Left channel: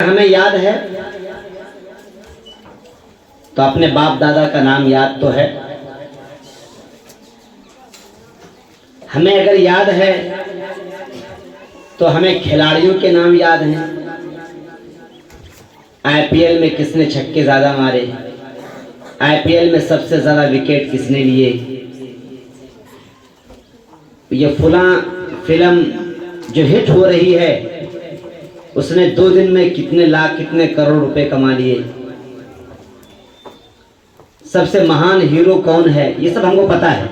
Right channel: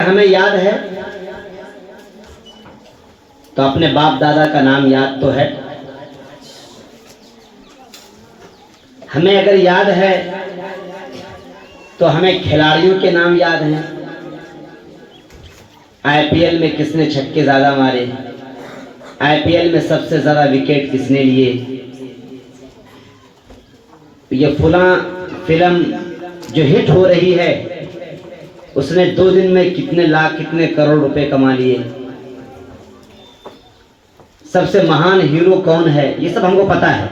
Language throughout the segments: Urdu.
ہمیں یاد ہے تو اپنے باپ دادا کا نام یاد تو ہے. ہمیں اگر یاد ہے تو ہمیں کھلاڑیوں کے نام یاد ہیں. آئی پی ایل میں کس نے چھکے زیادہ مارے, آئی پی ایل میں سب سے زیادہ وکٹ کس نے لیے, یہ فلاں فلم جو ہٹ ہو رہی ہے اس نے 2 دن میں کتنے لاکھ کتنے کروڑ روپے کما لیے, سب سے مہان ہیرو کون ہے, یہ سب ہم کو پتا ہے.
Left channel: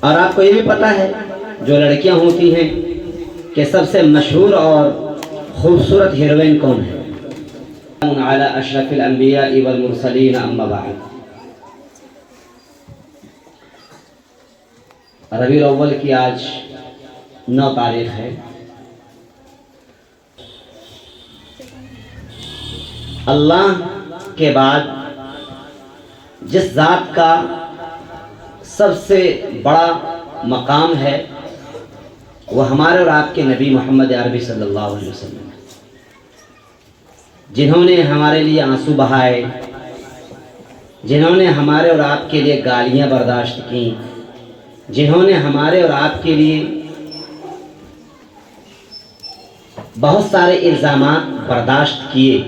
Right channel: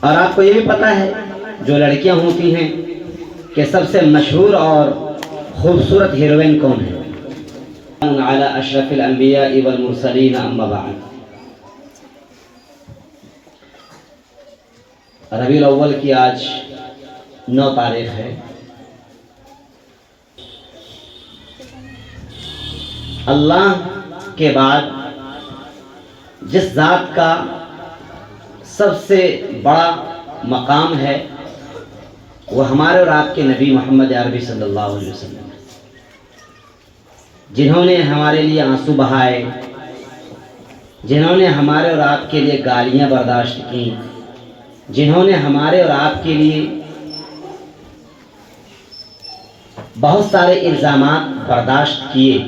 اور آپ کو یہ بھی پتا ہے جو لڑکیاں ہوتی ہیں کہ سب سے مشہور اور خوبصورت ہیروئن کون ہے. علی اشرف الانبیاء والمرسلین اما بعد. ربیع الاول کی آج 9 تاریخ ہے. اللہ کے بعد جس ذات کا سب سے بڑا مقام ہے وہ ہمارے اور آپ کے نبی محمد عربی صلی اللہ علیہ وسلم ہے, جنہوں نے ہمارے لیے آنسو بہائے, جنہوں نے ہمارے اور آپ کے لیے گالیاں برداشت کی, جنہوں نے ہمارے اور آپ کے لیے بہت سارے الزامات برداشت کیے,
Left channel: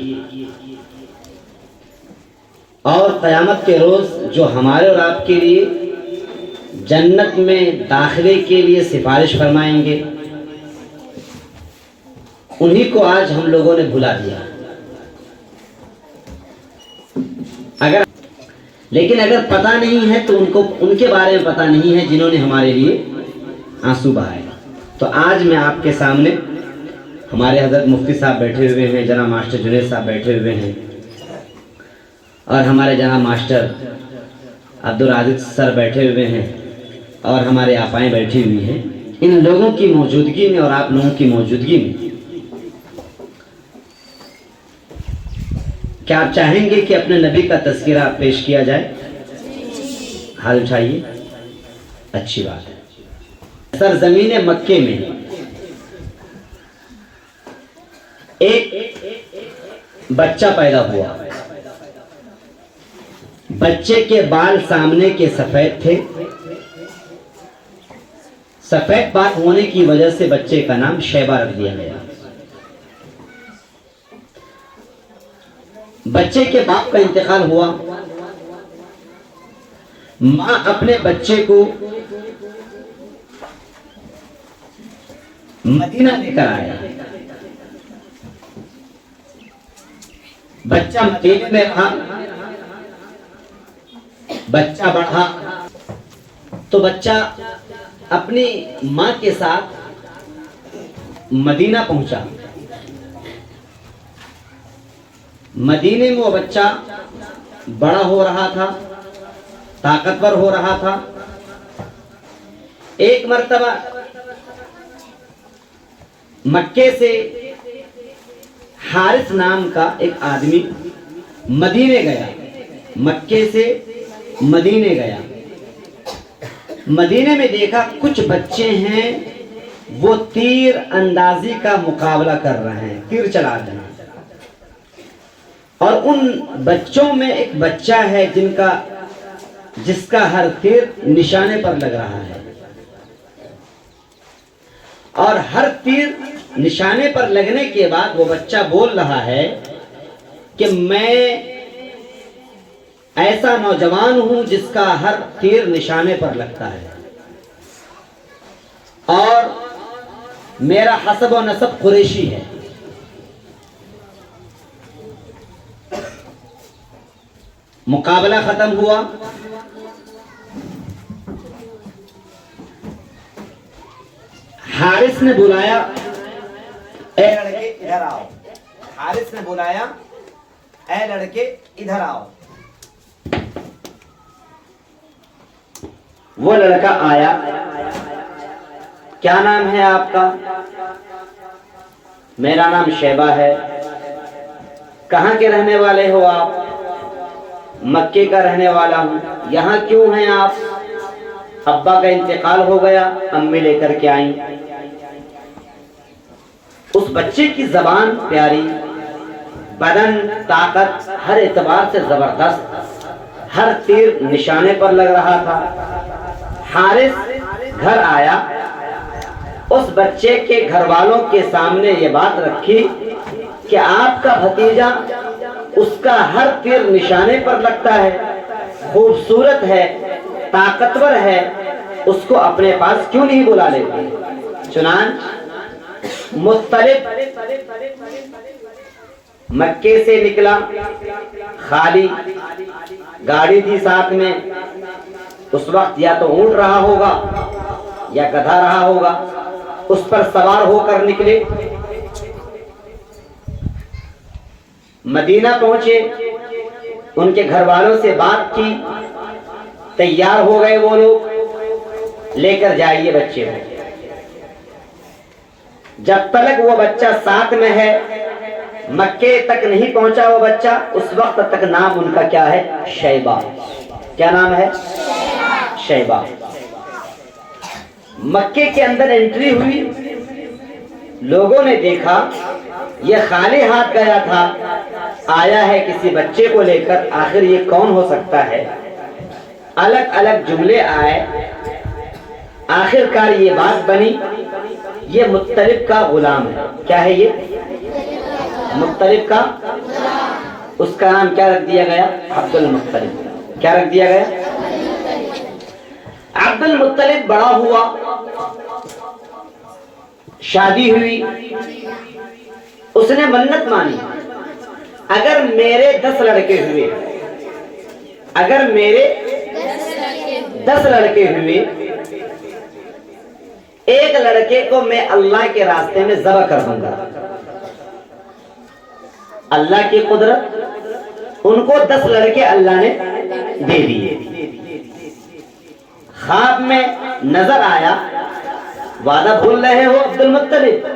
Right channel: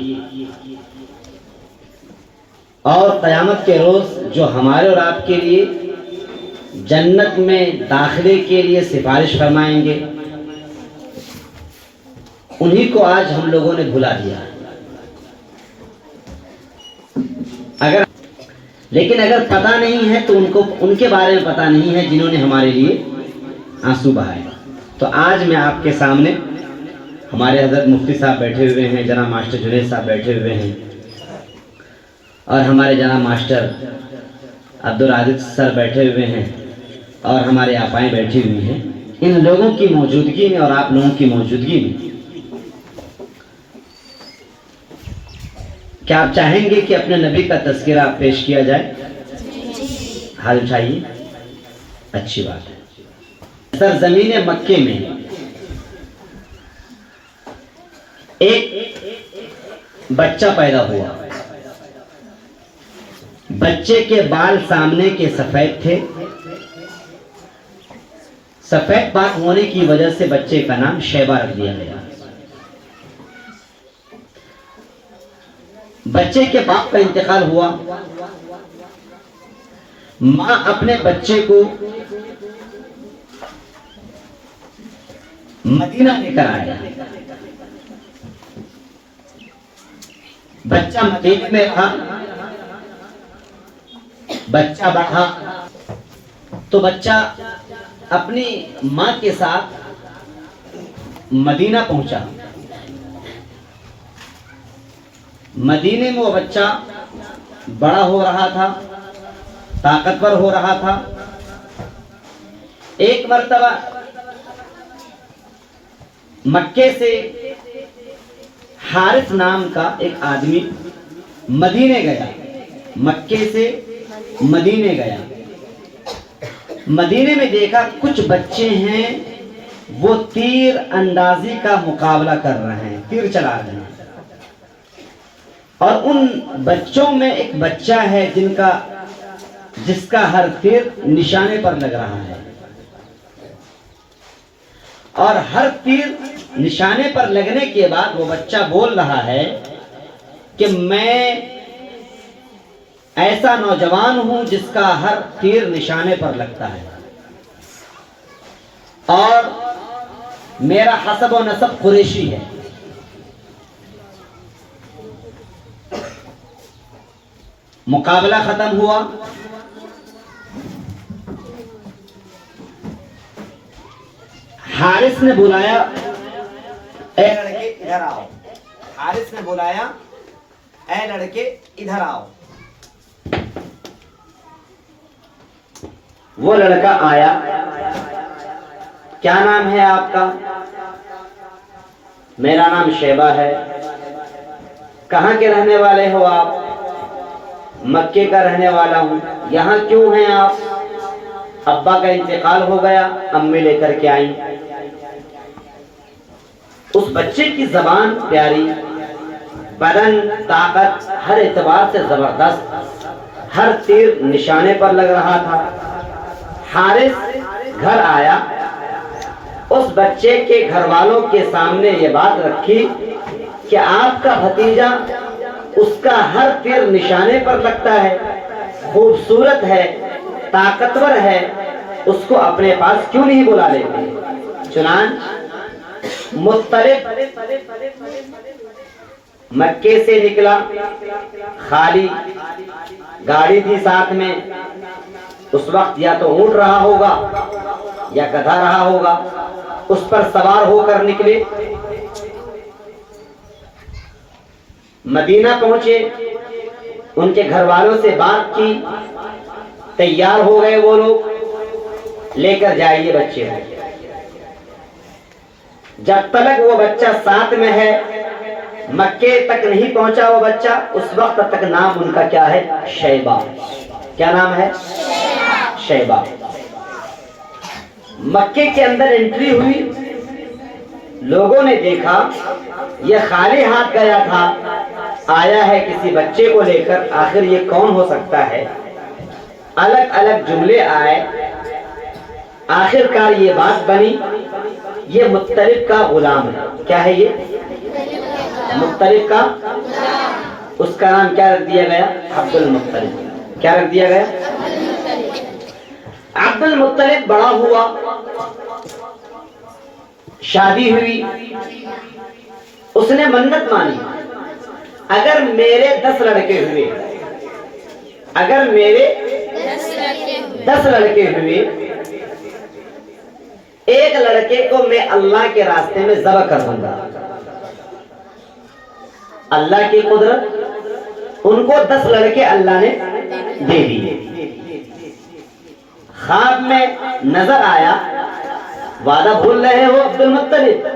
اور قیامت کے روز جو ہمارے اور آپ کے لیے جنت میں داخلے کے لیے سفارش فرمائیں گے, انہی کو آج ہم لوگوں نے بھلا دیا. لیکن اگر پتہ نہیں ہے تو ان کے بارے میں پتہ نہیں ہے جنہوں نے ہمارے لیے آنسو بہائے. تو آج میں آپ کے سامنے ہمارے حضرت مفتی صاحب بیٹھے ہوئے ہیں, جناب ماسٹر جنید صاحب بیٹھے ہوئے ہیں, اور ہمارے جناب ماسٹر عبدالعزیز سر بیٹھے ہوئے ہیں, اور ہمارے آپائیں بیٹھی ہوئی ہیں. ان لوگوں کی موجودگی میں اور آپ لوگوں کی موجودگی میں کیا آپ چاہیں گے کہ اپنے نبی کا تذکرہ پیش کیا جائے؟ حال اٹھائیے, اچھی بات ہے. سرزمین مکے میں ایک بچہ پیدا ہوا. بچے کے بال سامنے کے سفید تھے. سفید بال ہونے کی وجہ سے بچے کا نام شیبہ رکھ دیا گیا. بچے کے باپ کا انتقال ہوا. ماں اپنے بچے کو مدینہ لے کر آیا. بچہ مدینے میں رہا, بچہ بڑھا تو بچہ اپنی ماں کے ساتھ مدینہ پہنچا. مدینے میں وہ بچہ بڑا ہو رہا تھا, طاقتور ہو رہا تھا. ایک مرتبہ مکے سے حارث نام کا ایک آدمی مدینے گیا. مکے سے مدینے گیا. مدینے میں دیکھا کچھ بچے ہیں وہ تیر اندازی کا مقابلہ کر رہے ہیں, تیر چلا رہے ہیں. اور ان بچوں میں ایک بچہ ہے جس کا ہر تیر نشانے پر لگ رہا ہے, اور ہر تیر نشانے پر لگنے کے بعد وہ بچہ بول رہا ہے کہ میں ایسا نوجوان ہوں جس کا ہر تیر نشانے پر لگتا ہے, اور میرا حسب و نسب قریشی ہے. مقابلہ ختم ہوا. حارث نے بلایا, اے لڑکے ادھر آؤ. حارث نے بلایا, اے لڑکے ادھر آؤ. وہ لڑکا آیا. کیا نام ہے آپ کا؟ میرا نام شیبہ ہے. کہاں کے رہنے والے ہو آپ؟ مکے کا رہنے والا ہوں. یہاں کیوں ہیں آپ؟ ابا کا انتقال ہو گیا, امی لے کر کے آئیں. اس بچے کی زبان پیاری، بدن طاقت ہر اعتبار سے زبردست، ہر تیر نشانے پر لگ رہا تھا۔ حارث گھر آیا، اس بچے کے گھر والوں کے سامنے یہ بات رکھی کہ آپ کا بھتیجا، اس کا ہر تیر نشانے پر لگتا ہے، خوبصورت ہے، طاقتور ہے، اس کو اپنے پاس کیوں نہیں بلا لیتے؟ چنانچہ مطلب مکے سے نکلا، خالی گاڑی تھی ساتھ میں، اس وقت یا تو اونٹ رہا ہوگا یا گدھا رہا ہوگا، اس پر سوار ہو کر نکلے، مدینہ پہنچے، ان کے گھر والوں سے بات کی، تیار ہو گئے وہ لوگ، لے کر جائیے بچے کو۔ جب تک وہ بچہ ساتھ میں ہے، مکے تک نہیں پہنچا وہ بچہ، اس وقت تک نام ان کا کیا ہے؟ شیبہ۔ کیا نام ہے؟ شیبہ۔ مکے کے اندر انٹری ہوئی، لوگوں نے دیکھا یہ خالی ہاتھ گیا تھا، آیا ہے کسی بچے کو لے کر، آخر یہ کون ہو سکتا ہے؟ الگ الگ جملے آئے، آخر کار یہ بات بنی یہ مطلب کا غلام ہے۔ کیا ہے یہ؟ مطلب کا، اس کا نام کیا رکھ دیا گیا؟ عبد المطلب۔ کیا رکھ دیا گیا؟ عبد المطلب بڑا ہوا، شادی ہوئی، اس نے منت مانی، اگر میرے 10 لڑکے ہوئے، اگر میرے 10 لڑکے ہوئے، ایک لڑکے کو میں اللہ کے راستے میں ذبح کر دوں گا۔ اللہ کی قدرت، ان کو 10 لڑکے اللہ نے دے دیے۔ خواب میں نظر آیا، وعدہ بھول رہے ہو عبد المطلب،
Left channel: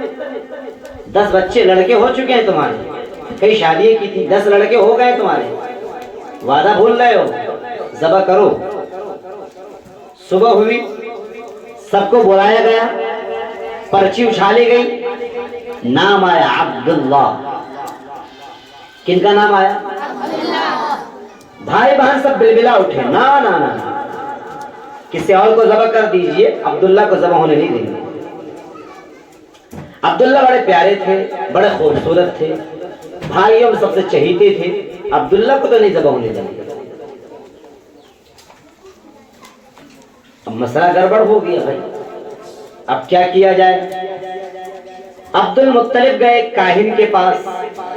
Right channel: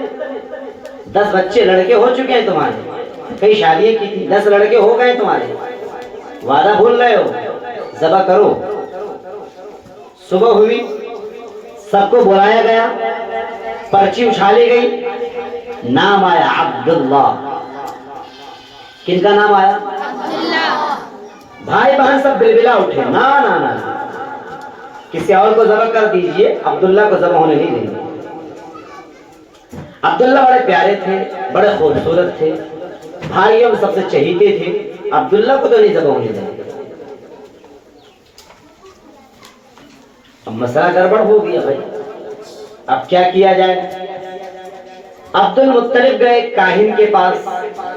10 بچے لڑکے ہو چکے ہیں تمہارے، کئی شادی کی تھی، 10 لڑکے ہو گئے تمہارے، وعدہ بھول رہے ہو، ذبح کرو۔ صبح ہوئی، سب کو بلایا گیا، پرچی اچھالی گئی، نام آیا عبداللہ۔ کن کا نام آیا؟ بھائی بہن سب بلبلا اٹھے، نا نا نا، کسی اور کو ذبح کر دیجئے، عبداللہ کو ذبح ہونے نہیں دیں گے۔ عبداللہ بڑے پیارے تھے، بڑے خوبصورت تھے، بھائیوں سب سے چہیتے تھے، عبداللہ کو تو نہیں ذبح ہونے دیں گے۔ اب مسئلہ گڑبڑ ہو گیا بھائی، اب کیا کیا جائے؟ عبد المطلب گئے کاہن کے پاس،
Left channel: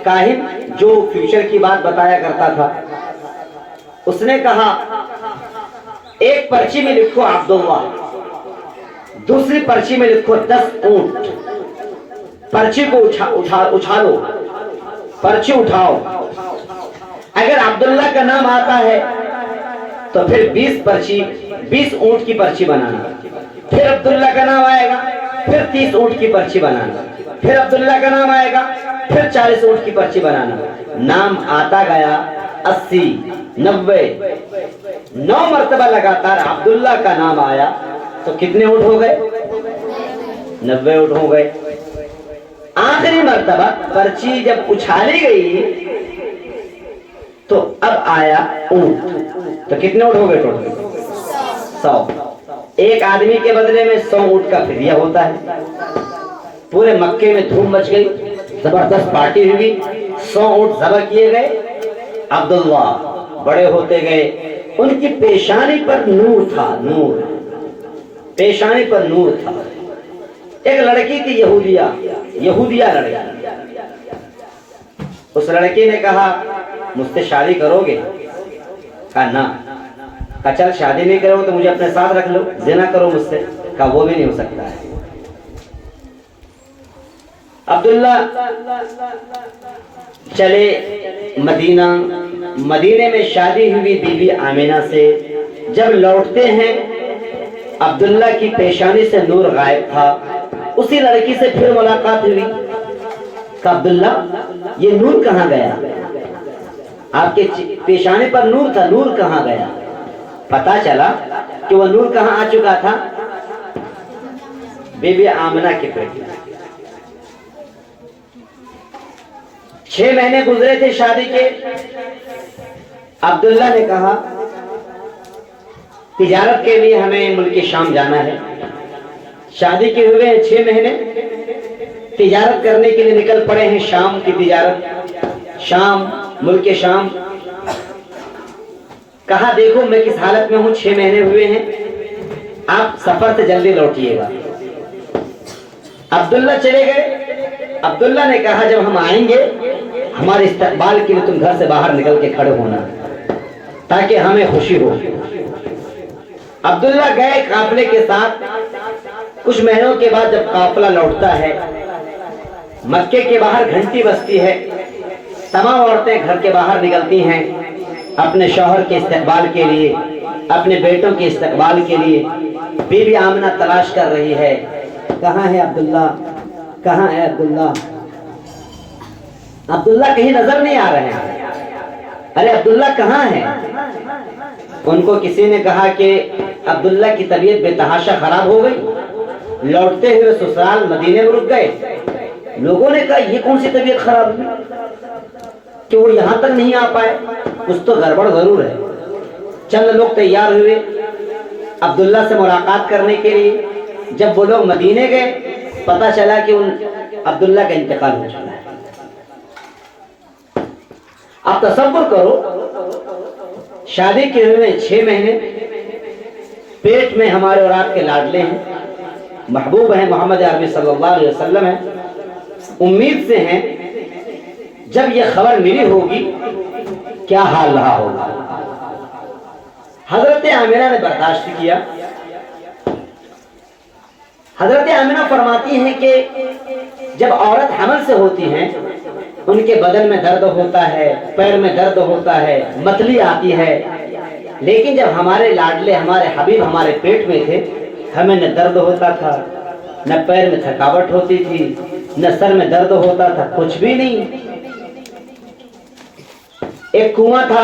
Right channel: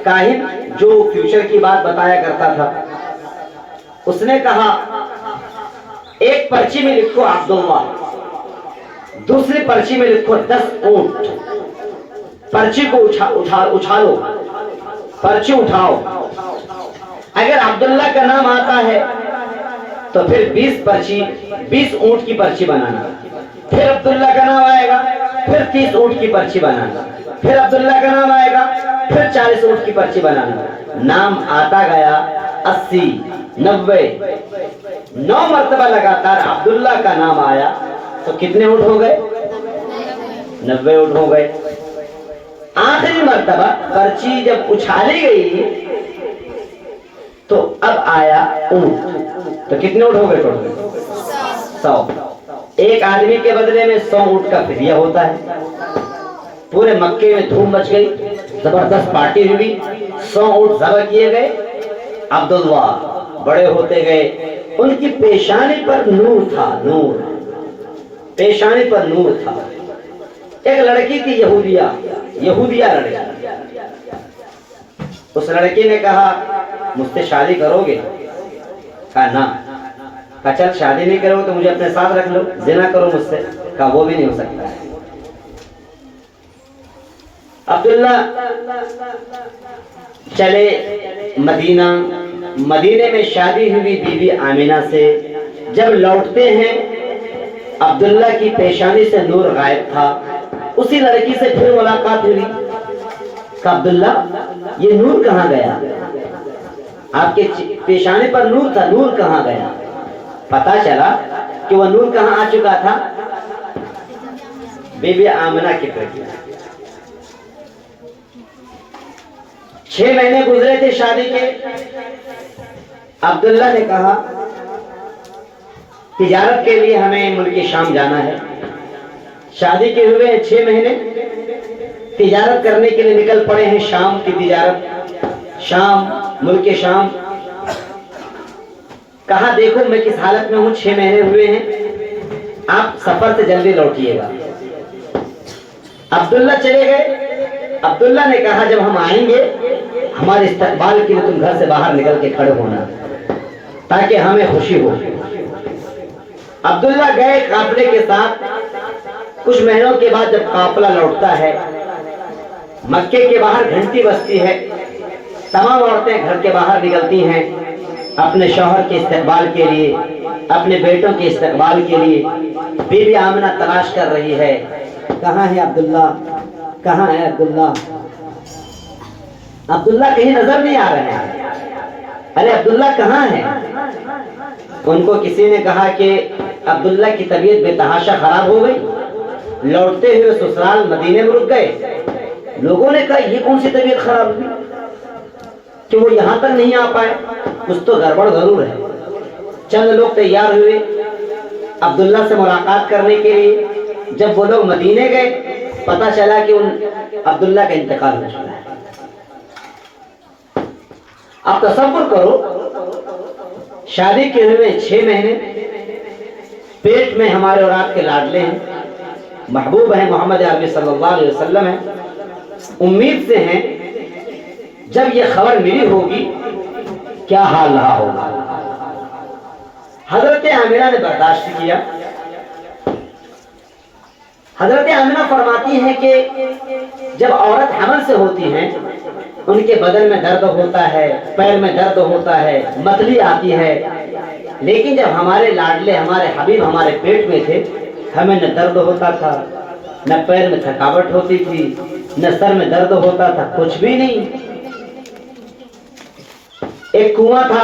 کاہن جو فیوچر کی بات بتایا کرتا تھا، اس نے کہا ایک پرچی میں لکھو عبداللہ، دوسری پرچی میں لکھو 10 اونٹ، پرچی کو اچھالو، پرچی اٹھاؤ، اگر عبداللہ کا نام آتا ہے تو پھر 20 اونٹ کی پرچی بنانا، پھر عبداللہ کا نام آئے گا، پھر 30 اونٹ کی پرچی بنانا، پھر عبداللہ کا نام آئے گا، پھر 40 اونٹ کی پرچی بنانا۔ نام آتا گیا 80، 90، 9 مرتبہ لگاتار عبداللہ کا نام آیا تو کتنے اونٹ ہو گئے؟ 90 اونٹ ہو گئے۔ آخری مرتبہ پرچی جب اچھالی گئی تو اب آیا اونٹ، تو کتنے اونٹ ہو گئے ٹوٹل؟ 100۔ ایک آدمی کے بدلے میں 100 اونٹ کا فدیہ ہوتا ہے۔ پورے مکے میں دھوم مچ گئی، زبردست پارٹی ہوئی، 100 اونٹ ذبح کیے گئے۔ عبداللہ بڑے ہوتے گئے، ان کی پیشانی پر نور تھا، نور، پیشانی پر نور تھا۔ ایک لڑکی تھی یہودیہ لڑکی، اس لڑکی نے کہا مجھ سے شادی کرو گے؟ کہا نہ۔ کہا چل شادی نہیں کرو تو مجھے اپنے ساتھ رکھ لو، زنا کرو مجھ سے۔ کہا وہ بھی نہیں ہو سکتا ہے۔ عبداللہ چلے مدینے میں شادی ہوئی بی بی آمینہ سے۔ جب لوٹتے ہیں عبداللہ کی پیشانی سے نور غائب تھا، اسی لڑکی سے پھر ملاقات ہوئی۔ کہا عبداللہ یہ نور کہاں گیا؟ آپ کے پیشانی پر نور تھا، نور کہاں گیا؟ پتا چلا کہ وہ نور کہاں آ چکا تھا؟ بی بی آمنہ کی پیٹ میں۔ 6 مہینے گزرے تھے شادی کے. عبداللہ نے کہا تجارت کے لیے ہمیں ملک شام جانا ہے. شادی کے ہوئے 6 مہینے تجارت کرنے کے لیے نکل پڑے ہیں. شام کی تجارت, شام, ملک شام. کہا دیکھو میں کس حالت میں ہوں, 6 مہینے ہوئے ہیں, آپ سفر سے جلدی لوٹیے گا. عبداللہ چلے گئے. عبداللہ نے کہا جب ہم آئیں گے ہمارے استقبال کے لیے تم گھر سے باہر نکل کے کھڑے ہونا تاکہ ہمیں خوشی ہو. عبداللہ گئے قافلے کے ساتھ. کچھ مہینوں کے بعد جب قافلہ لوٹتا ہے, مکے کے باہر گھنٹی بجتی ہے. تمام عورتیں گھر کے باہر نکلتی ہیں اپنے شوہر کے استقبال کے لیے, اپنے بیٹوں کے استقبال کے لیے. بی بی آمنہ تلاش کر رہی ہے, کہاں ہے عبداللہ, کہاں ہے عبداللہ. عبداللہ کہیں نظر نہیں آ رہے ہیں. ارے عبداللہ کہاں ہے؟ ان کو کسی نے کہا کہ عبداللہ کی طبیعت بے تحاشا خراب ہو گئی, لوٹتے ہوئے سسرال مدینے میں رک گئے. لوگوں نے کہا یہ کون سی طبیعت خراب ہوئی کہ وہ یہاں تک نہیں آ پائے, کچھ تو گڑبڑ ضرور ہے. چند لوگ تیار ہوئے عبداللہ سے ملاقات کرنے کے لیے. جب وہ لوگ مدینے گئے پتا چلا کہ عبداللہ کا انتقال ہو چکا ہے. اب تصور کرو, شادی کے ہوئے 6 مہینے, پیٹ میں ہمارے اور آپ کے لاڈلے ہیں, محبوب ہیں, محمد عربی صلی اللہ علیہ وسلم ہیں, امید سے ہیں. جب یہ خبر ملی ہوگی کیا حال رہا ہوگا. حضرت آمنہ نے برداشت کیا. حضرت آمنہ فرماتی ہیں کہ جب عورت حمل سے ہوتی ہیں ان کے بدن میں درد ہوتا ہے, پیر میں درد ہوتا ہے, متلی آتی ہے. لیکن جب ہمارے لاڈلے, ہمارے حبیب ہمارے پیٹ میں تھے, ہمیں نہ درد ہوتا تھا, نہ پیر میں تھکاوٹ ہوتی تھی, نہ سر میں درد ہوتا تھا, کچھ بھی نہیں. ایک کنواں تھا,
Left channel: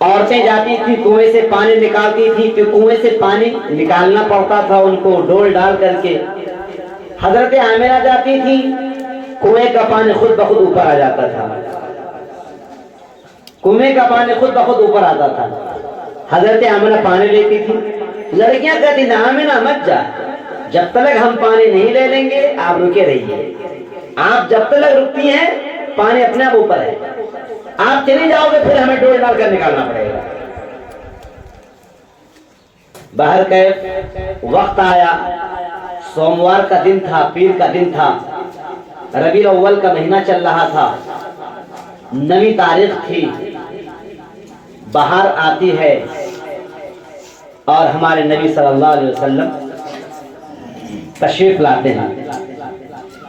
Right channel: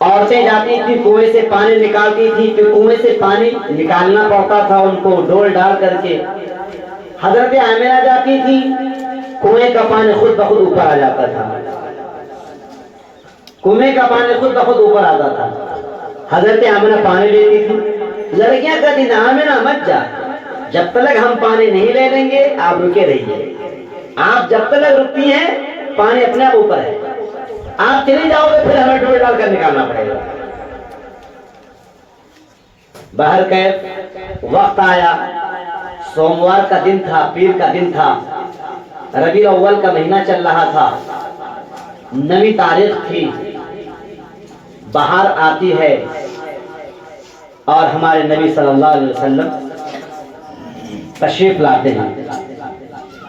عورتیں جاتی تھی کنویں سے پانی نکالتی تھی, پھر کنویں سے پانی نکالنا پڑتا تھا ان کو ڈول ڈال کر کے. حضرت آمنہ جاتی تھی, کنویں کا پانی خود بخود اوپر آ جاتا تھا, کنویں کا پانی خود بخود اوپر آتا تھا. حضرت آمنہ پانی لیتی تھی. لڑکیاں کہتی نہ آمنہ مت جا, جب تک ہم پانی نہیں لے لیں گے آپ رکے رہیے. آپ جب تک رکتی ہیں پانی اپنے آپ اوپر ہے, آپ چلی جاؤ گے پھر ہمیں ڈول ڈال کر نکالنا پڑے گا. باہر کیف وقت آیا, سوموار کا دن تھا, پیر کا دن تھا, ربیع الاول کا مہینہ چل رہا تھا, 9ویں تاریخ تھی. باہر آتی ہے اور ہمارے نبی صلی اللہ علیہ وسلم تشریف لاتے ہیں.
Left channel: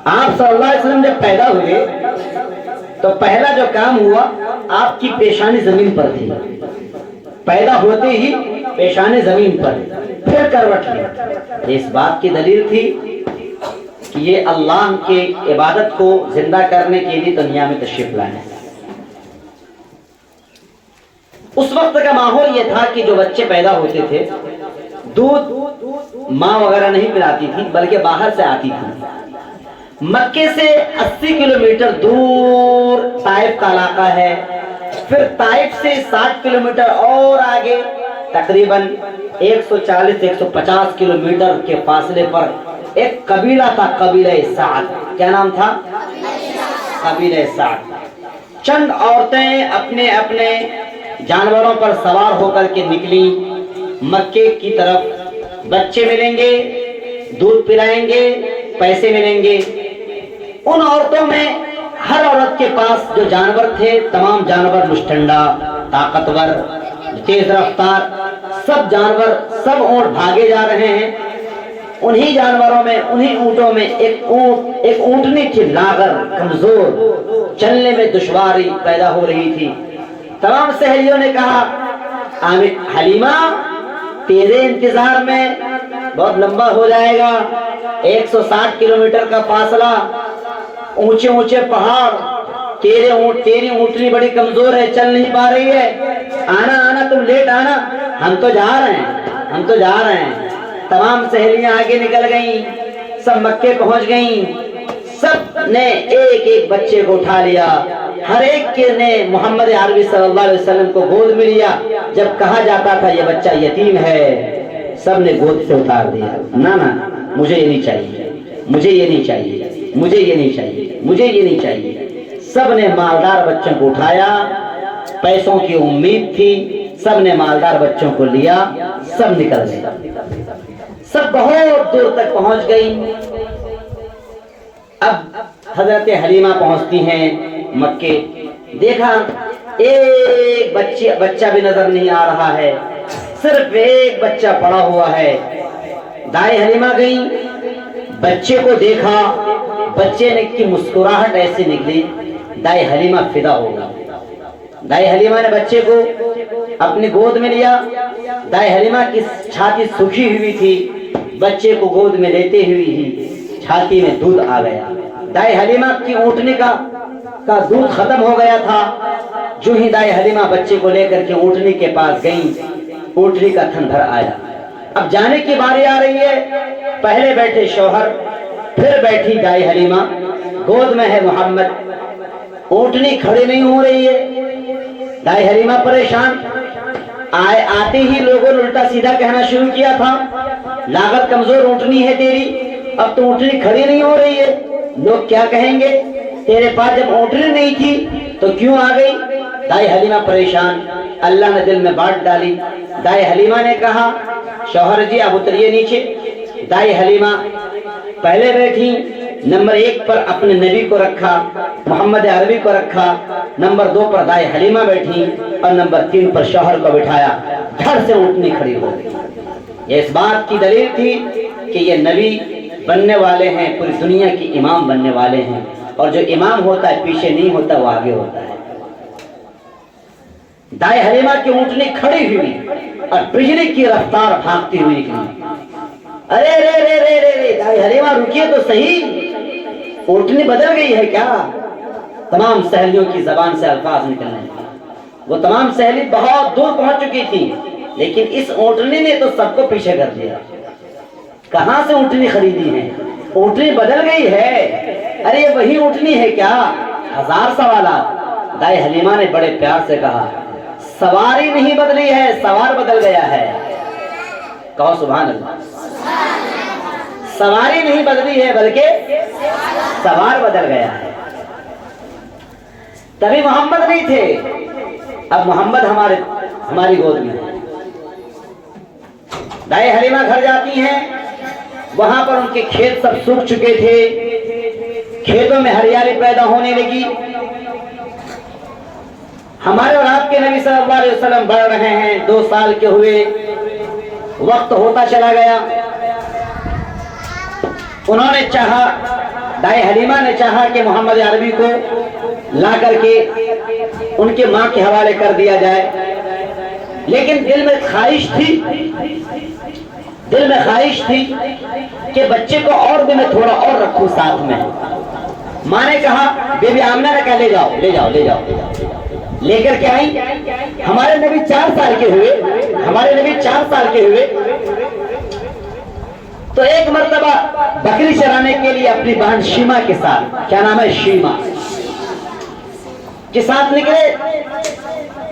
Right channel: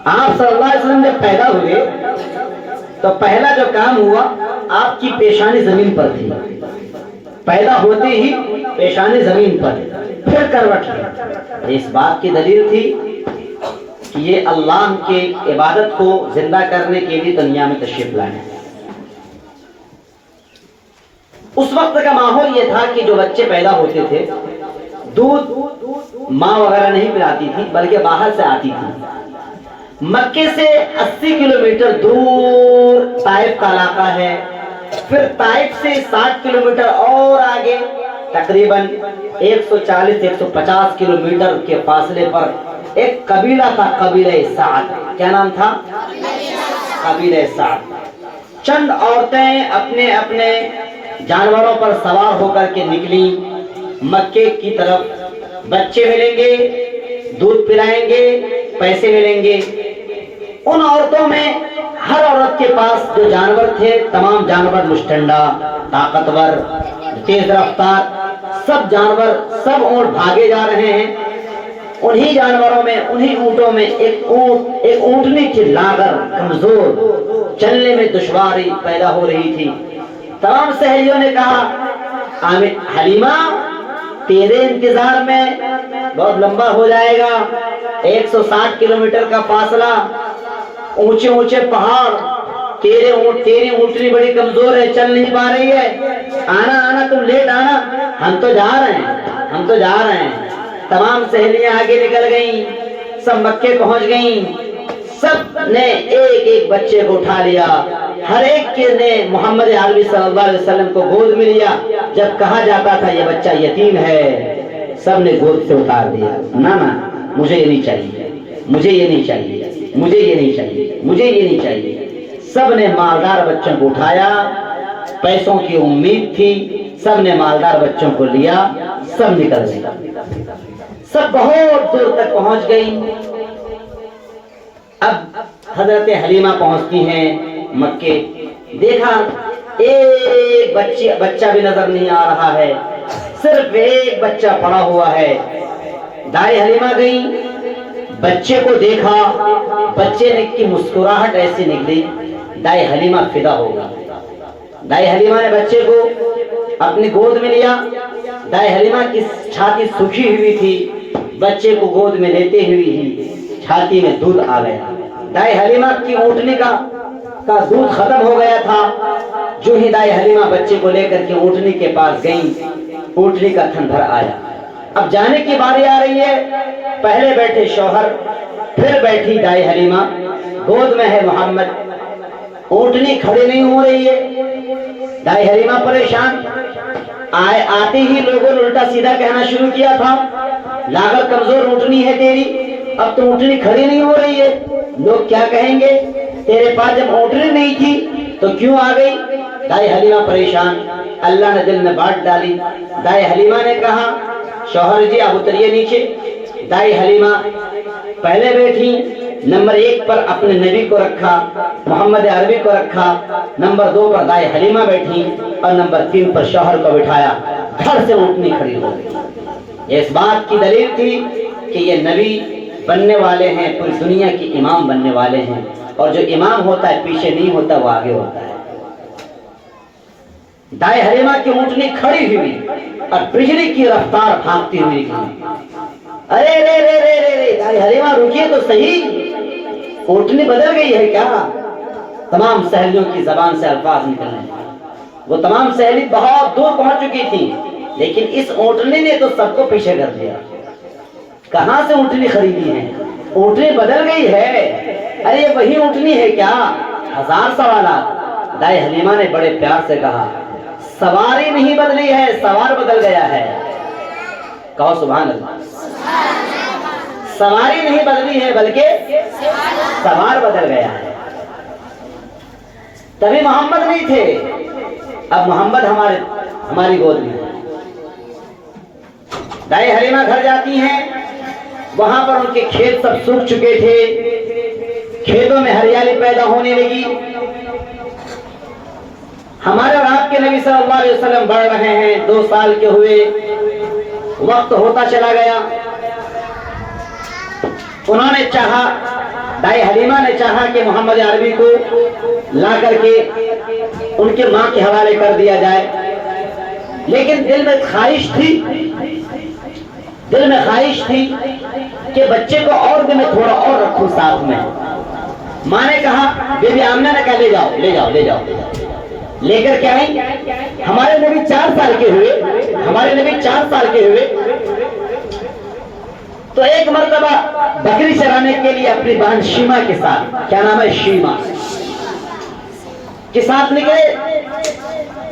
آپ صلی اللہ علیہ وسلم جب پیدا ہوئے تو پہلا جو کام ہوا آپ کی پیشانی زمین پر تھی. پیدا ہوتے ہی پیشانی زمین پر, پھر کروٹ لی. اس بات کی دلیل تھی کہ یہ اللہ کی عبادت کو زندہ کرنے کے لیے دنیا میں تشریف لائے. اس وقت کا ماحول یہ تھا کہ جو بچے پیدا ہوتے تھے دودھ ماں وغیرہ نہیں پلاتی تھی بلکہ باہر سے آتی تھی. مکے سے 80 کلومیٹر دور طائف کا علاقہ ہے. پھر طائف سے 60 کلومیٹر اور آگے تقریباً 140-150 کلومیٹر کے فاصلے پر ایک قبیلہ تھا, قبیلہ سعد. کیا نام تھا؟ قبیلہ سعد. چند عورتیں اپنے اپنے جانوروں پر سوار ہو کر کے نکلی مکے کی طرف. بچے ملیں گے, دودھ پلائیں گے, پیسے ملیں گے. ان عورتوں میں ہر عورت کے پاس جو جانور تھے تمام جانور مشتنڈا, طاقتور, تیز رفتار, سب جانور, سب اونٹ بھاگے جا رہے ہیں. انہی جانوروں میں, انہی اونٹوں میں ایک اونٹنی تھی لاغر, کمزور, چلنے میں دشواری پیدا ہو رہی تھی. تمام سہیلیوں نے کہا حلیمہ تیرے انتظار میں بہت لمبا ہو جائے گا, 160 کلومیٹر کا فاصلہ, اونچے اونچے پہاڑ, تیری اونٹنی بڑی کمزور ہے, چل نہیں پا رہی ہے, آنا تم لیٹ آنا, ہم تو جا رہے ہیں. تمام سہیلیاں آگے نکل گئیں, سب مکے پہنچ گئیں, سب نے ایک ایک بچے کو اٹھا لیا، ہر ایک کے نے محمد عربی صلی اللہ علیہ وسلم کو گود میں لیا۔ جب کہا جاتا تھا یہ بچہ یتیم ہے، سب نے گود سے اتار دیا، نہ مجھے یہ نہیں چاہیے، مجھے یہ نہیں چاہیے، مجھے یہ نہیں چاہیے، مجھے یہ نہیں چاہیے۔ سب نے مالدار بچوں کو اٹھایا، پیسوں کی امید تھی، سب نے مالدار بچوں کو لیا، سب نکل گئے، سب بہت دور تک پہنچ گئی۔ اب حضرت حلیمہ پہنچتی ہیں مکے، دیکھا ایک بچہ بھی نظر نہیں آ رہا ہے، صرف ایک بچہ پڑا ہوا ہے۔ دائیں حلیمہ گئی، بچے کو دیکھا، بچے نے کی مسکراہٹ ایسی نکلی، دائیں حلیمہ فدا ہو گئی۔ دائیں حلیمہ نے بچے کو اپنی گود میں لیا، دائیں حلیمہ کی چھاتی سوکھی ہوئی تھی، بچے کو گود میں لیتے ہوئے ہی چھاتی میں دودھ آ گیا۔ دائیں حلیمہ کی اونٹنی کا دودھ ختم ہو گیا تھا، جو ہی دائیں حلیمہ بچے کو لے کر کے اونٹنی کے پاس گئی، اونٹنی کا تھن بھر آیا۔ اب جانے کی باری آ رہی ہے، پہلے بیٹھے شوہر، پھر بیٹھی دائیں حلیمہ، گود میں ہے محمد، اونٹنی کھڑی نہیں ہو رہی ہے۔ دائیں حلیمہ پریشان، آتے ہی لوگوں نے الٹا سیدھا کہنا شروع کیا تھا، لاغر کمزور اونٹنی ہے تیری، اب تو اونٹنی کھڑی نہیں ہو رہی ہے، لوگ کیا کہیں گے؟ تیرے پاس جب اونٹنی نہیں تھی تو کیوں آ گئی؟ دائیں حلیمہ پریشان، اللہ نے دل میں بات ڈالی۔ دائیں حلیمہ نے کہا شوہر جی اب اتریے نیچے۔ دائیں حلیمہ پہلے بیٹھی، نمبر 1 پر اپنے نبی کو رکھا، محمد عربی کو رکھا، نمبر 2 پر دائیں حلیمہ بیٹھی، اور نمبر 3 پر شوہر کو بٹھایا۔ دھڑ سے اونٹنی کھڑی ہو گئی۔ یہ اس بات کی دلیل تھی کہ یہ نبی بننے والے ہیں، پوری دنیا کی امام بننے والے ہیں، اور جو امام ہوتا ہے پیچھے نہیں ہوتا، وہ آگے ہوتا ہے۔ دائیں حلیمہ کی اونٹنی کھڑی ہوئی اور بجلی کی رفتار بھاگتی ہوئی گئی۔ ارے رے رے رے رے رے دائیں حلیمہ رکیے تو صحیح، اونٹنی بدل گئی ہے کیا؟ تمام سہیلیوں کی زبان سے الفاظ نکلنے لگے۔ وہ تمام سہیلی بہت دور پہنچ چکی تھی، لیکن اس اونٹنی نے تو سب کو پیچھے کر دیا۔ کہاں سے اونٹنی خریدی ہے؟ اونٹنی بدل گئی ہے، ارے یہ وہی اونٹنی ہے کیا؟ ہزار سوالات۔ دائیں حلیمہ نے بڑے پیار سے کہا سواری نہیں بدلی ہے، سوار بدل گیا ہے۔ کہو سبحان اللہ۔ سواری نہیں بدلی ہے بلکہ سوار بدل گیا ہے۔ تبھی محمد نہیں تھے، اب محمد ہماری گود میں۔ دائیں حلیمہ گھر جاتی ہیں، وہاں پر ان کے کھیت سب سوکھ چکے تھے، کھیتوں میں ہریالی پیدا ہونے لگی۔ ہمارے اور آپ کے نبی صلی اللہ علیہ وسلم بڑھ رہے ہیں، 2 سال کے ہوئے، وقت ہوتا چلا گیا۔ انہوں نے چاہا، دائیں حلیمہ نے چاہا کہ محمد عربی کو لا کر کے ان کے ماں کے حوالے کر دیا جائے، لیکن دل میں خواہش تھی کہ بچے کو اور بھی میں تھوڑا اور رکھوں ساتھ میں۔ ماں نے کہا، بی بی آمنہ نے کہا لے جاؤ، لے کر کے آئیں۔ ہمارے نبی 4 سال کے ہوئے، تو ایک مرتبہ بکری چرانے کے لیے اپنی بہن شیما کے ساتھ، کیا نام ہے، شیما کے ساتھ نکلے۔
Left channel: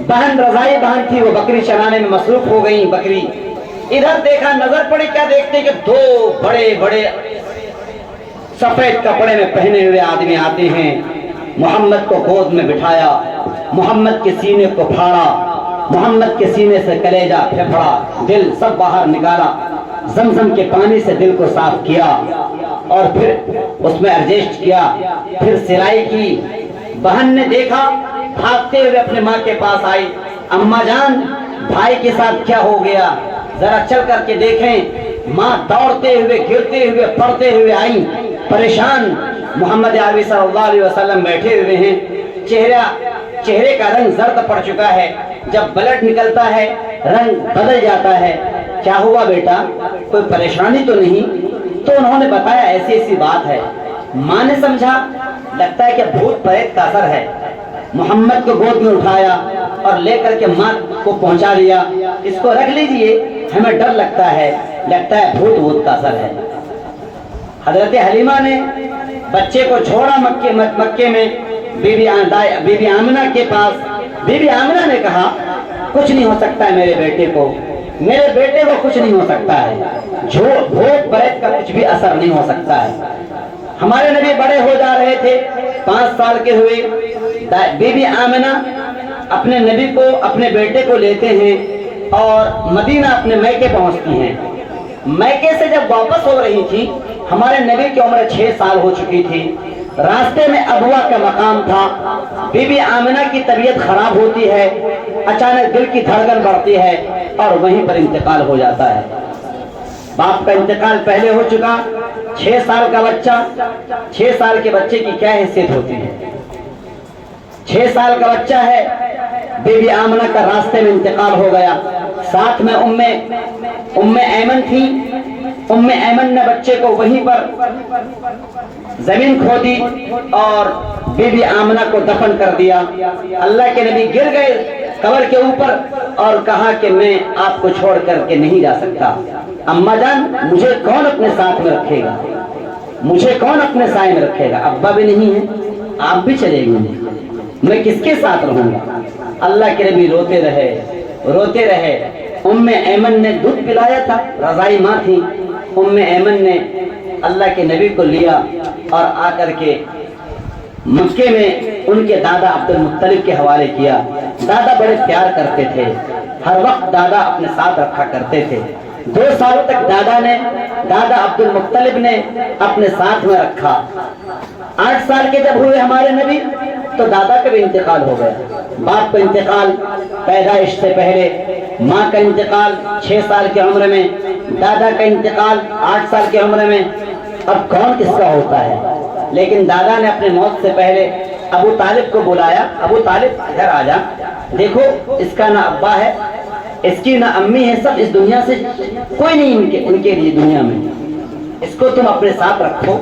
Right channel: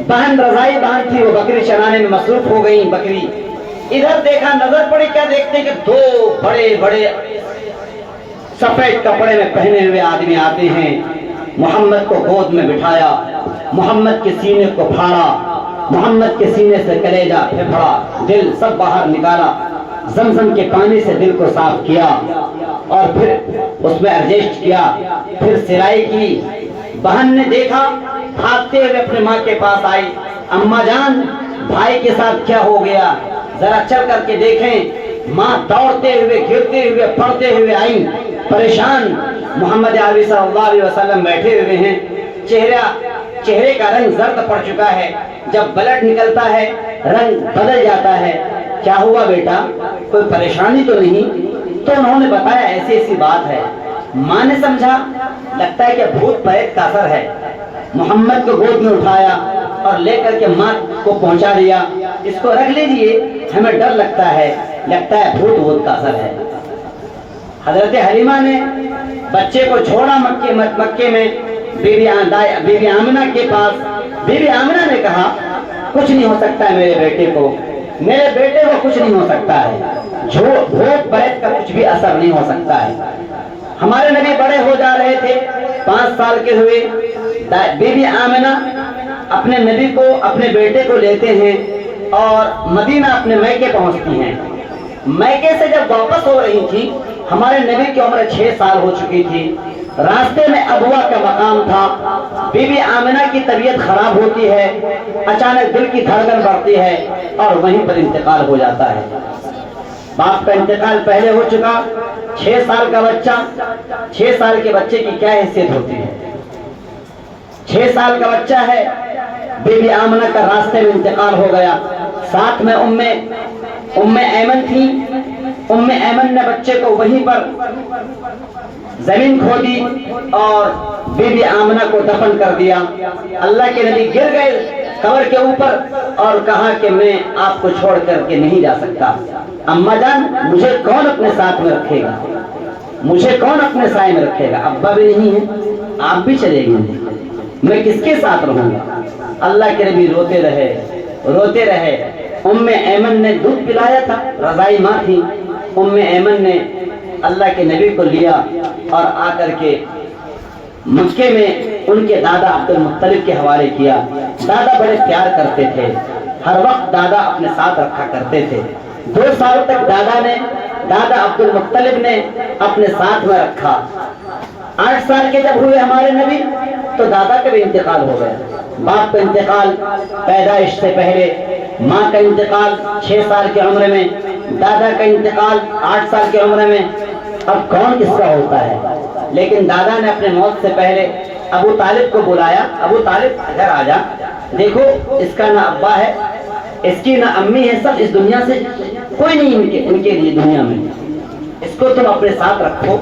بہن رضائی بہن تھی، وہ بکری چرانے میں مصروف ہو گئی۔ بکری ادھر دیکھا، نظر پڑی، کیا دیکھتے کہ 2 بڑے بڑے سفید کپڑے میں پہنے ہوئے آدمی آتے ہیں۔ محمد کو گود میں بٹھایا، محمد کے سینے کو پھاڑا، محمد کے سینے سے کلیجہ پھیپھڑا، دل سب باہر نکالا، زمزم کے پانی سے دل کو صاف کیا، اور پھر اس میں ایڈجسٹ کیا، پھر سرائی کی۔ بہن نے دیکھا، بھاگتے ہوئے اپنے ماں کے پاس آئی، اماں جان بھائی کے ساتھ کیا ہو گیا، ذرا چل کر کے دیکھیں۔ ماں دوڑتے ہوئے، گرتے ہوئے، پڑتے ہوئے آئیں، پریشان۔ محمد عربی صلی اللہ علیہ وسلم بیٹھے ہوئے ہیں، چہرے کا رنگ زرد پڑ چکا ہے، جب بلڈ نکلتا ہے رنگ بدل جاتا ہے۔ کیا ہوا بیٹا، کوئی پریشانی تو نہیں؟ تو انہوں نے بتایا ایسی ایسی بات ہے۔ ماں نے سمجھا لگتا ہے کہ بھوت پریت کا اثر ہے، محمد کو گود میں اٹھایا اور لے کر کے ماں کو پہنچا دیا، اس کو رکھ لیجئے، ہمیں ڈر لگتا ہے بھوت کا اثر ہے۔ حضرت حلیمہ نے بچے کو چھوڑا مکے میں بی بی آمنہ کے پاس. بی بی آمنہ نے کہا کچھ نہیں ہو سکتا ہے میرے بیٹے کو کچھ نہیں ہو سکتا ہے. بھوت بیت کا کچھ بھی اثر نہیں ہو سکتا ہے. ہمارے نبی بڑے ہو جا رہے تھے, 5 سال کے ہوئے. بی بی آمنہ اپنے نبی کو, اپنے بیٹے کو لیتے ہیں اور مدینہ اپنے میکے پہنچتی ہیں. میکے سے جب واپس ہو رہی تھی, ہمارے نبی کی عمر 6 سال ہو چکی تھی. راستے میں ابوا کا مقام تھا. بی بی آمنہ کی طبیعت خراب ہوتی ہے, اچانک دل کی دھڑکن بڑھتی ہے اور وہیں پر انتقال ہو جاتا ہے. باپ کا انتقال پہلے ہو چکا. 6 سال کا بچہ, 6 سال کے بچے کی کیا حیثیت ہوتی ہے. 6 سال کا بچہ ہے. بی بی آمنہ کا راستے میں انتقال ہو گیا. ساتھ میں ام ایمن تھی. ام ایمن نے بچے کو وہیں پر زمین کھودی اور بی بی آمنہ کو دفن کر دیا. اللہ کے نبی گر گئے قبر کے اوپر اور کہا کہ میں آپ کو چھوڑ کر کے نہیں جا سکتا. اماں جان, مجھے کون اپنے ساتھ میں رکھے گا, مجھے کون اپنے سائے میں رکھے گا. ابا بھی نہیں ہے, آپ بھی چلے گئے, میں کس کے ساتھ رہوں گا. اللہ کے نبی روتے رہے. ام ایمن نے دودھ پلایا تھا, رضائی ماں تھی. ام ایمن نے اللہ کے نبی کو لیا اور آ کر کے مکے میں ان کے دادا عبد المطلب کے حوالے کیا. دادا بڑے پیار کرتے تھے, ہر وقت دادا اپنے ساتھ رکھا کرتے تھے. 2 سال تک دادا عبد المطلب نے اپنے ساتھ میں رکھا. 8 سال کے جب ہوئے ہمارے نبی تو دادا کا بھی انتقال ہو گیا. باپ کا انتقال پیدائش سے پہلے, ماں کا انتقال 6 سال کی عمر میں, دادا کا انتقال 8 سال کی عمر میں. اب کون کس کا ہوتا ہے. لیکن دادا نے اپنے موت سے پہلے ابو طالب کو بلایا. ابو طالب ادھر آ جا, دیکھو اس کا نہ ابا ہے, اس کی نہ امی ہے, سب اس دنیا سے کوئی نہیں ان کے لیے دنیا میں, اس کو تم اپنے ساتھ رکھو.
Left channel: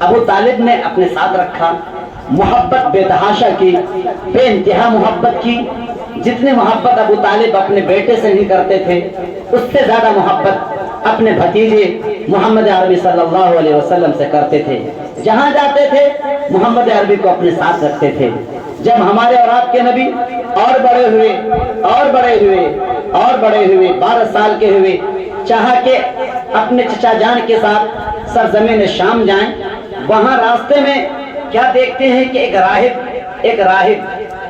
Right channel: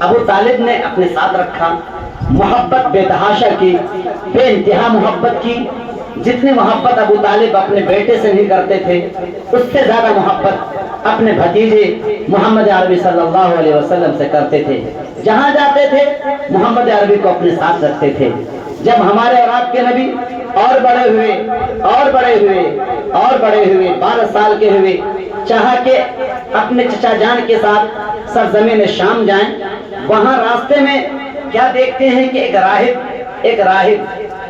ابو طالب نے اپنے ساتھ رکھا. محبت بے تحاشا کی, بے انتہا محبت کی. جتنی محبت ابو طالب اپنے بیٹے سے نہیں کرتے تھے, اس سے زیادہ محبت اپنے بھتیجے محمد عربی صلی اللہ علیہ وسلم سے کرتے تھے. جہاں جاتے تھے محمد عربی کو اپنے ساتھ رکھتے تھے. جب ہمارے اور آپ کے نبی اور بڑے ہوئے 12 سال کے ہوئے, چاہا کہ اپنے چچا جان کے ساتھ سرزمین شام جائیں. وہاں راستے میں کیا دیکھتے ہیں کہ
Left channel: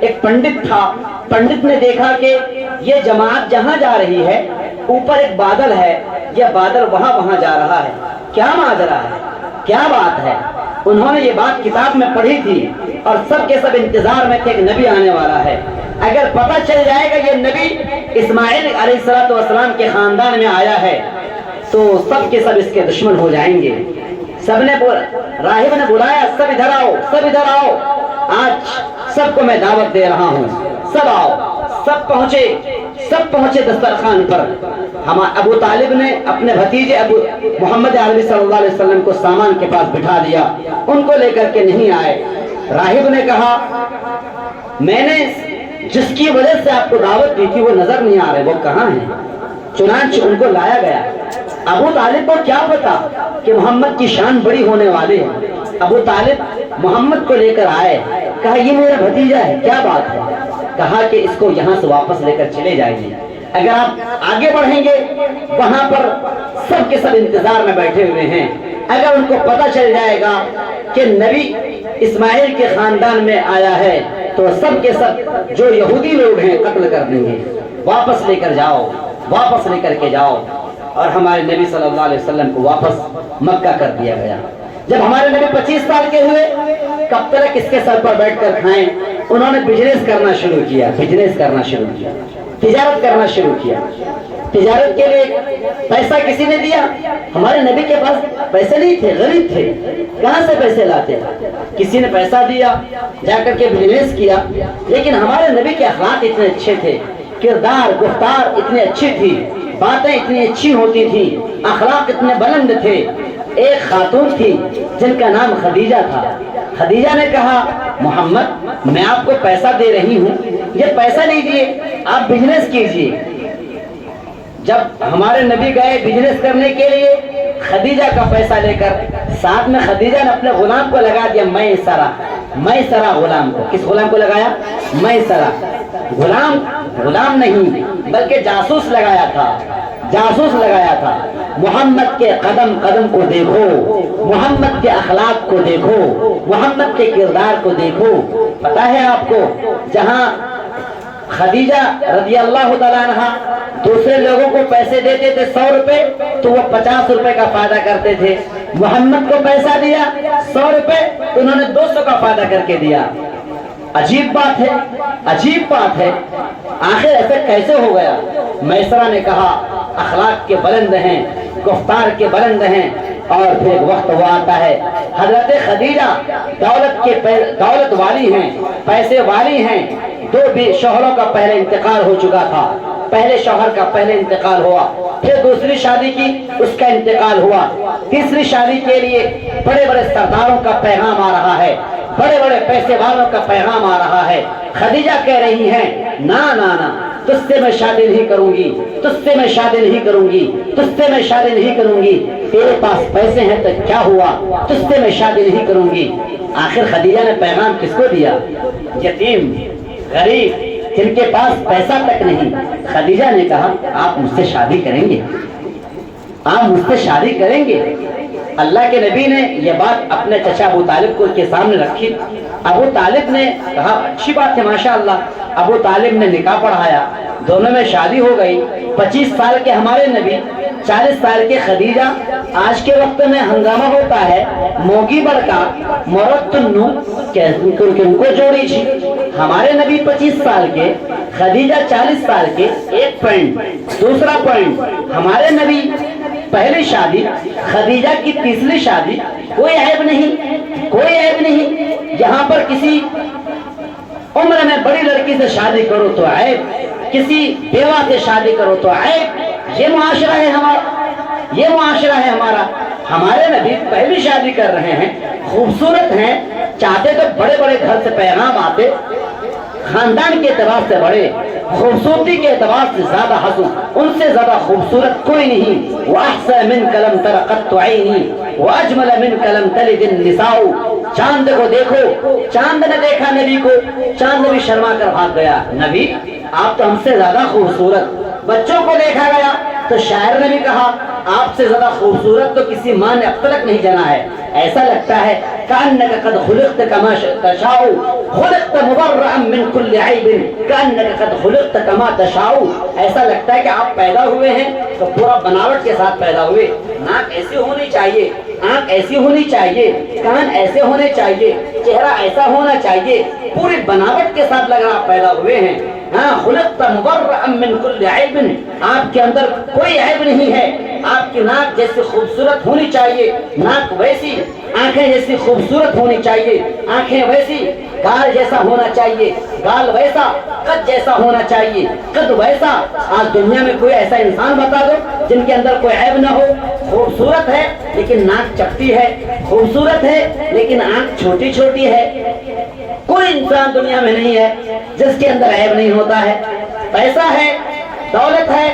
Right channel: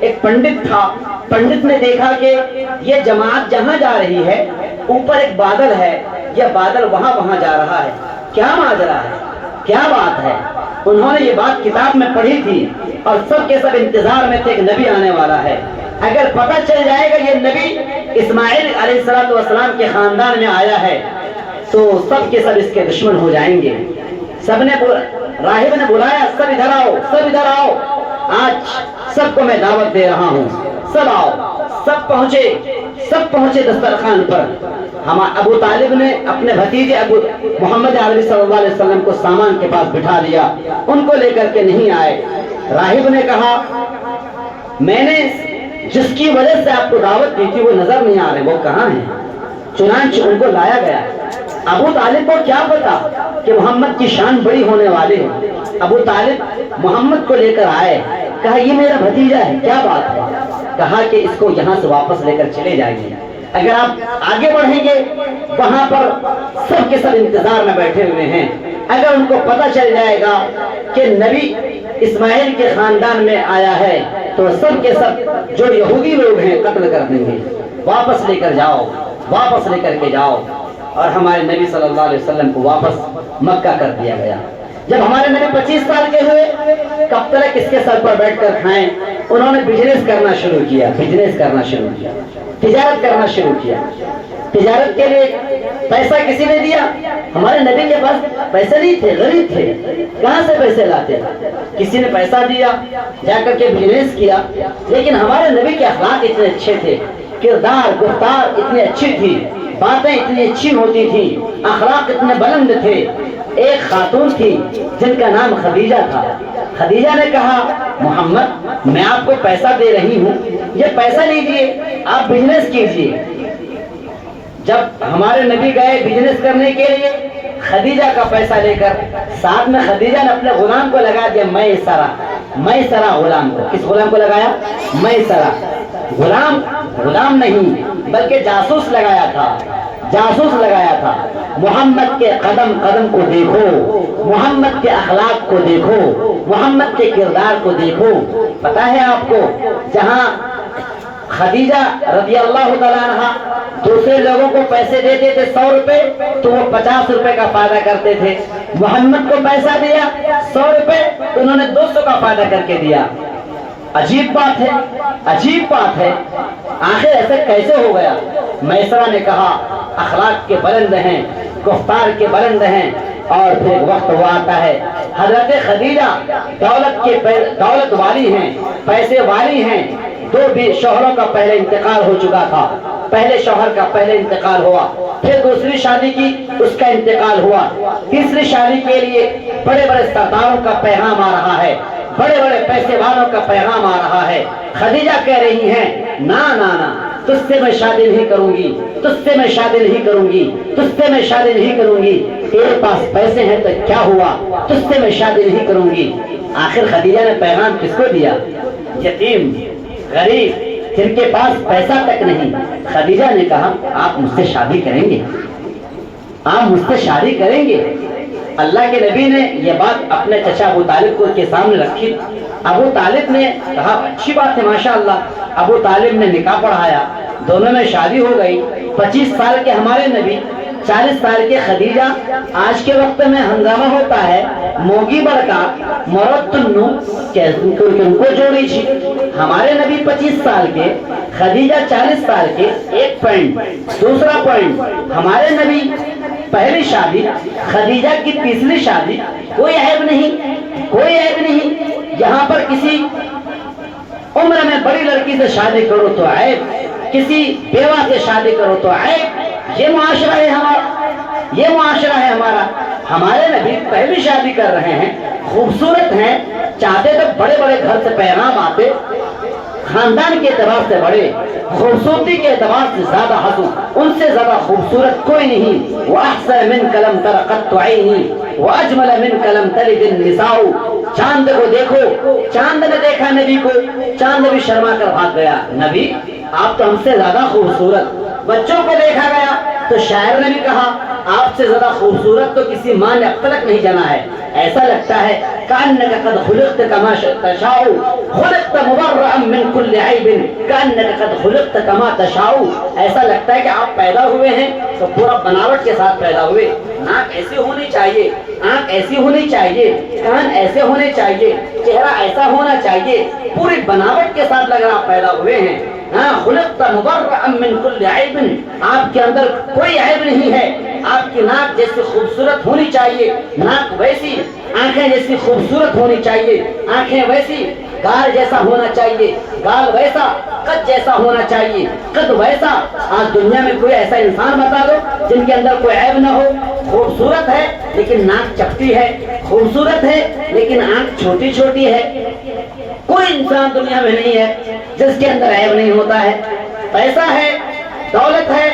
ایک پنڈت تھا. پنڈت نے دیکھا کہ یہ جماعت جہاں جا رہی ہے اوپر ایک بادل ہے, یہ بادل وہاں جا رہا ہے, کیا ماجرا ہے, کیا بات ہے. انہوں نے یہ بات کتاب میں پڑھی تھی اور سب کے سب انتظار میں تھے کہ نبی آنے والا ہے. اگر پتہ چل جائے گا یہ نبی اسماعیل علیہ السلام کے خاندان میں آیا ہے تو سب کے سب اس کے دشمن ہو جائیں گے. راہب نے بلایا, سب ادھر آؤ, آج سب کو میں دعوت دے رہا ہوں, سب آؤ. سب پہنچے دسترخوان پر. ابو طالب نے اپنے بھتیجے ابو محمد عربی صلی اللہ علیہ وسلم کو سامان کے پاس بٹھا دیا, ان کو لے کر کے نہیں آئے. راہب نے کہا میں نے جس کی وجہ سے آپ کو دعوت دی تھی وہ نظر نہیں آ رہے, وہ کہاں ہیں. چنانچہ ان کو لایا گیا. ابو طالب کو کیا پتا کہ محمد کی شان بڑی ہونے والی ہے. ابو طالب محمد کو لے کر آئے, کہا یہ میرا بھتیجا ہے, کیا بات ہے. کہا کہ اس کو یہاں سے واپس لے کر چلے جائیں گے. اگر آپ آگے بڑھیں گے وہاں پر سب کے سب انتظار میں بیٹھے ہوئے ہیں. اگر ان کو پتہ چل جائے گا کہ نبی اسماعیل کے خاندان میں آیا ہے تو سب کے سب جو یہودی لوگ ہیں قتل کر دیں گے. واپس لے کر کے جاؤ. اور ہمارے نبی صلی اللہ علیہ وسلم کو واپس مکہ کر دیا گیا. جب ہمارے نبی 25 سال کے ہوئے, کب تک کس کے سر پر بیٹھ کر کھائیں. انہوں نے بزنس کرنا شروع کیا, تجارت کرنا شروع کیا. تجارت کے لیے پیسہ کسی نے دیا. ہمارے نبی کے پاس پیسے نہیں تھے, غریب تھے, کہاں سے پیسے لاتے. کسی نے پیسہ دیا, جا کر کے بزنس کیا. لیکن ہمارے نبی کے اخلاق اتنے اچھے تھے, کردار گفتار اتنی اچھی تھی, باتیں اتنی اچھی ہوتی تھی, اخلاق اتنے بلند تھے. ایک خاتون تھی جن کا نام خدیجہ تھا. خدیجہ نے کہا محمد میں آپ کو پیسہ دے رہی ہوں, یہ پیسہ لیجیے, آپ بزنس کیجیے. جب ہمارے نبی گئے بزنس کرنے کے لیے, خدیجہ کا پیسہ لے کر ساتھ میں خدیجہ نے اپنے غلام کو لگا دیا میسرہ غلام کو. کس غلام کو لگایا؟ میسرہ. غلام نہیں بلکہ جاسوس لگایا تھا. محمد کے قدم قدم کو دیکھو، محمد کے اخلاق کو دیکھو، محمد کے کردار کو دیکھو. پتا ہے آپ کو جہاں خدیجہ رضی اللہ تعالیٰ عنہ دوسرے لوگوں کو پیسے دیتے تھے 100 روپے تو وہ 50 روپے کا فائدہ کرتے تھے. محمد کو پیسہ دیا 100 روپے تو انہوں نے 200 کا فائدہ کر کے دیا. عجیب بات ہے. آخر ایسا کیسے ہو گیا؟ میسرہ نے کہا اخلاق کے بلند ہیں، گفتار کے بلند ہیں. اور پھر وقت وہ آتا ہے حضرت خدیجہ دولت والی ہیں، پیسے والی ہیں. 2 شوہروں کا پہلے انتقال ہو چکا تھا. پہلے شوہر کا پہلے انتقال ہوا، پھر دوسری شادی کی اس کا انتقال ہوا. تیسری شادی کے لیے بڑے بڑے سرداروں کا پیغام آ رہا ہے، بڑے بڑے پیسے والوں کا پیغام آ رہا ہے. خدیجہ کہہ رہی ہیں نا تجھ سے میں شادی نہیں کروں گی، تیرے پاس پیسے ہیں تو کیا ہوا، تجھ سے میں شادی نہیں کروں گی. آخر خدیجہ نے پیغام کس کو دیا؟ یتیم غریب جن کے پاس پیسہ تک نہیں. خدیجہ نے کہا آپ مجھ سے شادی کریں گے. اللہ کے نبی نے یہ بات اپنے چچا ابو طالب کو کے سامنے رکھی. ابو طالب نے کہا اچھی بات ہے ماشاءاللہ. ابو طالب نے نکاح پڑھایا، دونوں میں شادی ہو گئی. 25 سال کے ہمارے نبی، 40 سال کے خدیجہ. آج کے وقت میں ہنگامہ ہوتا ہے موگی بڑکا مورت تنو ان کو جوڑی چھی. ہمارے نبی 25 سال کے، خدیجہ 40 سال کے. ایک پوائنٹ. دوسرا پوائنٹ، ہمارے نبی پہلی شادی، خدیجہ کی تیسری شادی. کوئی عیب نہیں. یہاں پر کسی عمر میں بڑی لڑکی سے شادی کرو تو عیب، کسی بیوہ سے شادی کرو تو عیب. یہ معاشرہ ہے ہمارا. ہمارے نبی پہلی شادی کر رہے ہیں، خوبصورت ہیں. چاہتے تو بڑے بڑے گھر سے پیغام آتے، خاندان کے اعتبار سے بڑے، خوبصورتی کے اعتبار سے زیادہ حسن، ان سے زیادہ خوبصورت کوئی نہیں. وَأَحْسَنَ مِنْكَ لَمْ تَرَ قَطُّ عَيْنِي وَأَجْمَلَ مِنْكَ لَمْ تَلِدِ النِّسَاءُ. چاند کو دیکھو. چاند نے دیکھا نبی کو، چاند بھی شرما کر بھاگ گیا. نبی آپ تو ہم سے زیادہ خوبصورت. بچوں کو دیکھا گیا تو شاعر نے بھی کہا آپ سے زیادہ خوبصورت تو کسی ماں نے اب تک نہیں جانا ہے. ایسا لگتا ہے كأنك قد خلقت كما تشاء، خلقت مبرئا من كل عيب كأنك قد خلقت كما تشاء. ایسا لگتا ہے کہ آپ پیدا ہوئے ہیں تو پورا بناوٹ کے ساتھ پیدا ہوئے. ناک ایسی ہونی چاہیے، آنکھ ایسی ہونی چاہیے، کان ایسے ہونے چاہیے، چہرہ ایسا ہونا چاہیے، پوری بناوٹ کے ساتھ لگ رہا آپ پیدا ہوئے ہیں. خلقت مبرئا من كل عيب، آپ کے اندر کوئی عیب نہیں ہے. آپ کی ناک جیسی خوبصورت ہونی چاہیے، ناک ویسی. آنکھیں جیسی خوبصورت ہونی چاہیے، آنکھیں ویسی. گال جیسا ہونا چاہیے، گال ویسا. قد جیسا ہونا چاہیے، قد ویسا. آج دنیا میں کوئی ایسا انسان بتا دو جن کے اندر کوئی عیب نہ ہو. خوبصورت ہے لیکن ناک چپٹی ہے، خوبصورت ہے لیکن آنکھ چھوٹی چھوٹی ہے. کوئی انسان دنیا میں نہیں ہے جس کے اندر عیب نہیں ہوتا ہے. پیسہ ہے، دولت ہے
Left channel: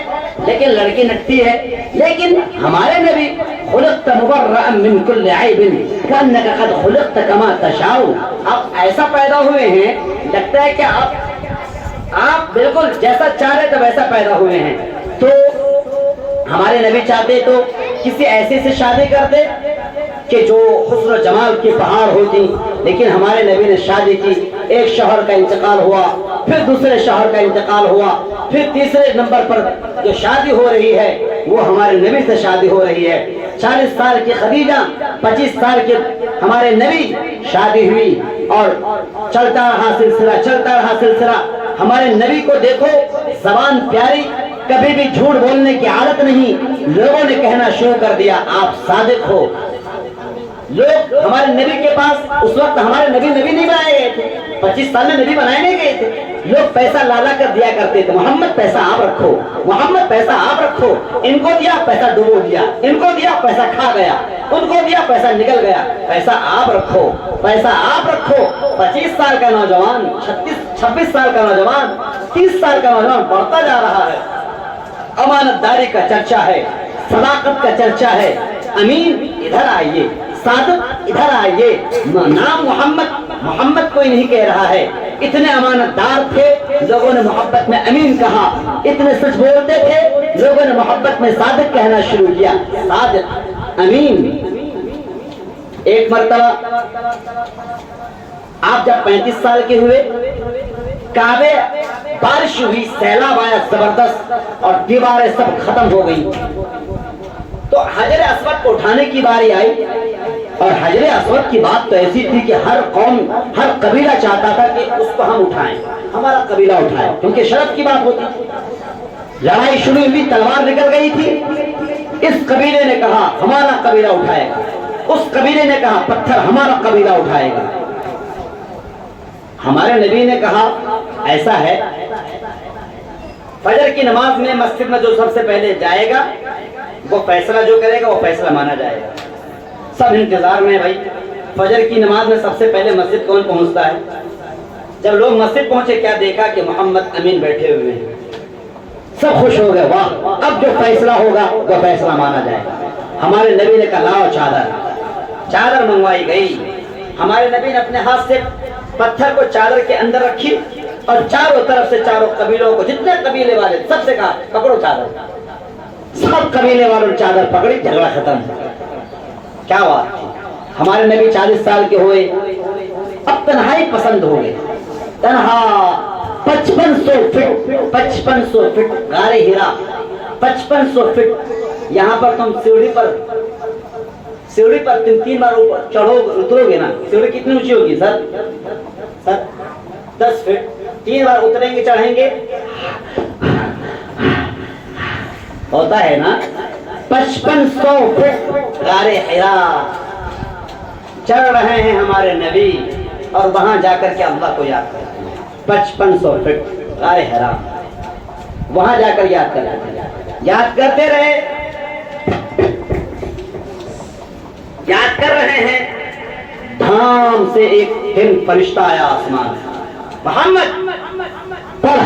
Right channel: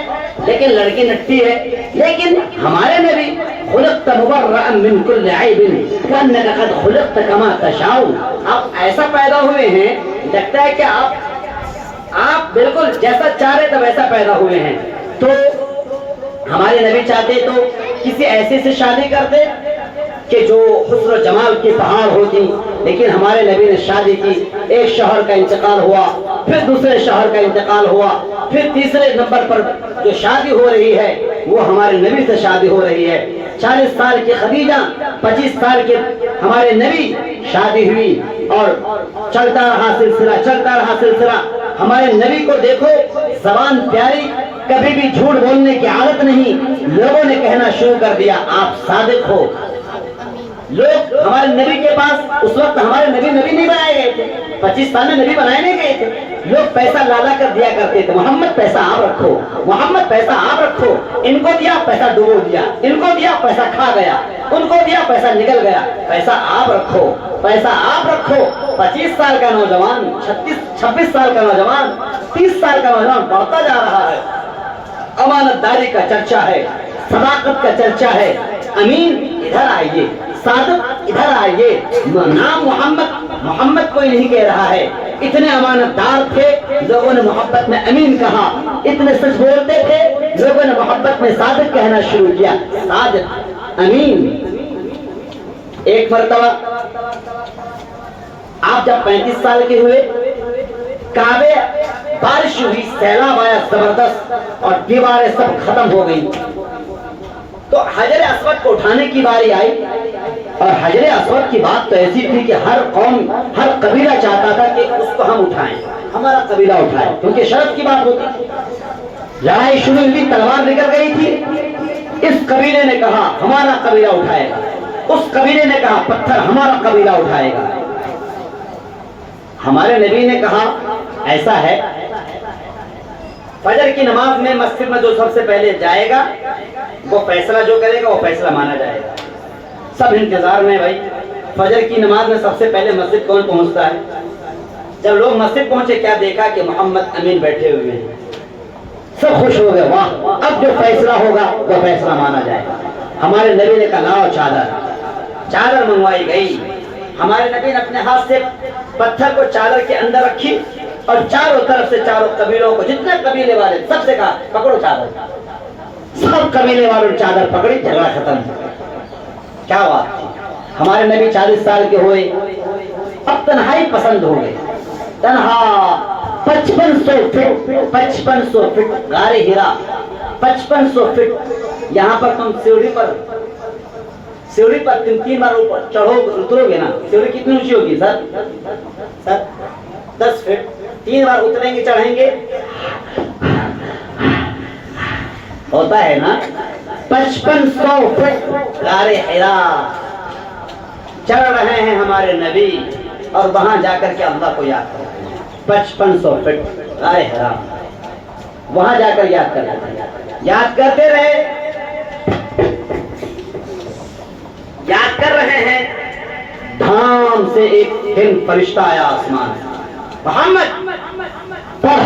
لیکن لڑکی نٹتی ہے. لیکن ہمارے نبی خلقت مبرئا من كل عیب كأنك قد خلقت كما تشاء. آپ ایسا پیدا ہوئے ہیں لگتا ہے کہ آپ بالکل جیسا چاہ رہے تھے ویسا پیدا ہوئے ہیں. تو ہمارے نبی چاہتے تو کسی ایسے سے شادی کرتے کہ جو حسن و جمال کی پہاڑ ہوتی، لیکن ہمارے نبی نے شادی کی. ایک شوہر کا انتقال ہوا، پھر دوسرے شوہر کا انتقال ہوا، پھر تیسرے نمبر پر جو شادی ہو رہی ہے وہ ہمارے نبی سے شادی ہو رہی ہے. 40 سال کی خدیجہ، 25 سال کے ہمارے نبی، شادی ہوئی اور چلتا رہا سلسلہ. ہمارے نبی کو دیکھو، زبان پیاری، کبھی بھی جھوٹ بولنے کی عادت نہیں. لوگوں نے کہنا شروع کر دیا آپ صادق ہو. لوگ ہمارے نبی کے پاس، اس وقت ہمارے نبی نہیں بنائے گئے تھے، 25 سال میں نبی بنائے نہیں گئے تھے. لوگ پیسہ لالا کر دیا کرتے تھے، محمد پیسہ آپ رکھو، محمد پیسہ آپ رکھو. ان کو دیا پیسہ ڈبو دیا، ان کو دیا پیسہ کھا گیا، ان کو دیا پیسہ نکل گیا. پیسہ آپ رکھو، پیسہ آپ رکھو. 25 سال کا نوجوان، 26 سال کا نوجوان، 30 سال کا نوجوان بڑھتا جا رہا ہے. امانت داری کا چرچا ہے، صداقت کا چرچا ہے. امین ادھر آئیے، صادق ادھر آئیے، نام محمد کوئی نہیں کہہ رہا ہے، اتنے امانت دار تھے، لوگوں نے محبت میں امین کہا، اتنے سچ بولتے تھے، لوگوں نے محبت میں صادق کہنا شروع کیا، صادق امین۔ ایک مرتبہ آپ جب 35 سال کے ہوئے، کعبے بارش ہوئی، سیلاب آیا زبردست اور دیواریں سب ختم ہو گئی، تو حجر اسود کو اٹھانے کی باری آئی، اور حجر اسود کی بات تو ایسی تھی کہ ہر قوم، ہر قبیلہ چاہتا تھا کہ اس کو ہم اٹھائیں، ہمارا قبیلہ اٹھائے، کیونکہ شرف کی بات ہوتی تھی۔ لڑائی شروع ہوئی، تلوار نکل گئی تھی، اس قبیلے نے کہا ہمارا قبیلہ اٹھائے گا، اس قبیلے نے کہا پتھر ہمارا قبیلہ اٹھائے گا۔ ہمارے نبی نے کہا ایسا ہے، فجر کی نماز میں مسجد میں جو سب سے پہلے جائے گا وہ فیصلہ جو کرے گا وہ فیصلہ مانا جائے گا۔ سب انتظار میں، بھائی فجر کی نماز میں سب سے پہلے مسجد کون پہنچتا ہے؟ جب لوگ مسجد پہنچے کیا دیکھا کہ محمد امین بیٹھے ہوئے ہیں، سب خوش ہو گئے، واہ اب جو فیصلہ ہوگا وہ فیصلہ مانا جائے گا۔ ہمارے نبی نے کہا لاؤ چادر منگوائی گئی، ہمارے نبی نے اپنے ہاتھ سے پتھر کو چادر کے اندر رکھی اور چاروں طرف سے چاروں قبیلوں کو، جتنے قبیلے والے سب سے کہا پکڑو چادر، سب قبیلے والوں نے چادر پکڑی، جھگڑا ختم۔ کیا بات تھی! ہمارے نبی 40 سال کے ہوئے، اب تنہائی پسند ہو گئے، تنہا 5500 فٹ غار ہرا، 5500 فٹ، یہاں پر تم سیڑھی پر 3 بار اوپر چڑھو اترو گے نا، سیڑھی کتنی اونچی ہوگی سر 10 فٹ، 3 بار اتریں گے چڑھیں گے، ہوتا ہے نا 5500 فٹ غار ہرا چڑھ رہے ہیں ہمارے نبی، اور وہاں جا کر کے اللہ کو یاد کرتے ہیں۔ 5500 فٹ غار ہرا، وہاں جا کر یاد کرتے رہے، یاد کر رہے ہیں، دھام سے ایک ہرن فرشتہ آیا آسمان، محمد پڑھ،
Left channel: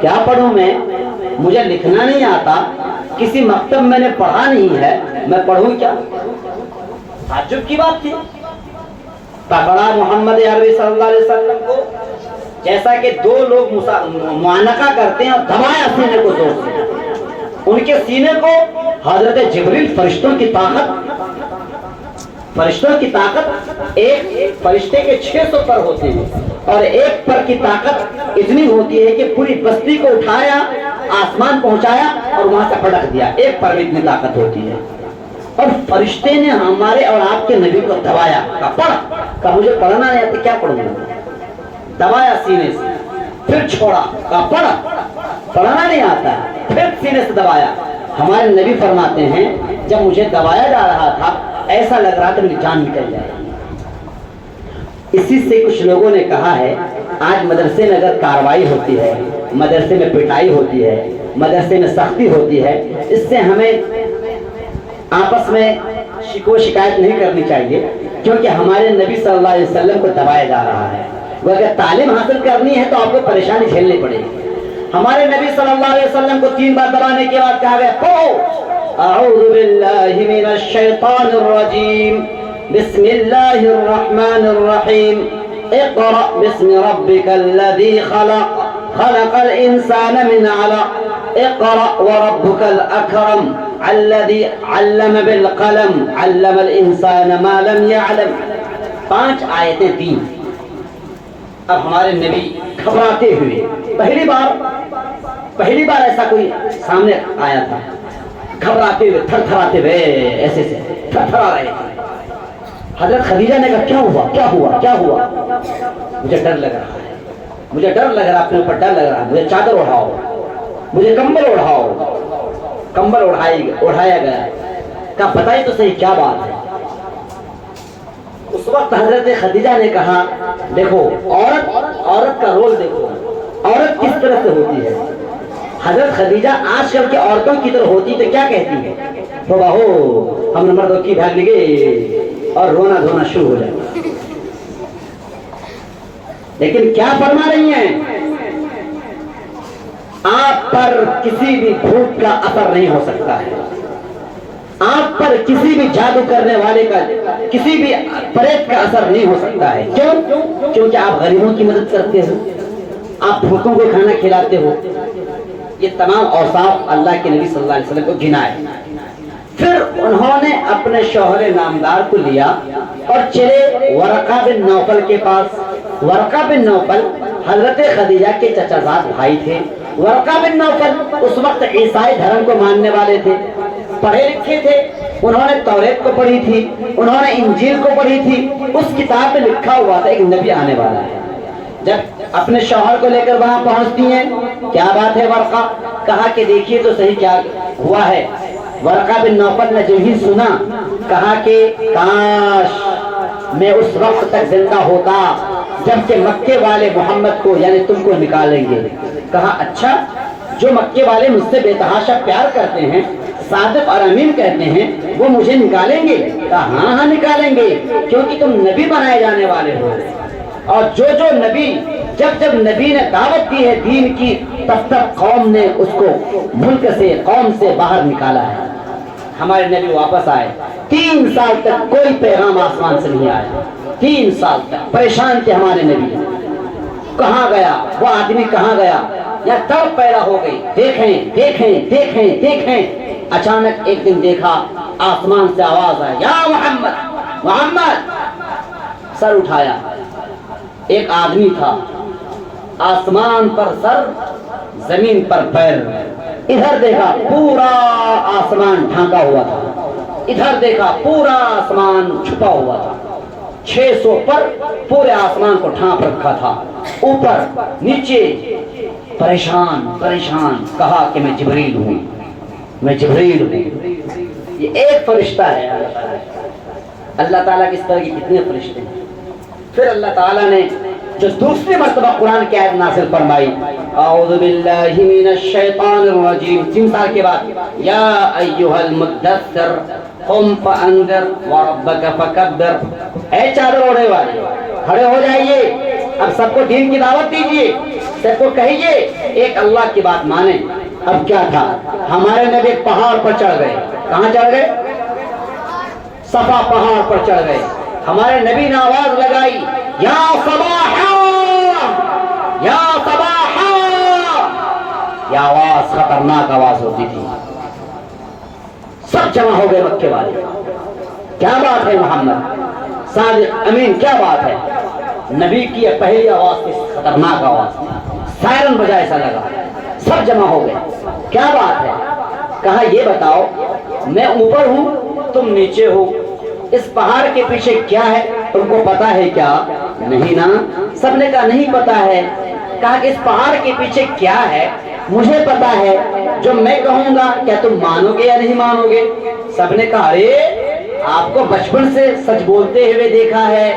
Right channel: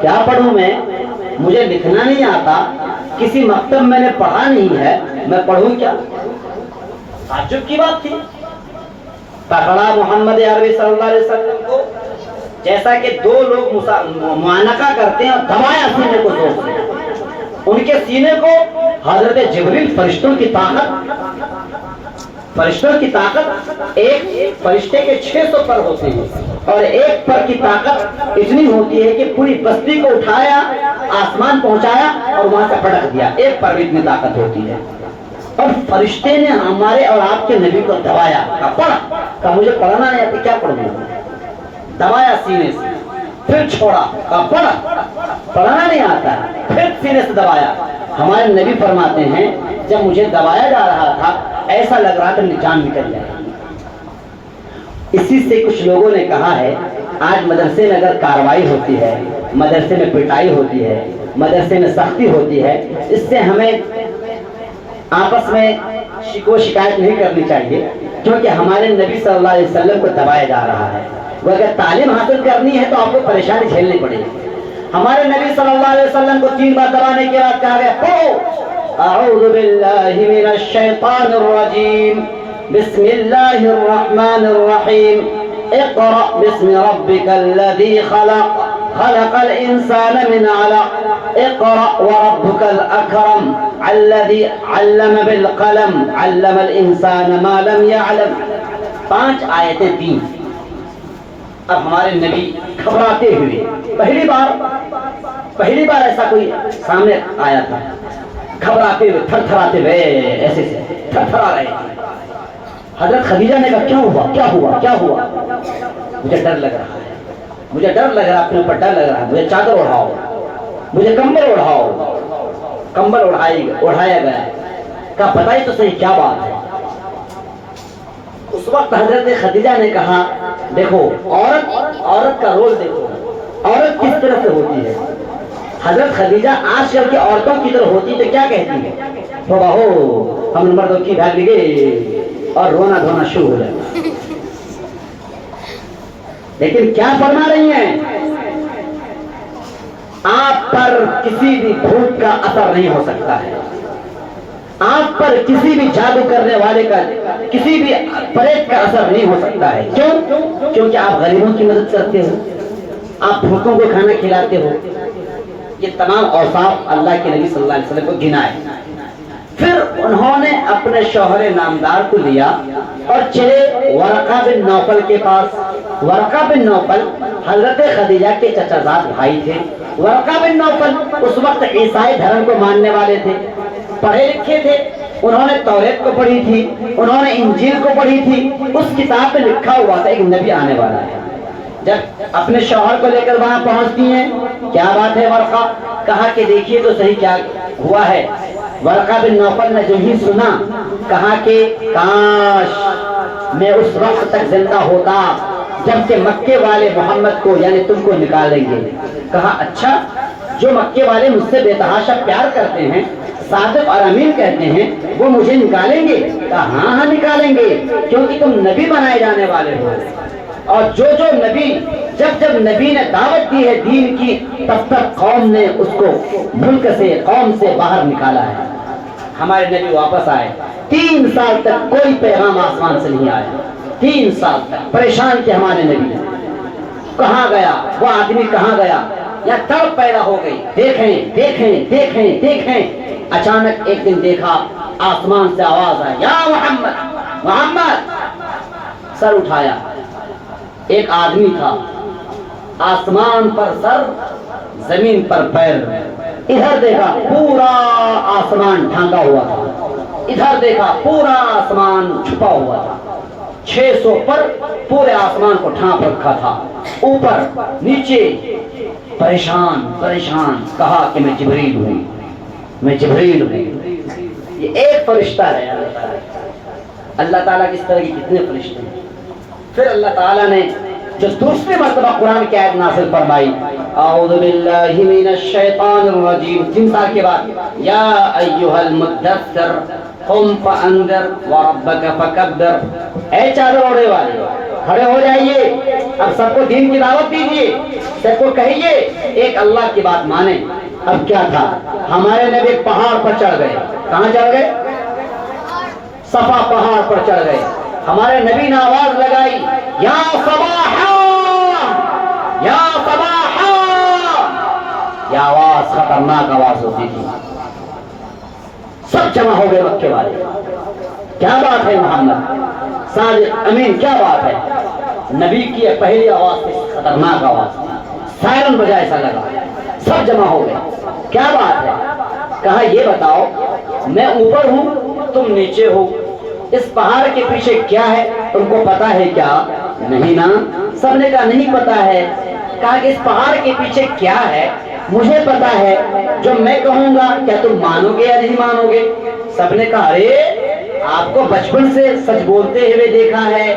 کیا پڑھوں مجھے لکھنا نہیں آتا، کسی مکتب میں نے پڑھا نہیں ہے، میں پڑھوں کیا؟ تعجب کی بات تھی۔ پکڑا محمد عربی صلی اللہ علیہ وسلم کو، جیسا کہ 2 لوگ معانقہ کرتے ہیں، اور دبایا سینے کو زور سے، ان کے سینے کو حضرت جبریل، فرشتوں کی طاقت، ایک فرشتے کے 600 پر ہوتے ہیں، اور ایک پر کی طاقت اتنی ہوتی ہے کہ پوری بستی کو اٹھایا، آسمان پہنچایا اور وہاں سے پٹک دیا، ایک پر اتنی طاقت ہوتی ہے۔ اور فرشتے نے ہمارے اور آپ کے نبی کو دبایا، کہا پڑھ، کہا مجھے پڑھنا نہیں آتا، کیا پڑھوں؟ دبایا سینے سے، پھر چھوڑا، کہا پڑھ، پڑھنا نہیں آتا، پھر سینے سے دبایا۔ ہمارے نبی فرماتے ہیں جب مجھے دبایا جا رہا تھا ایسا لگ رہا تھا میری جان نکل جائے۔ اسی سے کچھ لوگوں نے کہا ہے آج مدرسے میں اگر کارروائی ہوتی ہے، مدرسے میں پٹائی ہوتی ہے، مدرسے میں سختی ہوتی ہے، اس سے ہمیں آپس میں شکایت نہیں کرنی چاہیے، کیونکہ ہمارے نبی صلی اللہ علیہ وسلم کو دبایا جا رہا ہے۔ وہ اگر تعلیم حاصل کرنی ہے تو آپ کو پریشانی جھیلنی پڑے گی۔ ہمارے نبی صلی اللہ علیہ وسلم کو 3 بار دبانے کے بعد کہا گیا پڑھو، اعوذ باللہ من الشیطان الرجیم، بسم اللہ الرحمن الرحیم، اقرأ باسم ربک الذی خلق، خلق الانسان من علق، اقرأ وربک الاکرم، الذی علم بالقلم، علم الانسان ما لم يعلم۔ 5 آیتیں 3۔ اب ہمارے نبی گھبراتے ہوئے، پہلی بار ایسا کوئی سامنے آیا تھا، گھبراتے ہوئے، تھر تھراتے ہوئے، ایسے سے تھر تھرا رہے تھے۔ حضرت خدیجہ نے کہا کیا ہوا؟ مجھے ڈر لگ رہا ہے، اپنے اوپر ڈر لگ رہا ہے، مجھے چادر اڑھاؤ، مجھے کمبل اڑھاؤ۔ کمبل اڑھایا گیا، کہا بتائی تو صحیح کیا بات ہے۔ اس وقت حضرت خدیجہ نے کہا دیکھو عورت کا رول دیکھو، عورت کس طرح سے ہوتی ہے۔ حضرت خدیجہ آج کل کے عورتوں کی طرح ہوتی تو کیا کہتی ہے؟ تھوڑا ہو ہم نے مردوں کی بھاگ لگے اور رونا دھونا شروع ہو جائے۔ لیکن کیا فرما رہی ہیں؟ آپ پر کسی بھی بھوت کا اثر نہیں ہو سکتا ہے، آپ پر کسی بھی جادو کرنے والے کا، کسی بھی پریت کا اثر نہیں ہو سکتا ہے. کیوں؟ کیونکہ آپ غریبوں کی مدد کرتے ہو، آپ بھوکوں کو کھانا کھلاتے ہو. یہ تمام اوصاف اللہ کے نبی صلی اللہ علیہ وسلم کو گنائے. پھر انہوں نے اپنے شوہر نامدار کو لیا اور چلے ورقہ بن نوفل کے پاس. ورقہ بن نوفل حضرت خدیجہ کے چچا زاد بھائی تھے. ورقہ بن نوفل اس وقت عیسائی دھرم کو ماننے والے تھے، پڑھے لکھے تھے. انہوں نے توریت کو پڑھی تھی، انہوں نے انجیل کو پڑھی تھی. اس کتاب میں لکھا ہوا تھا ایک نبی آنے والا ہے. جب اپنے شوہر کو لے کر وہاں پہنچتی ہیں، کیا بات ہے ورقہ؟ کہا کہ دیکھیے تو صحیح کیا ہوا ہے. ورقہ بن نوفل نے جو ہی سنا کہا کہ کاش میں اس وقت تک زندہ ہوتا جبکہ مکے والے محمد کو یعنی تم کو نکالیں گے. کہا اچھا، جو مکے والے مجھ سے بے تحاشا پیار کرتے ہیں، صادق اور امین کہتے ہیں، وہ مجھے نکالیں گے؟ کہا ہاں ہاں نکالیں گے، کیونکہ تم نبی بنائے جانے والے ہو. اور جو نبی جب نبی نے دعوت دی ہے دین کی، تب تک قوم نے اس کو ملک سے قوم سے باہر نکالا ہے. ہمارے نبی واپس آئے، 3 سال تک کوئی پیغام آسمان سے نہیں آیا. 3 سال تک پریشان تھے ہمارے نبی. کہاں گیا وہ آدمی، کہاں گیا؟ یا تڑپ پیدا ہو گئی، دیکھیں دیکھیں دیکھیں دیکھیں. اچانک ایک دن دیکھا آسمان سے آواز آئی، یا محمد محمد. سر اٹھایا، ایک آدمی تھا، آسمان پر سر، زمین پر پیر. ادھر دیکھا پورا آسمان ڈھانکا ہوا تھا، ادھر دیکھا پورا آسمان چھپا ہوا تھا. 600 پر پورے آسمان کو ڈھانپ رکھا تھا، اوپر نیچے پریشان پریشان. کہا کہ میں جبریل ہوں، میں جبریل ہوں. یہ ایک فرشتہ ہے. اللہ تعالیٰ کس طرح کی کتنے فرشتے ہیں. پھر اللہ تعالیٰ نے جو دوسری مرتبہ قرآن کی آیت نازل فرمائی، اعوذ باللہ من الشیطان الرجیم، 3 سال کے بعد، یا ایھا المدثر قم فانذر وربک فکبر. اے چادر اوڑھے والے، کھڑے ہو جائیے، اب سب کو دین کی دعوت دیجیے، سب کو کہیے ایک اللہ کی بات مانیں. اب کیا تھا، ہمارے نبی پہاڑ پر چڑھ گئے. کہاں چڑھ گئے؟ صفا پہاڑ پر چڑھ گئے. ہمارے نبی نے آواز لگائی، یا صباحا یا صباحا. یہ آواز خطرناک آواز ہوتی تھی. سب جمع ہو گئے مکے والے. کیا بات ہے محمد صادق امین، کیا بات ہے؟ نبی کی یہ پہلی آواز تھی، خطرناک آواز تھی، سائرن بجا ایسا لگا. سب جمع ہو گئے. کیا بات ہے؟ کہا یہ بتاؤ، میں اوپر ہوں تم نیچے ہو، اس پہاڑ کے پیچھے کیا ہے؟ تم کو پتا ہے کیا؟ نہیں نا. سب نے کہا نہیں پتا ہے. کہا کہ اس پہاڑ کے پیچھے کیا ہے؟ مجھے پتا ہے، جو میں کہوں گا کیا تم مانو گے یا نہیں مانو گے؟ سب نے کہا ارے آپ کو بچپن سے سچ بولتے ہوئے دیکھا ہے،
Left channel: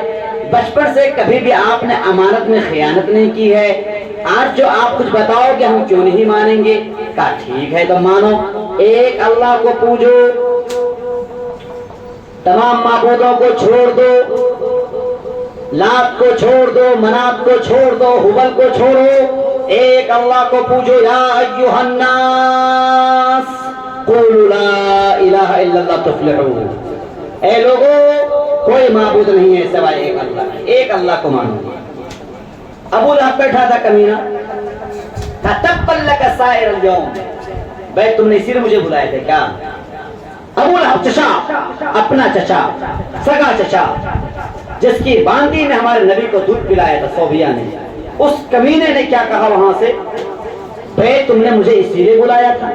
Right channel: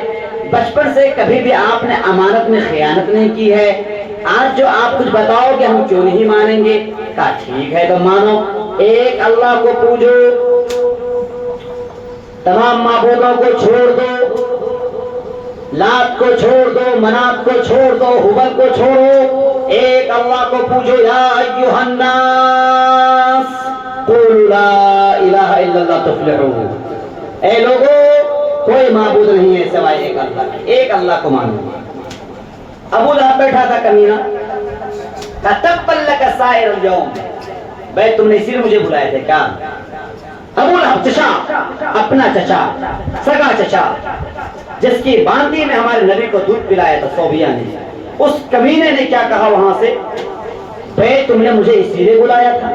بچپن سے کبھی بھی آپ نے امانت میں خیانت نہیں کی ہے. آج جو آپ کچھ بتاؤ گے ہم کیوں نہیں مانیں گے؟ کہا ٹھیک ہے تو مانو. ایک اللہ کو پوجو، تمام معبودوں کو چھوڑ دو، لات کو چھوڑ دو، منات کو چھوڑ دو، ہبل کو چھوڑو، ایک اللہ کو پوجو. یا ایھا الناس قولوا لا الہ الا اللہ تفلحوا. اے لوگوں، کوئی معبود نہیں ہے سوائے ایک اللہ، ایک اللہ کو مانو. ابو لہب بیٹھا تھا کمینہ، تبا لک سائر اليوم. بھائی تم نے اسی لیے مجھے بلایا تھے کیا؟ ابو لہب چچا، اپنا چچا، سگا چچا، جس کی باندی میں ہمارے نبی کو دودھ پلایا تھا صوبیہ نے، اس کمینے نے کیا کہا وہاں سے؟ بھائی تم نے مجھے اسی لیے بلایا تھا،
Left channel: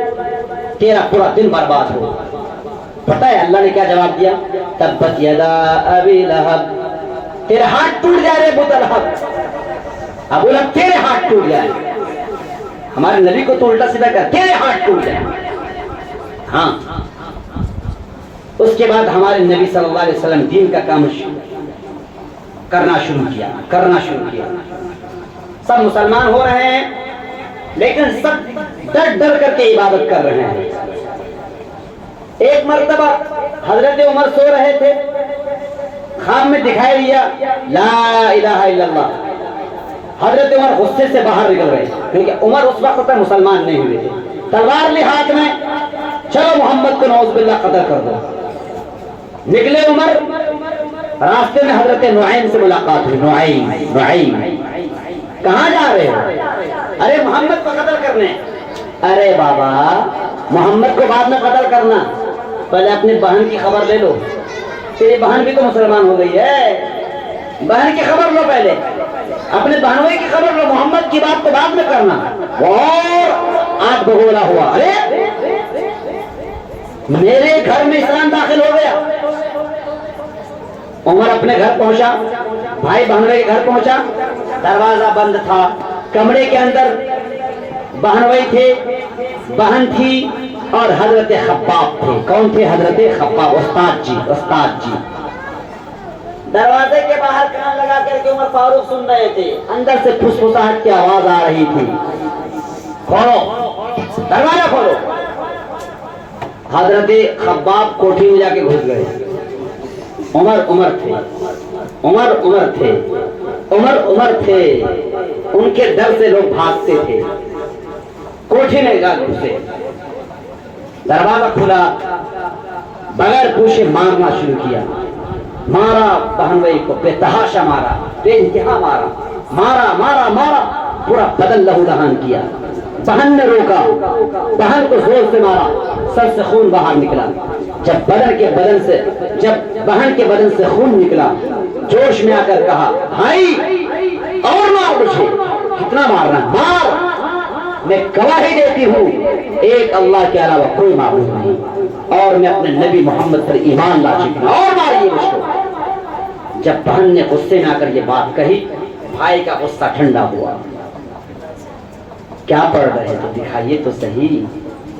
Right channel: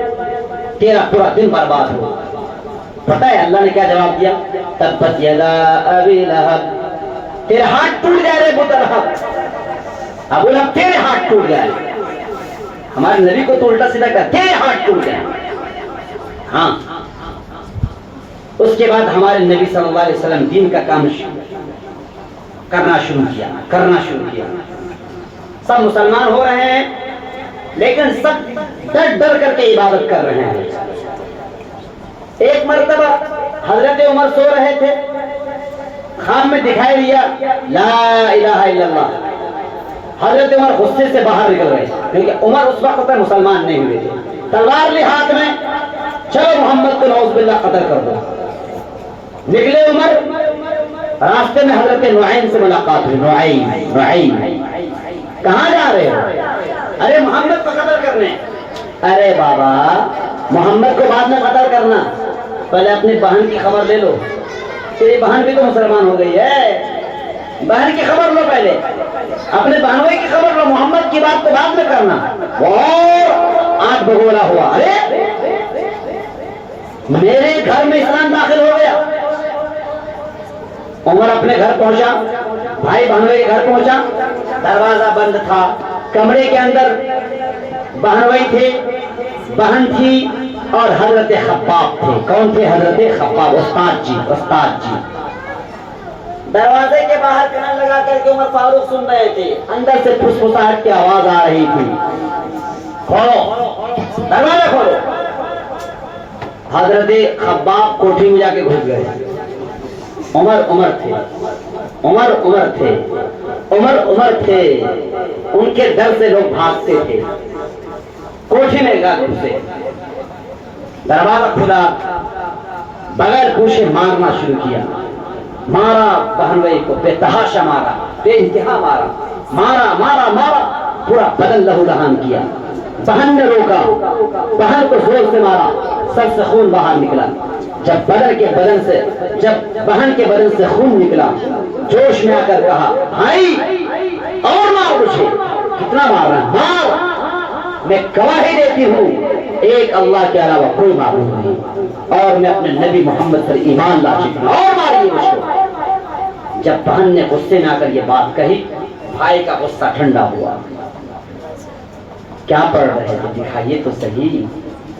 تیرا پورا دن برباد ہو. پتہ ہے اللہ نے کیا جواب دیا؟ تبت یدا ابی لہب. تیرے ہاتھ ٹوٹ جائے رے ابو لہب، ابو لہب تیرے ہاتھ ٹوٹ جائے. ہمارے نبی کو تو الٹا سیدھا کہا تیرے ہاتھ ٹوٹ جائے. ہاں. اس کے بعد ہمارے نبی صلی اللہ علیہ وسلم دین کا کام کرنا شروع کیا. سب مسلمان ہو رہے ہیں، لیکن سب ڈر ڈر کر کے عبادت کر رہے ہیں. ایک مرتبہ حضرت عمر سو رہے تھے، خواب میں دکھائی دیا لا الہ الا اللہ. حضرت عمر غصے سے باہر نکل گئے، کیونکہ عمر اس وقت تک مسلمان نہیں ہوئے تھے. تلوار لی ہاتھ میں، چلو محمد کو نعوذ باللہ قتل کر دو. نکلے عمر, راستے میں حضرت نعیم سے ملاقات ہوئی. نعیم کہاں جا رہے ہو؟ ارے محمد کو قتل کرنے. ارے بابا محمد کو بعد میں قتل کرنا, پہلے اپنی بہن کی خبر لے لو. تیری بہن بھی تو مسلمان ہو گئی ہے, بہن کی خبر لو پہلے, اپنے بہنوئی کی خبر لو. محمد کی بات کو بعد میں کرنا. اور آنکھ بگولا ہوا, ارے میرے گھر میں اسلام داخل ہو گیا. عمر اپنے گھر پہنچا, بھائی بہنوئی کے گھر پہنچا, دروازہ بند تھا. کمرے کے اندر بہنوئی تھے, بہن تھی اور حضرت خباب تھے. کون تھے؟ حضرت خباب, استاد جی. دروازے کے باہر کان لگا کر کے عمر فاروق سن رہے تھے. اندر سے پھسپھساہٹ کی آواز آ رہی تھی, کھولو دروازہ کھولو. حضرت خباب کوٹھی میں جا کے گھس گئے. عمر تھے. ان کے ڈر سے لوگ بھاگتے تھے. کوٹھی میں گھسے, دروازہ کھلا, بغیر پوچھے مارنا شروع کیا. مارا بہنوئی کو, بے تحاشا مارا, بے انتہا مارا, پورا بدن لہو لہان کیا. بہن نے روکا, بہن کو زور سے مارا, سر سے خون باہر نکلا. جب بہن کے بدن سے خون نکلا, جوش میں آ کر کہا, بھائی اور مار مجھے. کتنا مارنا؟ مار, میں گواہی دیتی ہوں ایک اللہ کے علاوہ کوئی معبود نہیں, اور میں اپنے نبی محمد پر ایمان لا چکی ہوں, اور ماریے مجھ کو. جب بہن نے غصے میں آ کر یہ بات کہی, بھائی کا غصہ ٹھنڈا ہوا. کیا پڑھ رہے تھے, دکھائیے تو صحیح.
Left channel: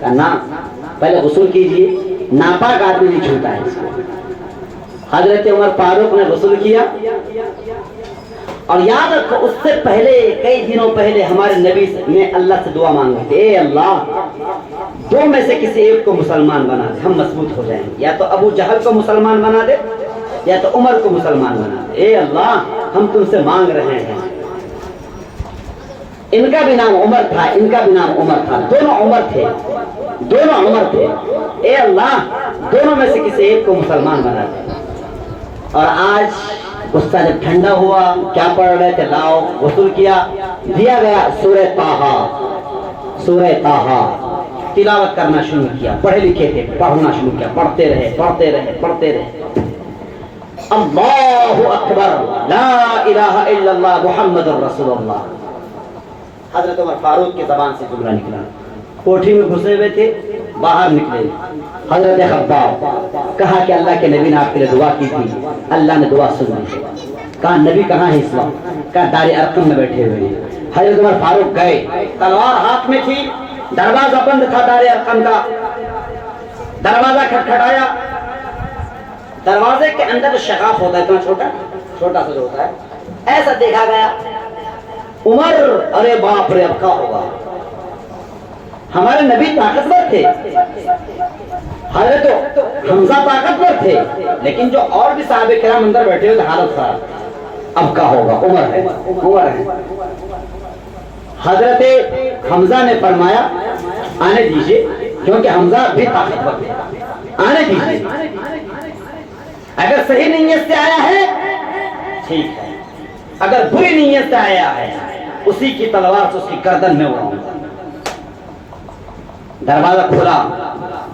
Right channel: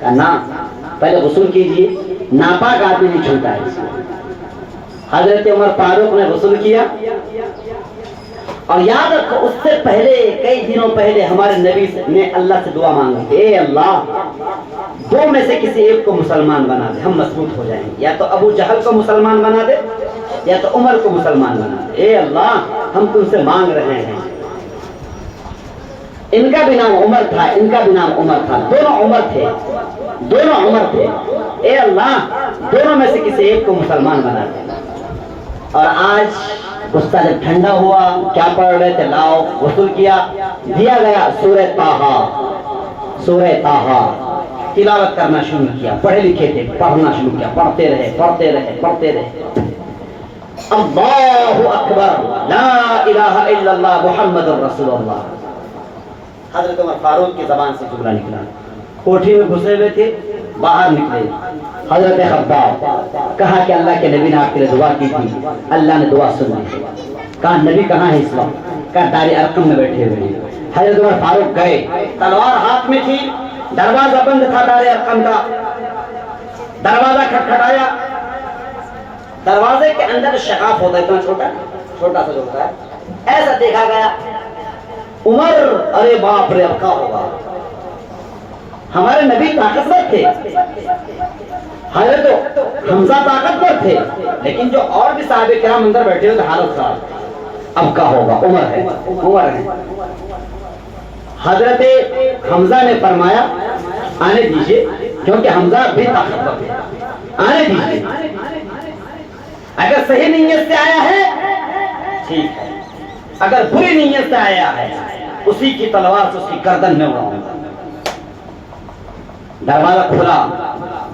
کہنا پہلے غسل کیجیے, ناپاک آدمی بھی چھوٹا ہے. حضرت عمر فاروق نے غسل کیا, اور یاد رکھو اس سے پہلے کئی دنوں پہلے ہمارے نبی نے اللہ سے دعا مانگی, اے اللہ دو میں سے کسی ایک کو مسلمان بنا دے, ہم مضبوط ہو جائیں. یا تو ابو جہل کو مسلمان بنا دے, یا تو عمر کو مسلمان بنا دے. اے اللہ ہم تم سے مانگ رہے ہیں. ان کا بھی نام عمر تھا, ان کا بھی نام عمر تھا, دونوں عمر تھے. اے اللہ دونوں میں سے کسی ایک کو مسلمان بنا دے. اور آج غصہ جب ٹھنڈا ہوا, کیا پڑھ رہے تھے؟ لاؤ غسل کیا, دیا گیا سورہ طٰہٰ, تلاوت کرنا شروع کیا. پڑھے لکھے تھے, پڑھنا شروع کیا, پڑھتے رہے. اللہ اکبر, لا الہ الا اللہ محمد الرسول اللہ. حضرت عمر فاروق کی زبان سے جملہ نکلا. کوٹھی میں گھسے ہوئے تھے, باہر نکلے. حضرت خباب کہا کہ اللہ کے نبی نے آپ کے لیے دعا کی تھی, اللہ نے دعا سن لی. کہا نبی کہاں ہے اس وقت؟ کہا دار ارقم میں بیٹھے ہوئے ہیں. حضرت عمر فاروق گئے, تلوار ہاتھ میں تھی, دروازہ بند تھا دار ارقم کا. دروازہ کھٹکھٹایا, دروازے کے اندر شگاف ہوتا ہے, اتنا چھوٹا سا ہوتا ہے, ایسا دیکھا گیا. عمر, ارے باپ رے, اب کیا ہوگا؟ ہمارے نبی طاقتور تھے, حضرت حمزہ طاقتور تھے, لیکن جو اور بھی صحابہ کرام اندر بیٹھے ہوئے حالت خراب. اب کیا ہوگا؟ عمر ہے. حضرت حمزہ نے فرمایا آنے دیجیے, کیونکہ حمزہ بھی طاقتور تھے, آنے دیجیے. اگر صحیح نیت سے آیا ہے ٹھیک ہے, اگر بری نیت سے آیا ہے اسی کی تلوار سے اس کی گردن میں اڑاؤں گا. دروازہ کھولا,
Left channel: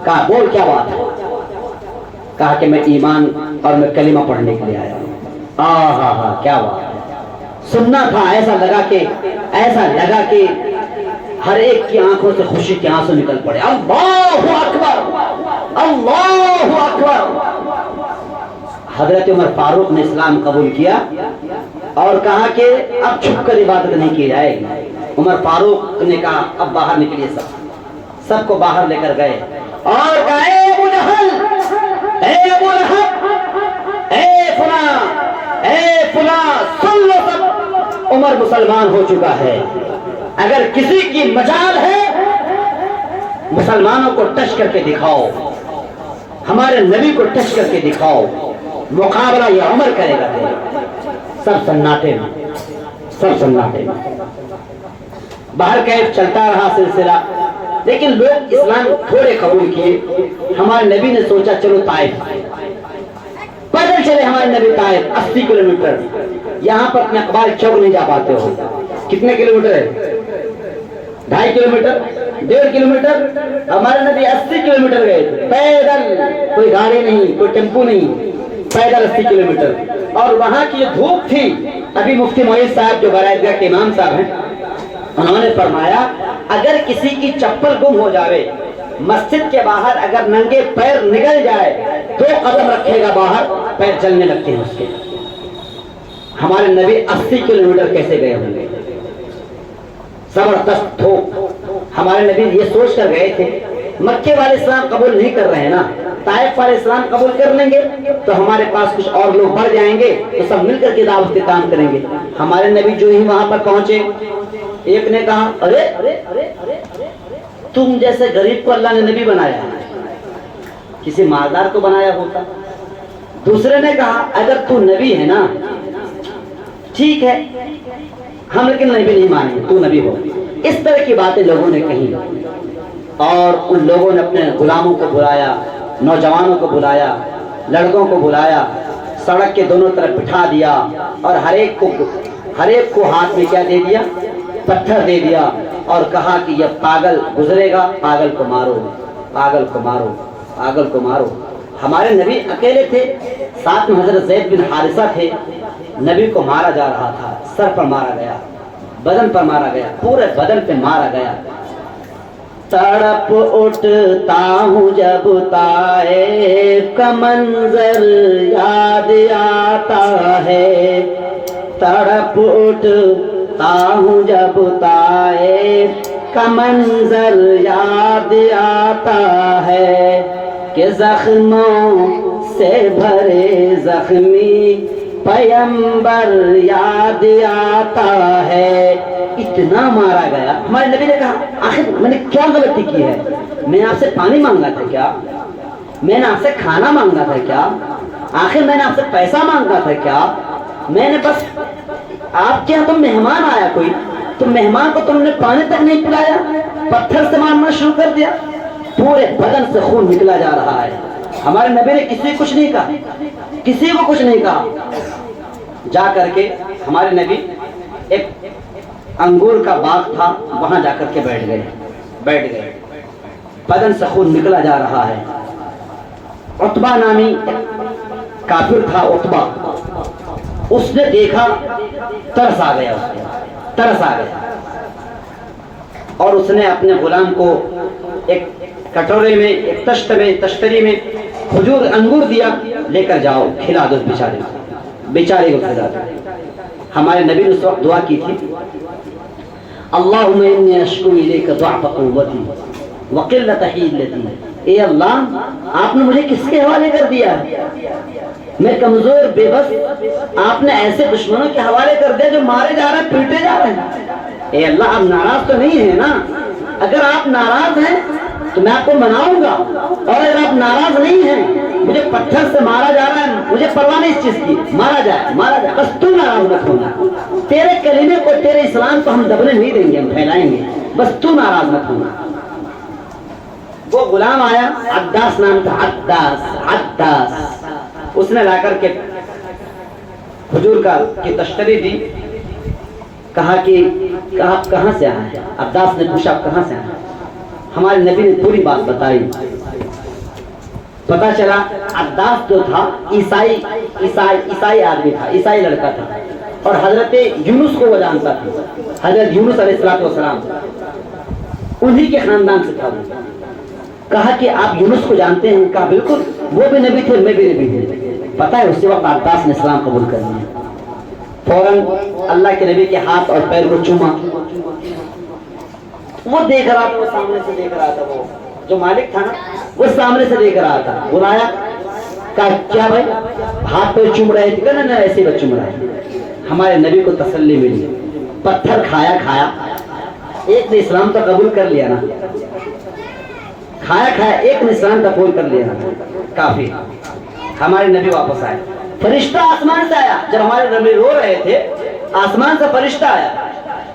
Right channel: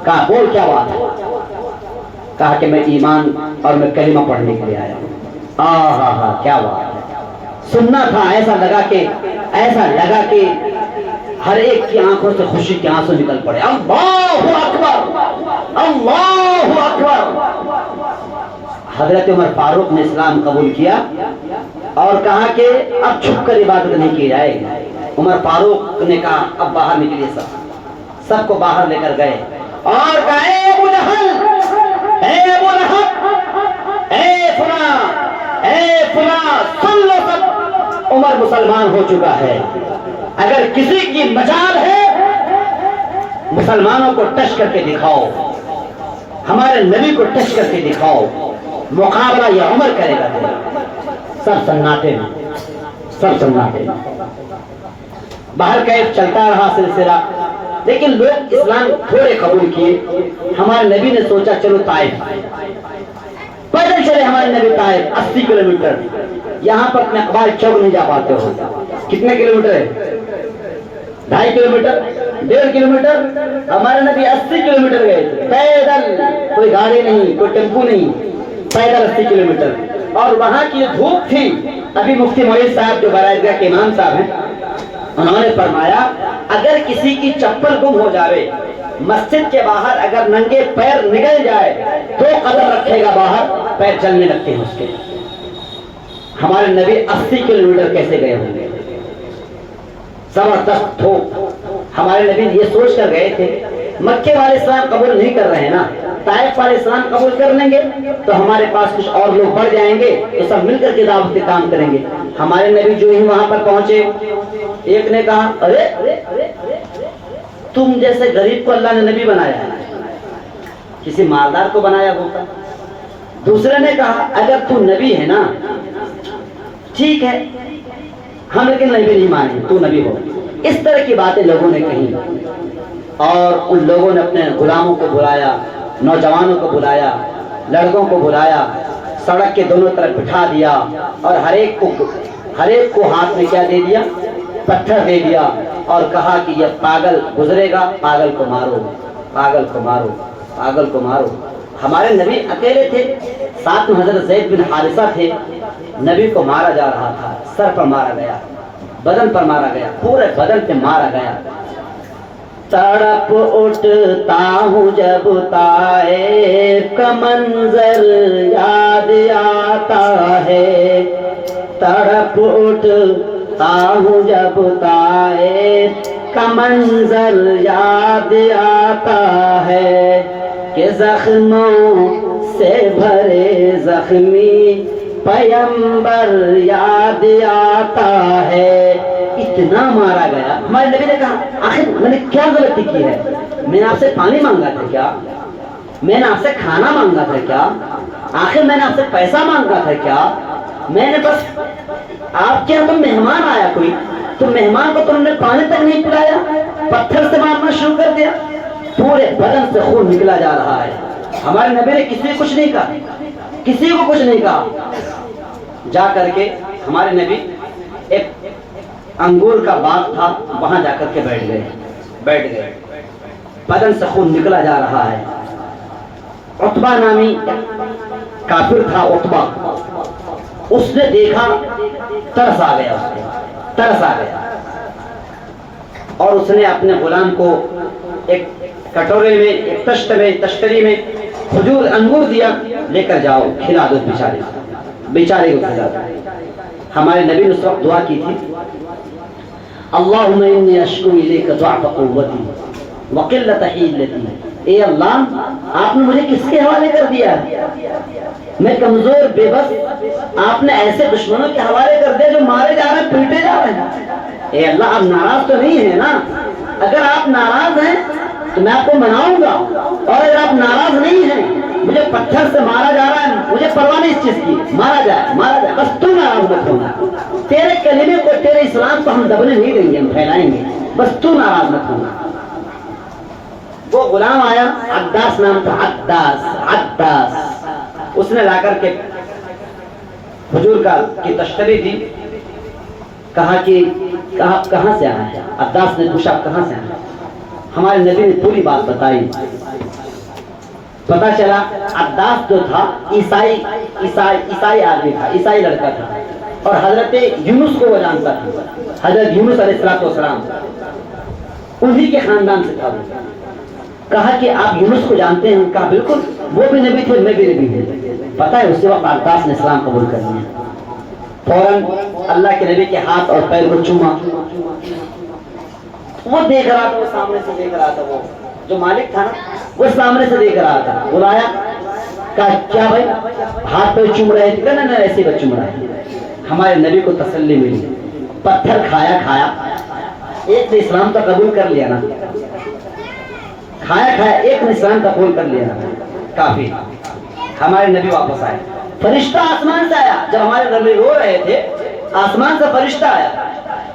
کہا بول کیا بات ہے؟ کہا کہ میں ایمان اور میں کلمہ پڑھنے کے لیے آیا ہوں. ہاں کیا بات ہے, سننا تھا. ایسا لگا کہ ہر ایک کی آنکھوں سے خوشی کے آنسو نکل پڑے. اللہ اکبر, اللہ اکبر. حضرت عمر فاروق نے اسلام قبول کیا اور کہا کہ اب چھپ کر عبادت نہیں کی جائے گی. عمر فاروق نے کہا اب باہر نکلیے. سب کو باہر لے کر گئے اور کہا اے ابو جہل, اے ابو لہب, اے فلاں, سن لو سب, عمر مسلمان ہو چکا ہے. اگر کسی کی مجال ہے مسلمانوں کو ٹچ کر کے دکھاؤ, ہمارے نبی کو ٹچ کر کے دکھاؤ, مقابلہ یہ عمر کرے گا. سب سناٹے میں. باہر کیف چلتا رہا سلسلہ. لیکن لوگ اسلام تھوڑے قبول کیے. ہمارے نبی نے سوچا چلو طائف پیدل چلے. ہمارے نبی طائف 80 کلومیٹر. یہاں پر اپنے اقبال چوک نہیں جا پاتے ہو. کتنے کلومیٹر ہے؟ 2.5 کلومیٹر 1.5 کلومیٹر. ہمارے نبی 80 کلومیٹر گئے تھے پیدل. کوئی گاڑی نہیں, کوئی ٹیمپو نہیں, پیدل 80 کلومیٹر. اور وہاں کی جو دھوپ تھی, ابھی مفتی معید صاحب جو بلادگاہ کے امام صاحب ہیں, انہوں نے فرمایا اگر کسی کی چپل گم ہو جاوے, مسجد کے باہر اگر ننگے پیر نکل جائے 2 قدم رکھے گا باہر, پیر چلنے لگتے ہیں اس کے. ہمارے نبی 80 کلومیٹر کیسے گئے ہوں گے؟ زبردست تھو. ہمارے نبی یہ سوچ کر گئے تھے مکے والے اسلام قبول نہیں کر رہے ہیں نا, طائف والے اسلام قبول کر لیں گے تو ہمارے پاس کچھ اور لوگ بڑھ جائیں گے, یہ سب مل کر کے دعوت کے کام کریں گے. ہمارے نبی جو ہی وہاں پر پہنچے, ایک نے کہا ارے تم جیسے غریب کو اللہ نے نبی بنایا ہے, کسی مالدار کو بنایا ہوتا. دوسرے نے کہا اگر تو نبی ہے نا ٹھیک ہے, ہم لیکن نبی نہیں مانیں, تو نبی ہو. اس طرح کی باتیں لوگوں نے کہی, اور ان لوگوں نے اپنے غلاموں کو بلایا, نوجوانوں کو بلایا, لڑکوں کو بلایا, سڑک کے دونوں طرف بٹھا دیا, اور ہر ایک کو ہاتھ میں کیا دے دیا؟ پتھر دے دیا, اور کہا کہ یہ پاگل گزرے گا, پاگل کو مارو, پاگل کو مارو, پاگل کو مارو. ہمارے نبی اکیلے تھے, ساتھ میں حضرت زید بن حارثہ تھے. نبی کو مارا جا رہا تھا, سر پر مارا گیا, بدن پر مارا گیا, پورے بدن پہ مارا گیا. تڑپ اٹھتا ہوں جب طائف کا منظر یاد آتا ہے, تڑپ اٹھتا ہوں جب طائف کا منظر یاد آتا ہے, کہ زخموں سے بھرے زخمی پیمبر یاد آتا ہے. اتنا مارا گیا. ہمارے نبی نے کہا آخر میں نے کیا غلطی کی ہے؟ میں نے آپ سے پانی مانگا تھا کیا؟ میں نے آپ سے کھانا مانگا تھا کیا؟ آخر میں نے آپ سے پیسہ مانگا تھا کیا؟ میں نے بس آپ کے یہاں تم مہمان آیا کوئی, تو مہمان کو تم نے پانی تک نہیں پلایا, پتھر سے مارنا شروع کر دیا, پورے بدن سے خون نکلا جا رہا ہے. ہمارے نبی نے کسی کو کچھ نہیں کہا, کسی کو کچھ نہیں کہا. جا کر کے ہمارے نبی ایک انگور کا باغ تھا, وہاں جا کر کے بیٹھ گئے. بدن سے خون نکلا جا رہا ہے. عتبہ نامی کافر تھا, عتبہ, اس نے دیکھا, ترس آ گیا, اور اس نے اپنے غلام کو ایک کٹورے میں, ایک تشتری میں کھجور انگور دیا, لے کر جاؤ کھلا دو بیچارے کو کھلا دو. ہمارے نبی نے اس وقت دعا کی تھی, اللہم انی اشکو الیک ضعف قوتی وقلت حیلتی. اے اللہ, آپ نے مجھے کس کے حوالے کر دیا؟ میں کمزور بے بس, آپ نے ایسے دشمنوں کے حوالے کر دیا جو مارے جا رہے ہیں, پیٹے جا رہے ہیں. اے اللہ, آپ ناراض تو نہیں ہیں نا؟ اگر آپ ناراض ہیں تو میں آپ کو مناؤں گا, اور اگر آپ ناراض نہیں ہیں, مجھے پتھر سے مارا جا رہا ہے, مجھے پرواہ نہیں اس چیز کی, مارا جائے, بس تو ناراض مت ہونا. تیرے کلمے کو, تیرے اسلام کو ہم دبنے نہیں دیں گے, ہم پھیلائیں گے, بس تو ناراض مت ہونا. وہ غلام آیا, عداس نام تھا, عداس. اس نے لا کر کے حضور کی تشتری دی, کہا کہ کہاں سے آیا ہے؟ عداس نے پوچھا کہاں سے آیا؟ ہمارے نبی نے پوری بات بتائی. پتا چلا عداس جو تھا عیسائی آدمی تھا, عیسائی لڑکا تھا, اور حضرت یونس کو وہ جانتا تھا. حضرت یونس علیہ السلام انہی کے خاندان سے تھا. کہا کہ آپ یونس کو جانتے ہیں؟ کہا بالکل, وہ بھی نبی تھے, میں بھی نبی ہوں. پتا ہے اسی وقت عباس نے اسلام قبول کر لیا. فوراً اللہ کے نبی کے ہاتھ اور پیر کو چوما. وہ دیکھ رہا تھا, وہ سامنے سے دیکھ رہا تھا, وہ جو مالک تھا نا, وہ سامنے سے دیکھ رہا تھا. بلایا, کہا کیا بھائی ہاتھ پہ چوم رہے تھے؟ نا ایسے ہی چوم رہا ہے. ہمارے نبی کو تسلی ملی. پتھر کھایا, ایک نے اسلام کا قبول کر لیا نا, کھایا ایک نے اسلام کا قبول کر لیا نا, کافی. ہمارے نبی واپس آئے. فرشتہ آسمان سے آیا. جب ہمارے نبی رو رہے تھے, آسمان سے فرشتہ آیا,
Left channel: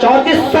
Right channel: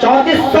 3400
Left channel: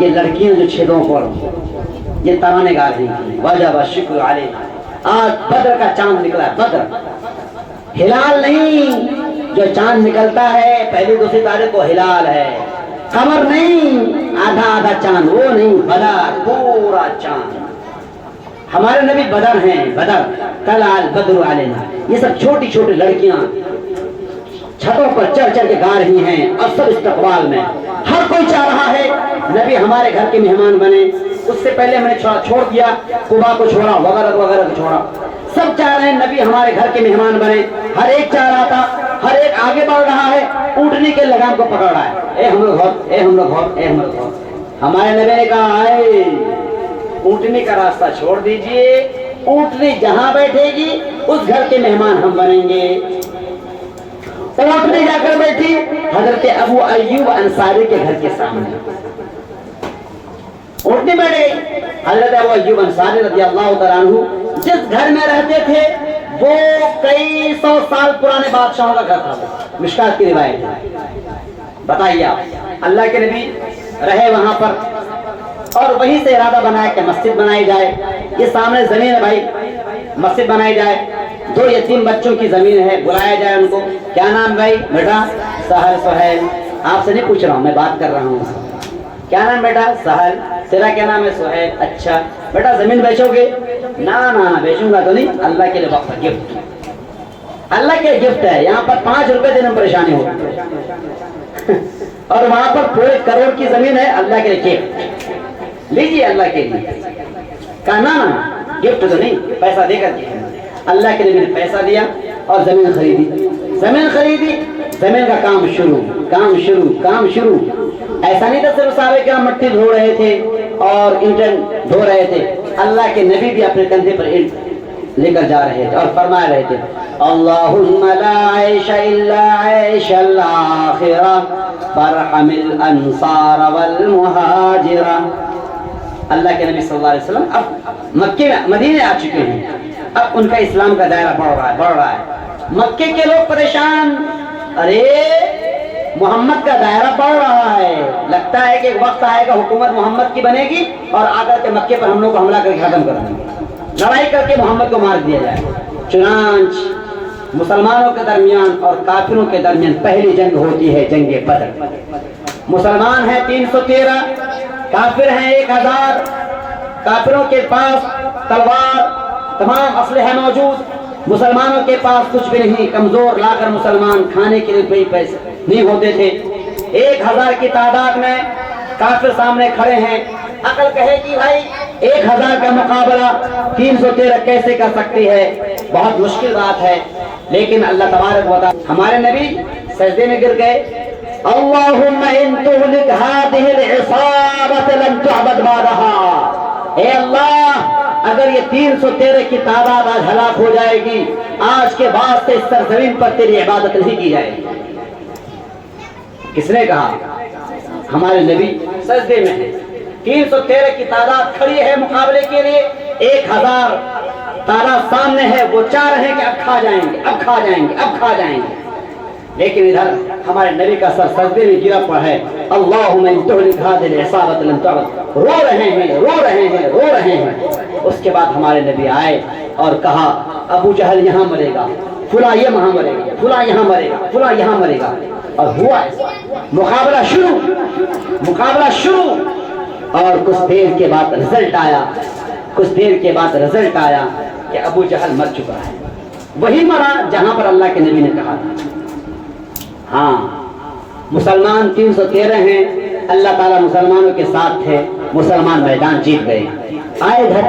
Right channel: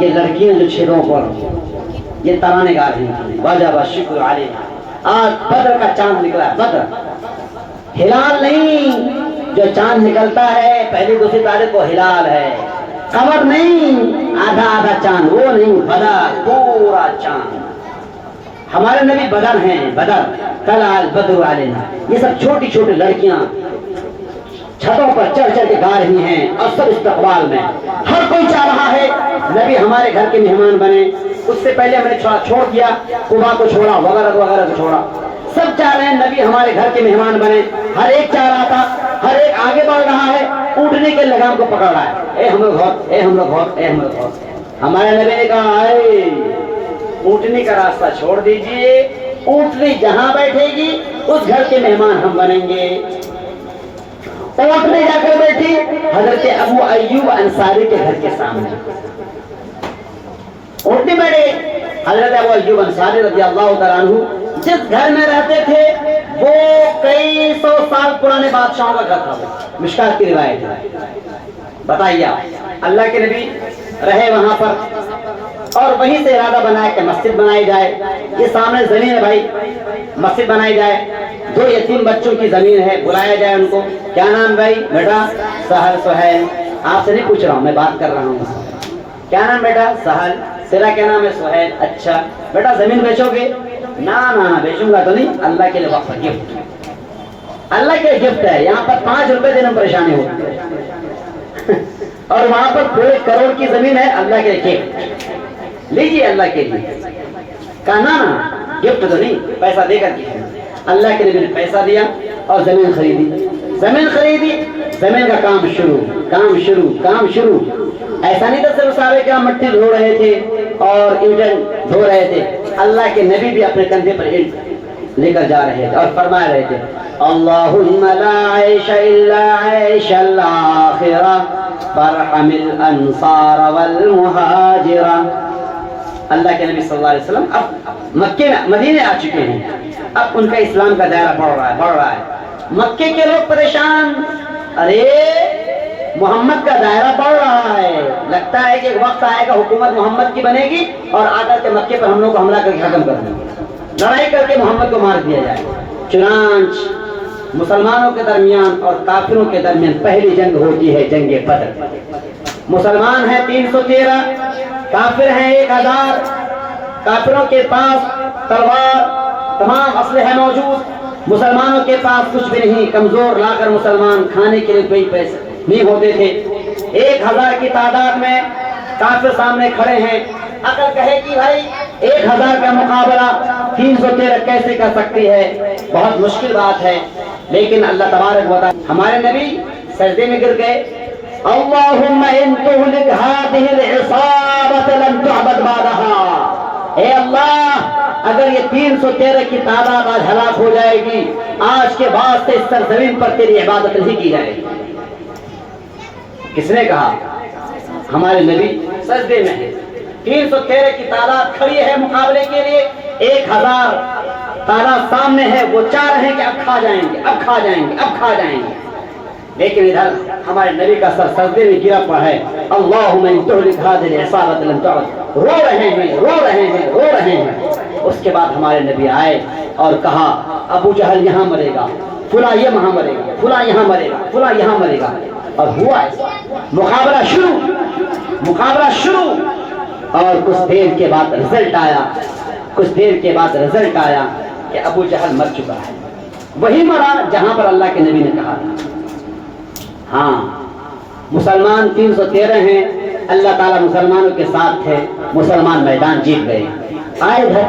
یہ لڑکیاں جو چھیدوں پر یہ ترانے گا رہی ہیں، وجب الشکر علیہ۔ آج بدر کا چاند نکلا ہے، بدر ہلال نہیں، جو چاند نکلتا ہے پہلی دوسری تاریخ کو ہلال ہے، قمر نہیں، آدھا آدھا چاند وہ نہیں، بدر پورا چاند۔ ہمارے نبی بدر ہیں، بدر طلع البدر علینا۔ یہ سب چھوٹی چھوٹی لڑکیاں چھتوں پر چڑھ چڑھ کے گا رہی ہیں، اور سب استقبال میں ہر کوئی چاہ رہا ہے نبی ہمارے گھر کے مہمان بنے۔ اس سے پہلے ہم نے چھوڑ دیا، قبا کو چھوڑا، وغیرہ وغیرہ کو چھوڑا، سب چاہ رہے ہیں نبی ہمارے گھر کے مہمان بنے۔ ہر ایک چاہ رہا تھا، ہر ایک آگے بڑھ رہا ہے، اونٹنی کے لگام کو پکڑ رہا ہے، اے ہم لوگ غور، اے ہم لوگ غور، اے ہم لوگ غور۔ ہمارے نبی نے کہا اے اونٹنی کا راستہ چھوڑ دیجئے، اونٹنی جہاں بیٹھے گی اس گھر کے مہمان ہم بنیں گے۔ اونٹنی جا کر بیٹھی حضرت ابو ایوب انصاری کے گھر کے سامنے، اونٹنی بیٹھے حضرت ابو ایوب انصاری رضی اللہ تعالیٰ عنہ جس گھر میں رہتے تھے وہ کئی سو سال پرانے بادشاہوں کا گھر تھا، مشکات کی روایت ہے۔ بتائیے آپ، اللہ کے نبی رہے وہاں پر اور وہیں سے ارادہ بنایا کہ مسجد بنائی جائے۔ یہ سامنے زمین ہے بھائی، مسجد بنائی جائے، 2 یتیم بچوں کی زمین ہے، بلایا جائے ان کو۔ کیا نام بھائی؟ بیٹا سہل، سہیل۔ آپ سے نہیں پوچھ رہا ہوں، میں بات کر رہا ہوں۔ کیا نام بیٹا؟ سہل۔ تیرا کیا نام ہے؟ سہیل۔ اچھا بیٹا زمین بیچو گے؟ نہ بیچوں گا تو نہیں، اللہ کے لیے وقف گفٹ، اللہ کے گفٹ ہے۔ یہاں پر 5 روپے دینے میں پریشانی ہو اور وہاں پر پورے کروڑ کی زمین ہے، اللہ کے لیے گفٹ لیجیے، اللہ کے لیے۔ کہنا گفٹ تو نہیں، پیسہ دے کر کے اللہ کے لیے پیسہ دیا اور زمین خریدی، زمین خریدی، زمین کا کام شروع، کام شروع، کام شروع۔ ایسا نہیں تھا صرف صحابہ کرام مٹی دھو رہے تھے اور اینٹیں دھو رہے تھے، اللہ کے نبی بھی اپنے کندھے پر اینٹ لے کر جا رہے تھے اور فرما رہے تھے اللہم لا عیش الا عیش الاخرہ فرحم الانصار والمہاجرہ۔ اللہ کے نبی صلی اللہ علیہ وسلم اب مکے مدینے آ چکے ہیں، اب ان کا اسلام کا دائرہ بڑھ رہا ہے۔ مکے کے لوگ پریشان، ارے محمد کا دائرہ بڑھ رہا ہے، لگتا ہے کہ ایک وقت آئے گا حکومت محمد کی بنے گی اور آ کر کے مکے پر ہم لوگ کو حملہ کر کے ختم کر دیں گے، لڑائی کر کے محمد کو مار دیا جائے۔ چنانچہ مسلمانوں کے درمیان اور کافروں کے درمیان پہلی جنگ ہوتی ہے، جنگ بدر۔ مسلمان ہیں 313، کافر ہیں 1000۔ کافروں کے پاس تلوار، تمام اسلحہ موجود، مسلمانوں کے پاس کچھ بھی نہیں، کمزور لا کر مسلمان کھانے کے لیے کوئی پیسے نہیں ہوتے تھے۔ 1000 کی تعداد میں کافر سامنے کھڑے ہیں، عقل کہے کہ بھائی 1000 کا مقابلہ 313 کیسے کر سکتی ہے، بہت مشکل بات ہے۔ لیکن اللہ تبارک و تعالی، ہمارے نبی سجدے میں گر گئے، اللہم ان تہلک ہذہ العصابۃ لم تعبد بعدہا، اے اللہ اگر یہ 313 کی تعداد آج ہلاک ہو جائے گی، آج کے بعد سے اس سرزمین پر تیری عبادت نہیں کی جائے گی۔ کس نے کہا؟ ہمارے نبی سجدے میں ہے، 313 کی تعداد کھڑی ہے مقابلے کے لیے، 1000 تعداد سامنے ہے، وہ چاہ رہے ہیں کہ اب کھا جائیں گے، اب کھا جائیں گے، اب کھا جائیں گے، لیکن ادھر ہمارے نبی کا سر سجدے میں گرا پڑا ہے، اللہم ان تہلک ہذہ العصابۃ لم تعبد، رو رہے ہیں، رو رہے ہیں، رو رہے ہیں۔ اس کے بعد ہمارے نبی آئے اور کہا ابو جہل یہاں مرے گا، فلاں یہاں مرے گا، فلاں یہاں مرے گا، فلاں یہاں مرے گا، اور ہوا ایسا۔ مقابلہ شروع، مقابلہ شروع، اور کچھ دیر کے بعد رزلٹ آیا، کچھ دیر کے بعد رزلٹ آیا کہ ابو جہل مر چکا ہے، وہی مرا جہاں پر اللہ کے نبی نے کہا تھا۔ ہاں مسلمان 313 ہیں، اللہ تعالیٰ مسلمانوں کے ساتھ تھے، مسلمان میدان جیت گئے۔ آئے گھر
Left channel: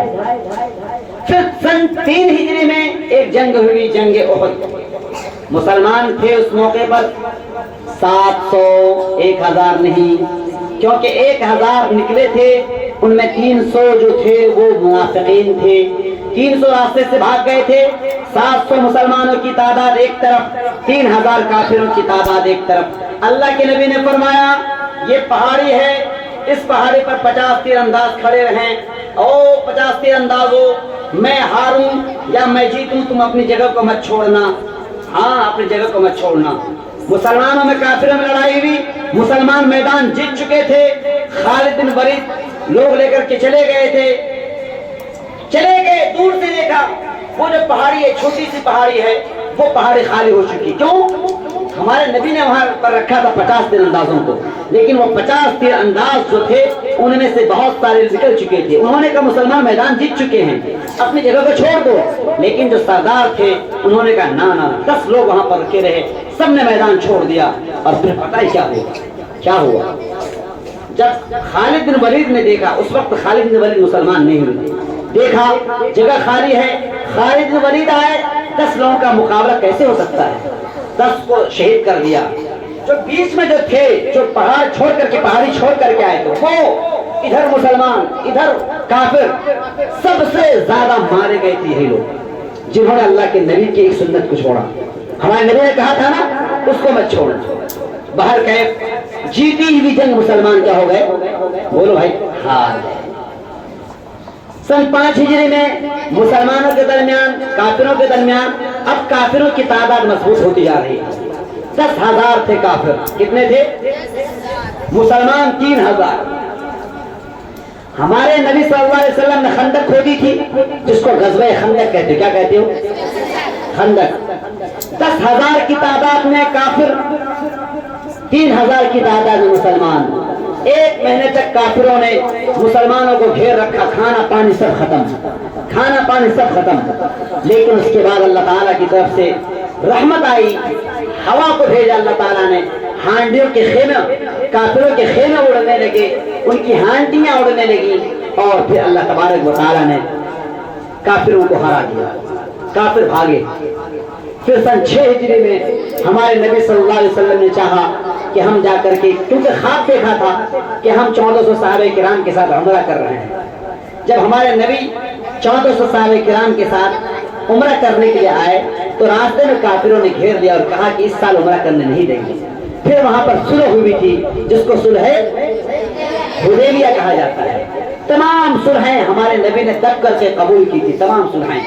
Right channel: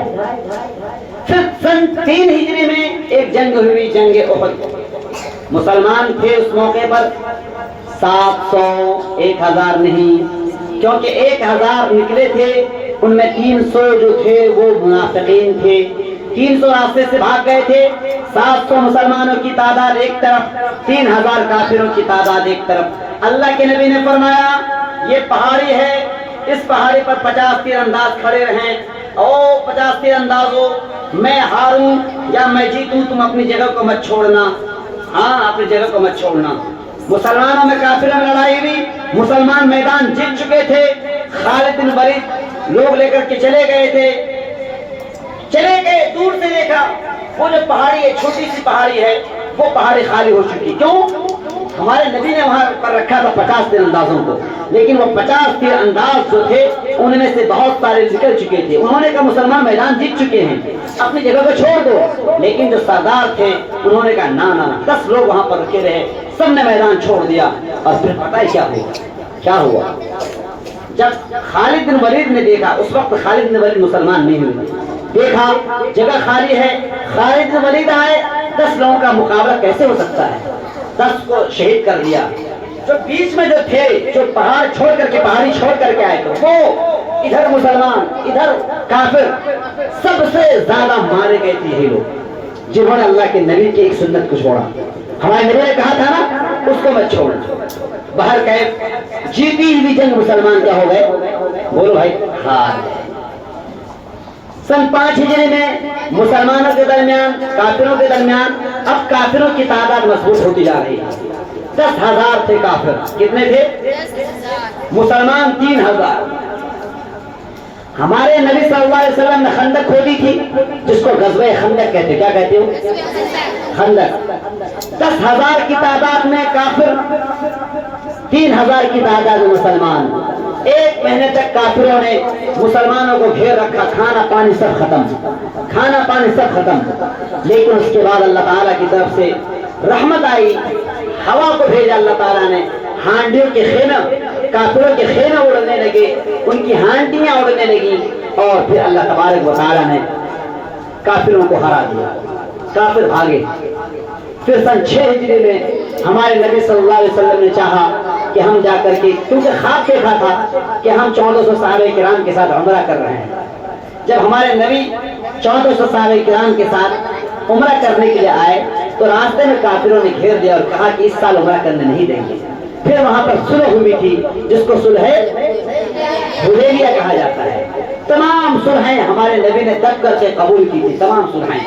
پھر سن 3 ہجری میں ایک جنگ ہوئی، جنگ احد۔ مسلمان تھے اس موقع پر 700، 1000 نہیں، کیونکہ 1000 نکلے تھے، ان میں 300 جو تھے وہ منافقین تھے، 300 راستے سے بھاگ گئے تھے۔ 700 مسلمانوں کی تعداد ایک طرف، 3000 کافروں کی تعداد ایک طرف۔ اللہ کے نبی نے فرمایا یہ پہاڑی ہے، اس پہاڑی پر 50 تیر انداز کھڑے رہیں، او 50 تیر انداز ہو، میں ہاروں یا میں جیتوں تم اپنی جگہ کو مت چھوڑنا، ہاں اپنی جگہ کو مت چھوڑنا۔ مسلمانوں میں کافروں میں لڑائی ہوئی، مسلمان میدان جیت چکے تھے، خالد خالد بن ولید لوگ لے کر کے چلے گئے تھے، چلے گئے، دور سے دیکھا وہ جو پہاڑی ہے، چھوٹی سی پہاڑی ہے، وہ پہاڑی خالی ہو چکی. کیوں؟ ہمارے نبی نے وہاں پر رکھا تھا 50 تیر اندازوں کو، لیکن وہ 50 تیر انداز جو تھے ان میں سے بہت سارے نکل چکے تھے. انہوں نے کہا مسلمان میدان جیت چکے ہیں، اپنی جگہ کو چھوڑ دو. لیکن جو سردار تھے انہوں نے کہا نہ، 10 لوگ وہاں پر رکے رہے، سب نے میدان چھوڑ دیا. اور پھر پتہ ہی کیا ہوا؟ جب خالد بن ولید نے دیکھا، اس وقت خالد بن ولید مسلمان نہیں ہوئے، دیکھا جگہ خالی ہے، خالد بن ولید آئے، 10 لوگوں کا مقابلہ کیسے ہو سکتا ہے؟ 10 کو شہید کر دیا. جو بیچ میں جو تھے، جو پہاڑی چھوڑ کر کے آئے تھے، وہ ادھر مسلمان ادھر کافر، سب سے زیادہ مارے گئے تھے یہ لوگ جنہوں نے اللہ کے نبی کی ایک سنت کو چھوڑا. ہمارے نبی نے کہا تھا نا اس کو مت چھوڑ. باہر کہے جیتی ہوئی جنگ مسلمان کیا ہو گئے؟ بولو بھائی ہار گئے. سن 5 ہجری میں مسلمانوں کے درمیان کافروں کے درمیان اب کافروں کی تعداد مضبوط ہوتی جا رہی ہے. 10,000 تھے کافر. کتنے تھے؟ مسلمان 3,000. ہمارے نبی صلی اللہ علیہ وسلم نے خندق کھودی تھی، جس کو غزوہ خندق کہتے. کیا کہتے ہو؟ خندق. 10,000 کی تعداد میں کافر، 3,000 کی تعداد میں مسلمان. 1 مہینے تک کافروں نے مسلمانوں کو گھیر رکھا، کھانا پانی سب ختم. لیکن اس کے بعد اللہ تعالیٰ کی طرف سے رحمت آئی، ہوا کو بھیجا اللہ تعالیٰ نے، ہانڈیوں کے خیمے، کافروں کے خیمے اڑنے لگے، ان کی ہانڈیاں اڑنے لگی، اور پھر اللہ تبارک و تعالیٰ نے کافروں کو ہرا دیا. کافر بھاگے. پھر سن 6 ہجری میں ہمارے نبی صلی اللہ علیہ وسلم نے چاہا کہ ہم جا کر کے، کیونکہ خواب دیکھا تھا کہ ہم 1400 صحابہ کرام کے ساتھ عمرہ کر رہے ہیں. جب ہمارے نبی 1400 صحابہ کرام کے ساتھ عمرہ کرنے کے لیے آئے تو راستے میں کافروں نے گھیر دیا اور کہا کہ اس سال عمرہ کرنے نہیں دیں گے. پھر وہاں پر صلح ہوئی تھی، جس کو صلح حدیبیہ کہا جاتا ہے. تمام صلحیں ہمارے نبی نے دب کر کے قبول کی تھی، تمام صلحیں.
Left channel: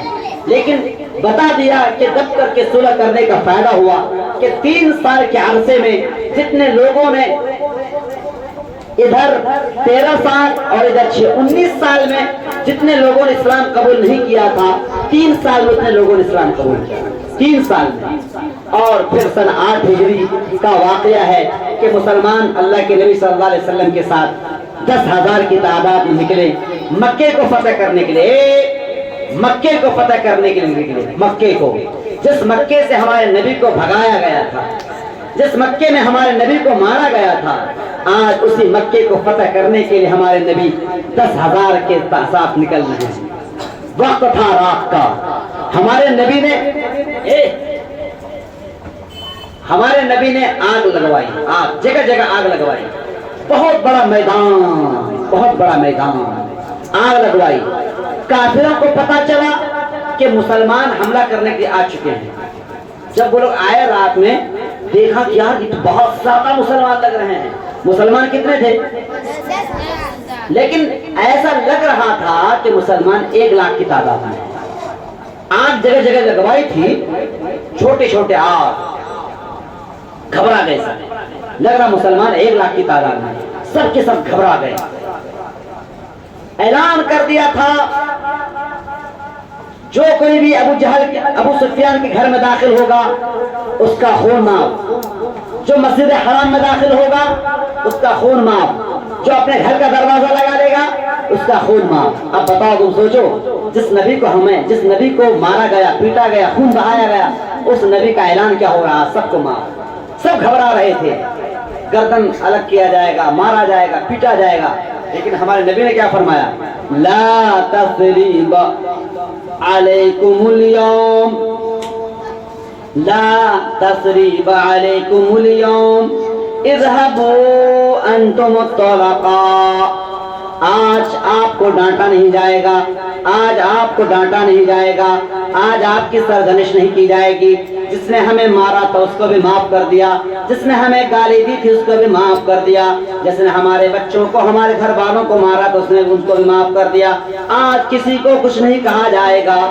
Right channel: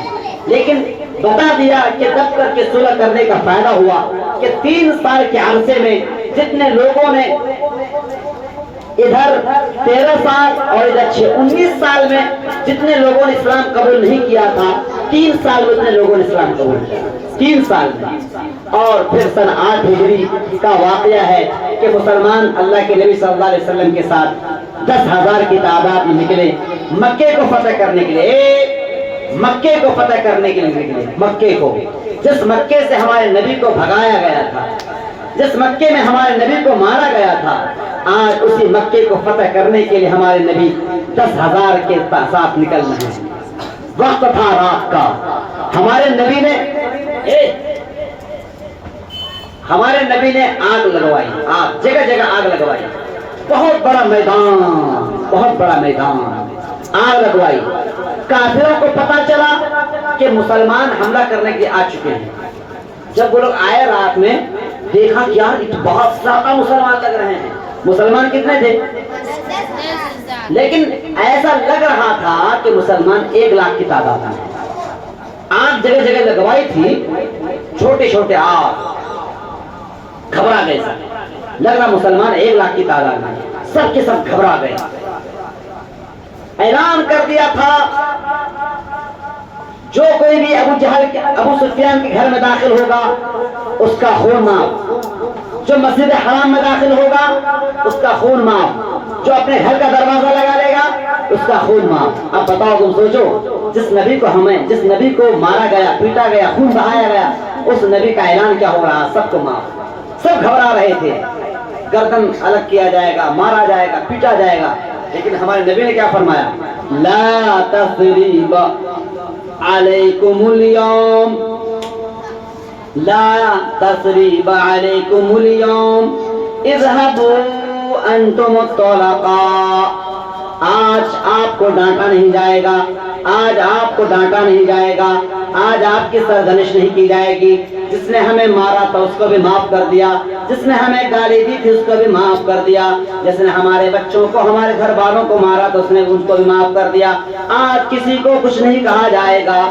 لیکن بتا دیا کہ دب کر کے صلح کرنے کا فائدہ ہوا کہ 3 سال کے عرصے میں جتنے لوگوں نے ادھر 13 سال اور ادھر 19 سال میں جتنے لوگوں نے اسلام قبول نہیں کیا تھا، 3 سال میں اتنے لوگوں نے اسلام قبول کیا. 3 سال میں. اور پھر سن 8 ہجری کا واقعہ ہے کہ مسلمان اللہ کے نبی صلی اللہ علیہ وسلم کے ساتھ 10,000 کی تعداد میں نکلے مکے کو فتح کرنے کے لیے. مکے کو فتح کرنے کے لیے نکلے. مکے کو، جس مکے سے ہمارے نبی کو بھگایا گیا تھا، جس مکے میں ہمارے نبی کو مارا گیا تھا، آج اسی مکے کو فتح کرنے کے لیے ہمارے نبی 10,000 کے ساتھ نکل رہے ہیں. وقت تھا رات کا. ہمارے نبی نے آگ لگوائی، جگہ جگہ آگ لگوائی. بہت بڑا میدان آگ لگوائی. کافروں کو پتا چلا کہ مسلمان حملہ کرنے کے لیے آ چکے ہیں. جب وہ لوگ آئے رات میں، دیکھا کہ یار بہت زیادہ مسلمان لگ رہے ہیں. مسلمان کتنے تھے؟ لیکن ایسا لگ رہا تھا کہ مسلمان 1 لاکھ کی تعداد میں. آگ جگہ جگہ لگوائی تھی، چھوٹے چھوٹے آگ. گھبرا گئے سب، لگ رہا مسلمان 1 لاکھ کی تعداد میں. سب کے سب گھبرا گئے. اعلان کر دیا تھا جو کوئی بھی ابو سفیان کے گھر میں داخل ہوگا اس کا خون معاف، جو مسجد حرام میں داخل ہوگا اس کا خون معاف، جو اپنے گھر کا دروازہ لگا لے گا اس کا خون معاف. اب بتاؤ، تم سوچو، جس نبی کو مارا گیا، پیٹا گیا، خون بہایا گیا، اس نبی کا اعلان کیا ہو رہا؟ سب کو معاف. سب گھبرا رہے تھے، گردن الگ کیا جائے گا، مارا جائے گا، پیٹا جائے گا. لیکن ہمارے نبی نے کیا فرمایا؟ لا تثریب علیکم اليوم، لا تثریب علیکم اليوم اذهبوا انتم الطلقاء. آج آپ کو ڈانٹا نہیں جائے گا، آج آپ کو ڈانٹا نہیں جائے گا، آج آپ کی سرزنش نہیں کی جائے گی. جس نے ہمیں مارا تھا اس کو بھی معاف کر دیا، جس نے ہمیں گالی دی تھی اس کو بھی معاف کر دیا، جس نے ہمارے بچوں کو، ہمارے گھر والوں کو مارا تو اس نے ان کو بھی معاف کر دیا. آج کسی کو کچھ نہیں کہا جائے گا.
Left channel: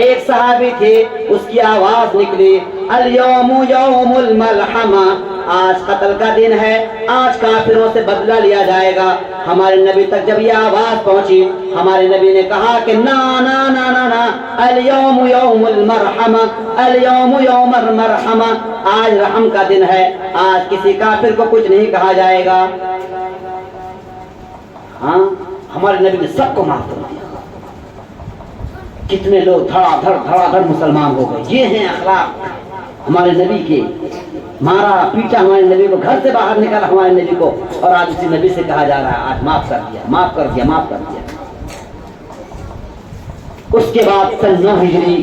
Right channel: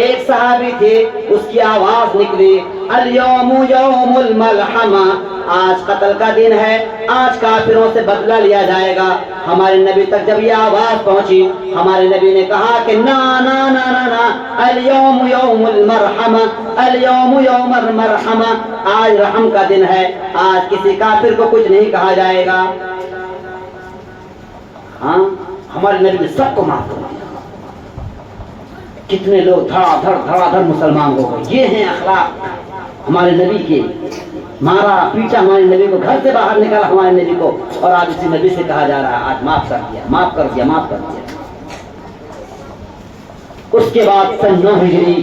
ایک صحابی تھے، اس کی آواز نکلی، الیوم یوم الملحمہ، آج قتل کا دن ہے، آج کافروں سے بدلہ لیا جائے گا۔ ہمارے نبی تک جب یہ آواز پہنچی، ہمارے نبی نے کہا کہ نا نا نا نا نا، الیوم یوم المرحمہ، الیوم یوم المرحمہ، آج رحم کا دن ہے، آج کسی کافر کو کچھ نہیں کہا جائے گا۔ ہاں، ہمارے نبی نے سب کو معاف کر دیا۔ کتنے لوگ دھڑا دھڑ مسلمان ہو گئے۔ یہ ہیں اخلاق ہمارے نبی کے۔ مارا پیٹا ہمارے نبی کو، گھر سے باہر نکالا ہمارے نبی کو، اور آج اسی نبی سے کہا جا رہا ہے آج معاف کر دیا، معاف کر دیا، معاف کر دیا۔ اس کے بعد سن 9 ہجری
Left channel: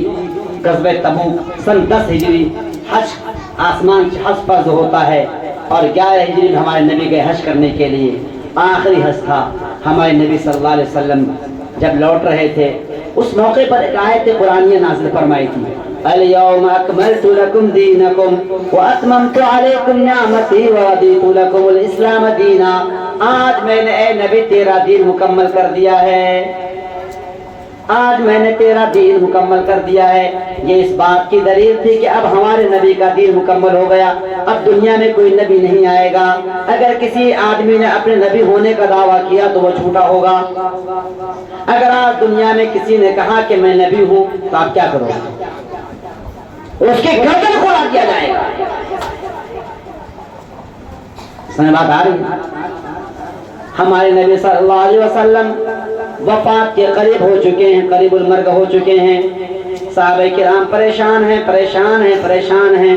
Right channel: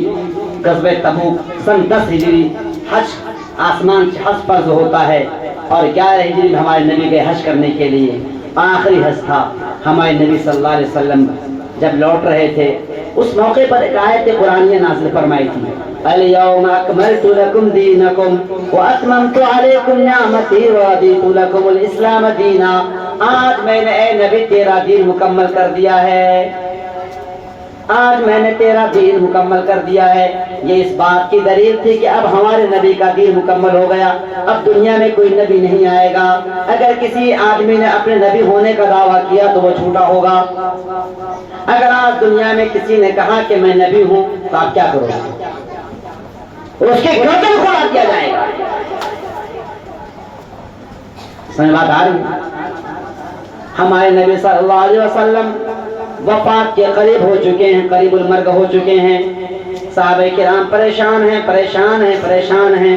غزوہ تبوک، سن 10 ہجری حج، آسمان حج پر جو ہوتا ہے، اور 11 ہجری میں ہمارے نبی گئے حج کرنے کے لیے۔ آخری حج تھا، ہمارے نبی صلی اللہ علیہ وسلم جب لوٹ رہے تھے، اس موقع پر ایک آیت قرآنیہ نازل فرمائی تھی، الیوم اکملت لکم دینکم واتممت علیکم نعمتی ورضیت لکم الاسلام دینا۔ آج میں نے اے نبی تیرا دین مکمل کر دیا ہے، آج میں نے تیرا دین مکمل کر دیا ہے۔ یہ اس بات کی دلیل تھی کہ اب ہمارے نبی کا دین مکمل ہو گیا، اب دنیا میں کوئی نبی نہیں آئے گا۔ اگر کسی آدمی نے اپنے نبی ہونے کا دعویٰ کیا تو وہ جھوٹا ہوگا۔ اگر آج دنیا میں کسی نے کہا کہ میں نبی ہوں تو آپ کیا کرو گے؟ اس کے گردن کو کاٹ دیا جائے گا۔ سمجھ بات آ رہی؟ ہمارے نبی صلی اللہ علیہ وسلم وفات کے قریب ہو چکے ہیں، قریب المرگ ہو چکے ہیں۔ صحابہ کرام پریشان ہیں، پریشان ہیں، پریشان ہیں۔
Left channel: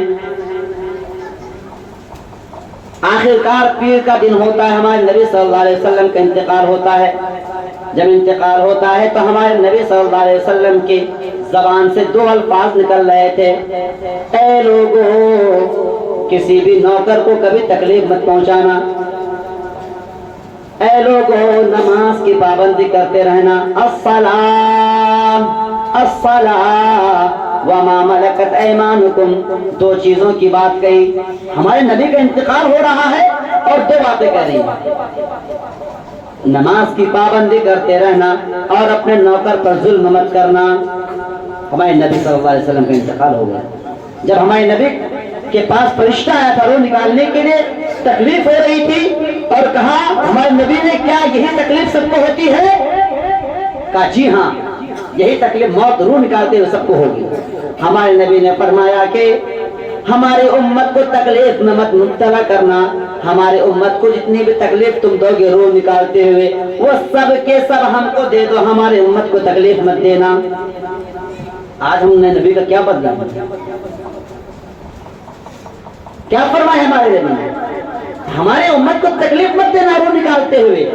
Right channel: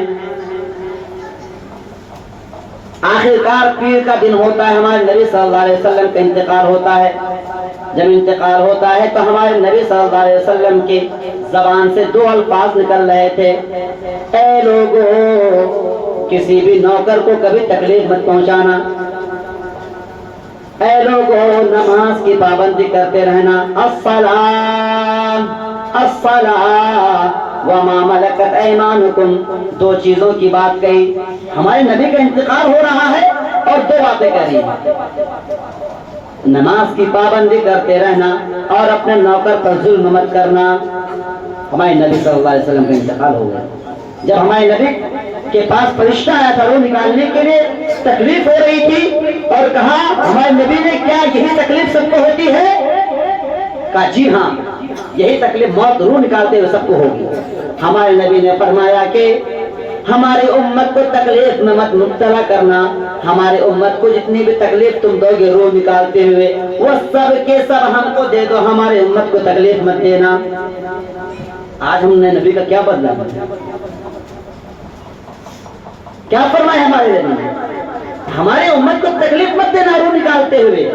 آخرکار پیر کا دن ہوتا ہے، ہمارے نبی صلی اللہ علیہ وسلم کا انتقال ہوتا ہے۔ جب انتقال ہوتا ہے تو ہمارے نبی صلی اللہ علیہ وسلم کی زبان سے 2 الفاظ نکل رہے تھے، اے لوگوں، کسی بھی نوکر کو کبھی تکلیف مت پہنچانا، اے لوگوں، نماز کی پابندی کرتے رہنا، الصلاۃ الصلاۃ وما ملکت ایمانکم، 2 چیزوں کی بات کہی۔ ہمارے نبی کا انتقال ہو رہا ہے اور 2 باتیں کہہ رہی ہیں، نماز کی پابندی کرتے رہنا اور اپنے نوکر پر ظلم مت کرنا۔ ہمارے نبی صلی اللہ علیہ وسلم کا انتقال ہو گیا۔ جب ہمارے نبی کے پاس فرشتہ آیا تھا روح نکالنے کے لیے، تکلیف ہو رہی تھی، اور کہا ہمارے نبی نے کیا یہی تکلیف سب کو ہوتی ہے؟ کہا جی ہاں، یہی تکلیف موت روح نکالتے ہوئے سب کو ہوگی۔ ہمارے نبی نے فرمایا کہ ہماری امت کو تکلیف میں مت مبتلا کرنا، ہمارے امت کو جتنی بھی تکلیف تم دو گے روح نکالتے ہوئے، وہ سب کے سب ہم کو دے دو، ہمارے امت کو تکلیف مت دینا۔ آج ہم نے نبی کا کیا بدلا؟ کیا فرمایا ہمارے نبی نے؟ ہمارے امت کو تکلیف مت دینا روح نکالتے ہوئے،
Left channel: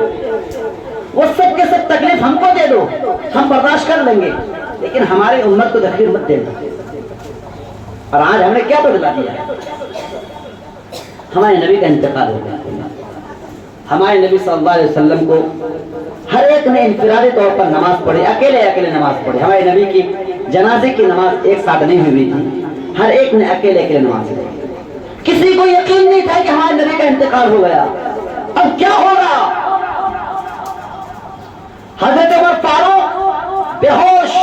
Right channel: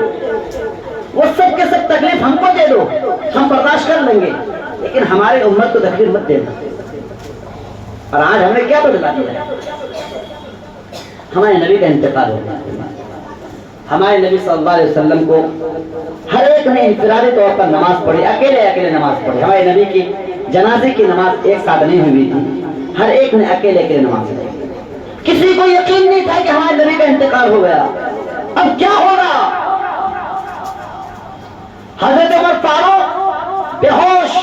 وہ سب کے سب تکلیف ہم کو دے دو، ہم برداشت کر لیں گے، لیکن ہمارے امت کو تکلیف مت دینا۔ اور آج ہمیں کیا بدلا دیا؟ ہمارے نبی کا انتقال ہو گیا۔ ہمارے نبی صلی اللہ علیہ وسلم کو ہر ایک نے انفرادی طور پر نماز پڑھی، اکیلے نماز پڑھی۔ ہمارے نبی کی جنازے کی نماز ایک ساتھ نہیں ہوئی تھی، ہر ایک نے اکیلے نماز پڑھی۔ کسی کو یقین نہیں تھا کہ ہمارے نبی کا انتقال ہو گیا، اب کیا ہوگا؟ حضرت عمر فاروق بے ہوش،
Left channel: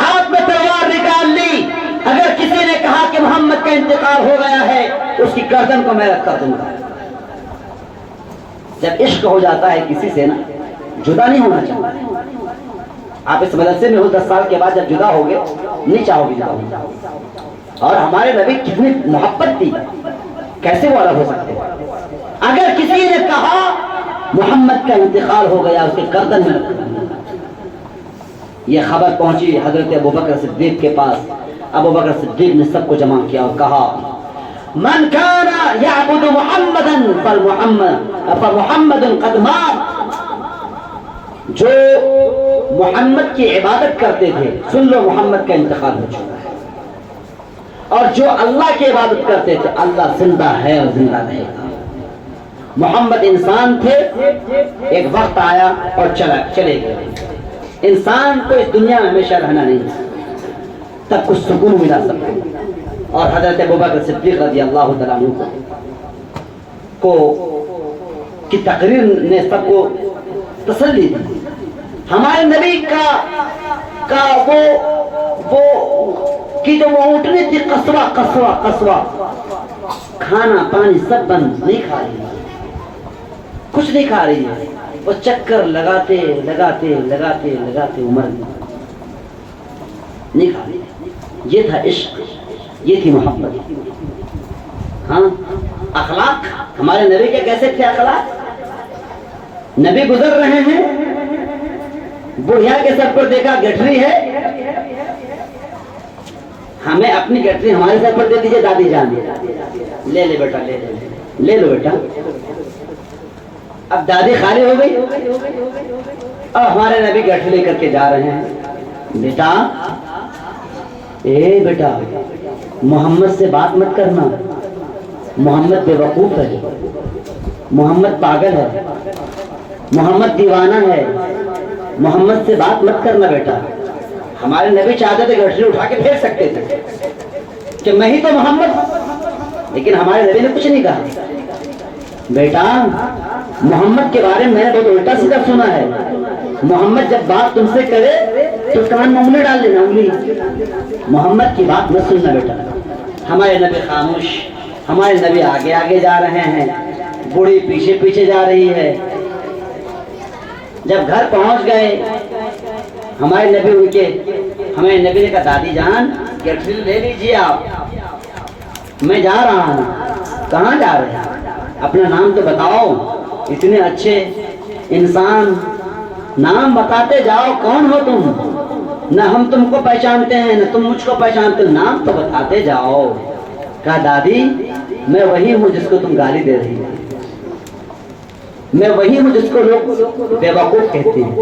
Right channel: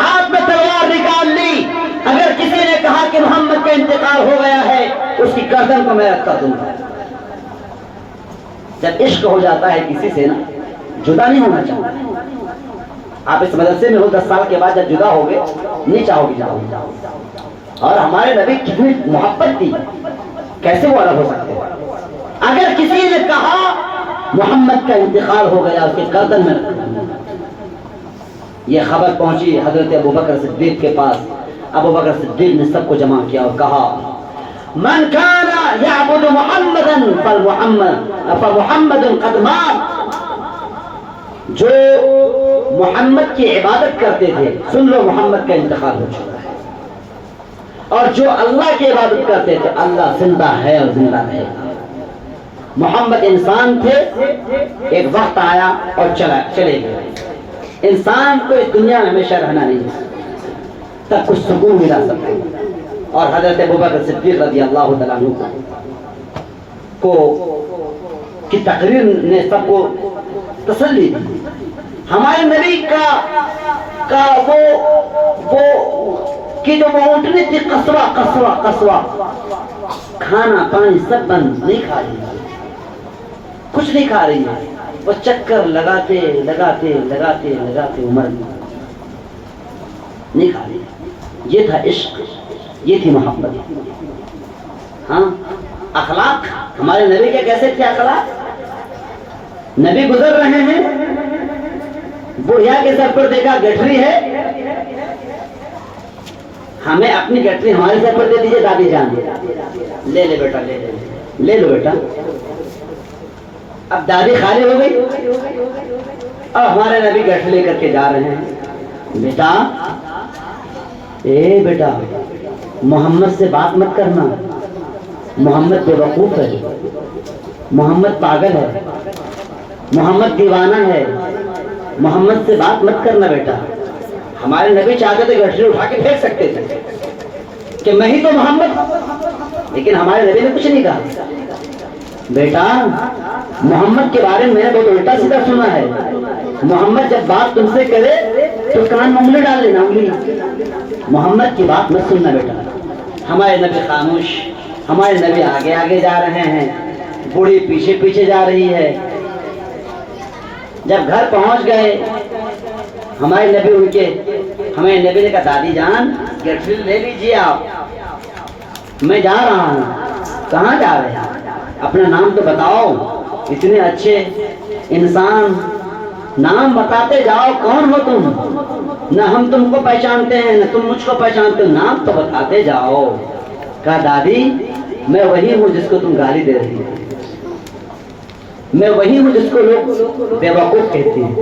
ہاتھ میں تلوار نکال لی، اگر کسی نے کہا کہ محمد کا انتقال ہو گیا ہے اس کی گردن کو میں رکھ کر دوں گا۔ جب عشق ہو جاتا ہے کسی سے نا، جدا نہیں ہونا چاہتا۔ آپ اس مدرسے میں ہو 10 سال کے بعد جب جدا ہوگے نہیں چاہو گے جاؤ۔ اور ہمارے نبی کتنی محبت تھی، کیسے وہ الگ ہو سکتے؟ اگر کسی نے کہا محمد کا انتقال ہو گیا اس کے گردن میں رکھ دوں گا۔ یہ خبر پہنچی حضرت ابوبکر صدیق کے پاس۔ ابوبکر صدیق نے سب کو جمع کیا اور کہا من کان یعبد محمدا فمحمد قد مات، جو محمد کی عبادت کرتے تھے سن لو محمد کا انتقال ہو چکا ہے، اور جو اللہ کی عبادت کرتے تھے اللہ زندہ ہے اور زندہ رہے گا۔ محمد انسان تھے، ایک وقت آیا اور چلے گئے۔ انسان کو اس دنیا میں ہمیشہ رہنا نہیں، تب کچھ سکون ملا سکتا ہے۔ اور حضرت ابوبکر صدیق رضی اللہ تعالیٰ عنہ کو کی تقریر نے سب کو تسلی دی۔ ہمارے نبی کا وہ کی جو اونٹنی تھی قصوہ، کھانا پانی سب بند, نہیں کھا رہی ہے, کچھ نہیں کھا رہی ہے. وہ چکر لگاتے لگاتے لگاتے لگاتے عمر نہیں کھا رہی. یہ تھا عشق, یہ تھی محبت. ہاں اخلاق ہمارے نبی کے کیسے تھے اخلاق؟ نبی گزر رہے ہیں, بڑھیا کے سر پر دیکھا گٹھری ہے, ہمیں اپنی گٹری ہمارے سر پر دے دیجیے دادی جان, لے لے بیٹا لے لے لے لو بیٹا. اب دادی خالی ہو گئی اور ہمارے نبی گٹری لے کر کے جا رہے ہیں. بیٹا اے بیٹا محمد سے بات مت کرنا, محمد بے وقوف ہے, محمد پاگل ہے, محمد دیوانہ ہے, محمد سے بات مت کرنا بیٹا. ہمارے نبی چاہتے تھے گٹری اٹھا کے پھینک سکتے تھے کہ میں ہی تو محمد, لیکن ہمارے نبی نے کچھ نہیں کہا. بیٹا محمد کے بارے میں نے بہت الٹا سیدھا سنا ہے, محمد جب بات تم سے کرے تو کان میں انگلی ڈال دینا, انگلی. محمد کی بات مت سننا بیٹا. ہمارے نبی خاموش, ہمارے نبی آگے آگے جا رہے ہیں, بوڑھی پیچھے پیچھے جا رہی ہے. جب گھر پہنچ گئے ہمارے نبی ہمارے نبی نے کہا دادی جان گٹری لے لیجیے آپ, میں جا رہا ہوں. کہاں جا رہے ہیں؟ اپنا نام تو بتاؤ, اتنے اچھے انسان, نام بتاتے جاؤ, کون ہو تم؟ نہ ہم تم کو پہچانتے ہیں نہ تم مجھ کو پہچانتے ہو, نام تو بتاتے جاؤ. کہا دادی میں وہی ہوں جس کو تم گالی دے رہی ہو, میں وہی ہوں جس کو لوگ بے وقوف کہتے ہیں,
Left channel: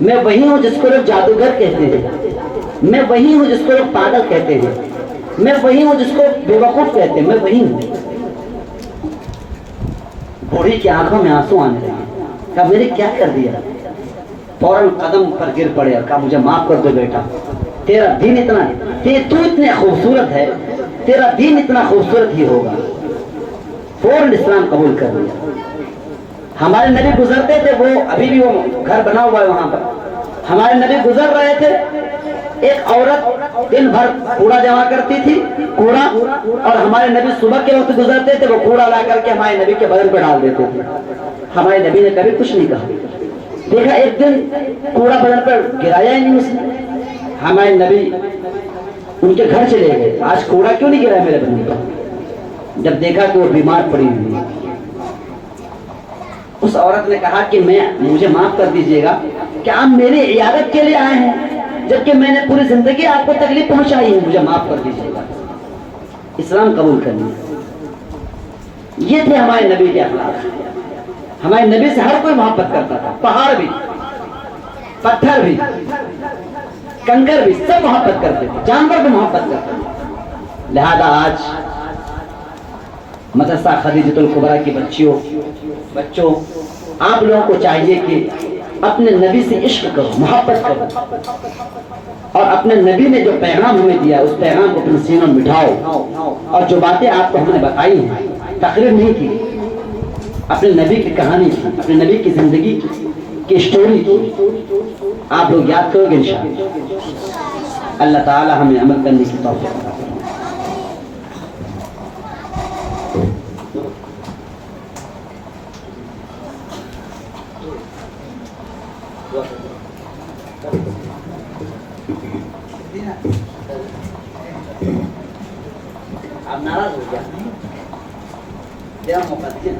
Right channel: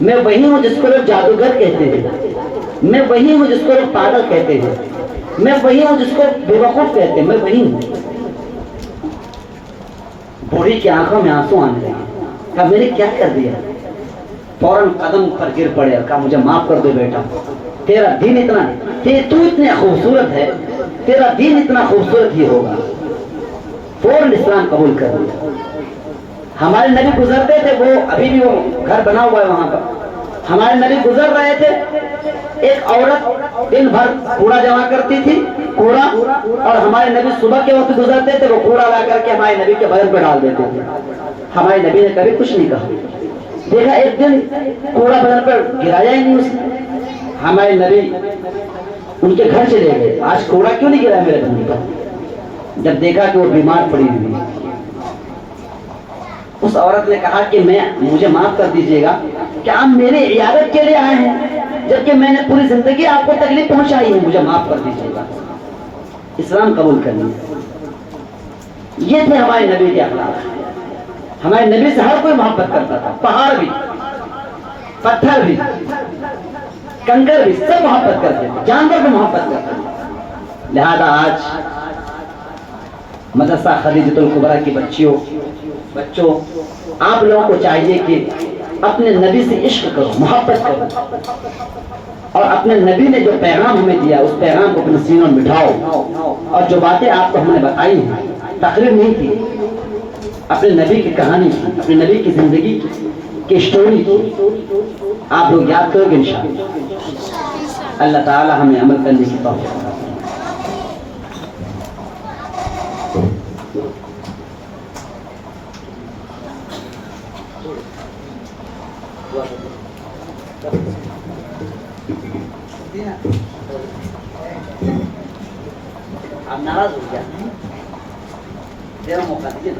میں وہی ہوں جس کو لوگ جادوگر کہتے ہیں, میں وہی ہوں جس کو لوگ پاگل کہتے ہیں, میں وہی ہوں جس کو بے وقوف کہتے ہیں, میں وہی ہوں. بوڑھی کی آنکھوں میں آنسو آنے لگے. کہا میں نے کیا کر دیا؟ فوراً قدم پر گر پڑے اور کہا مجھے معاف کر دو بیٹا, تیرا دین اتنا, تو اتنے خوبصورت ہے, تیرا دین اتنا خوبصورت ہی ہوگا. فوراً اسلام قبول کر لیا. ہمارے نبی گزرتے تھے, وہ ابھی بھی وہ گھر بنا ہوا ہے وہاں پر, ہمارے نبی گزر رہے تھے, ایک عورت دن بھر کوڑا جمع کرتی تھی, کوڑا, اور ہمارے نبی صبح کے وقت گزرتے تھے, وہ کوڑا لا کر کے ہمارے نبی کے بدن پہ ڈال دیتے تھے. ہمارے نبی نے کبھی کچھ نہیں کہا. دیکھا ایک دن کوڑا بدن پر گرایا ہی نہیں اس نے. ہمارے نبی ان کے گھر چلے گئے, آج کوڑا کیوں نہیں گرایا میرے بدن پر؟ جب دیکھا کہ وہ بیمار پڑی ہوئی ہے, اس عورت نے کہا کہ مجھے معاف کر دیجیے گا کہ آپ میرے عیادت کے لیے آئے ہیں, جبکہ میں نے پوری زندگی آپ کو تکلیف پہنچائی ہے, مجھے معاف کر دیجیے گا. اسلام قبول کر لیا. یہ تھے ہمارے نبی کے اخلاق. ہمارے نبی سے ہر کوئی محبت کرتا تھا, پہاڑ بھی, پتھر بھی, کنکر بھی, سب محبت کرتے تھے, جانور بھی محبت کرتے تھے. لہذا آج مدرسہ خدیجۃ الکبریٰ کی بچوں آپ لوگوں کو چاہیے کہ اپنے نبی سے عشق کرو, محبت کرو, اور اپنے نبی نے جو پیغام ہمیں دیا اس پیغام کو اپنے سینوں میں بٹھاؤ. اور جو باتیں آپ کو ہم نے بتائی ہیں, تقریر نہیں کی, اپنے نبی کی کہانی کی, اپنے نبی کی زندگی کی اسٹوری کی, آپ لوگ یاد کرو گے انشاءاللہ. اللہ تعالی ہمیں عمل کرنے کی توفیق عطا فرمائے. آپ ناراض ہو گیا, تیرا موقع دیجیے,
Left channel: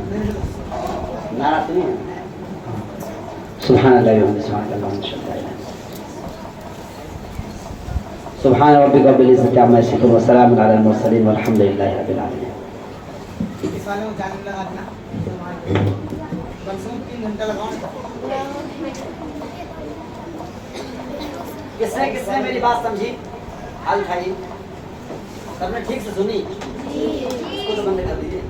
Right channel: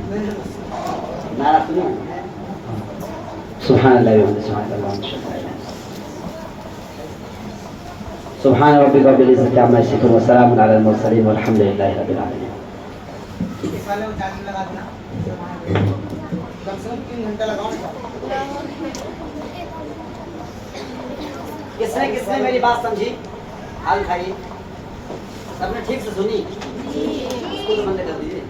ناراض نہیں. سبحان اللہ سبحان ربک رب العزۃ عما یصفون وسلام علی المرسلین والحمد للہ رب العالمین. کس نے میری بات سمجھی؟ حال کھائیے, سب نے ٹھیک سے سنی؟ اس کو تو بند کر دیجیے.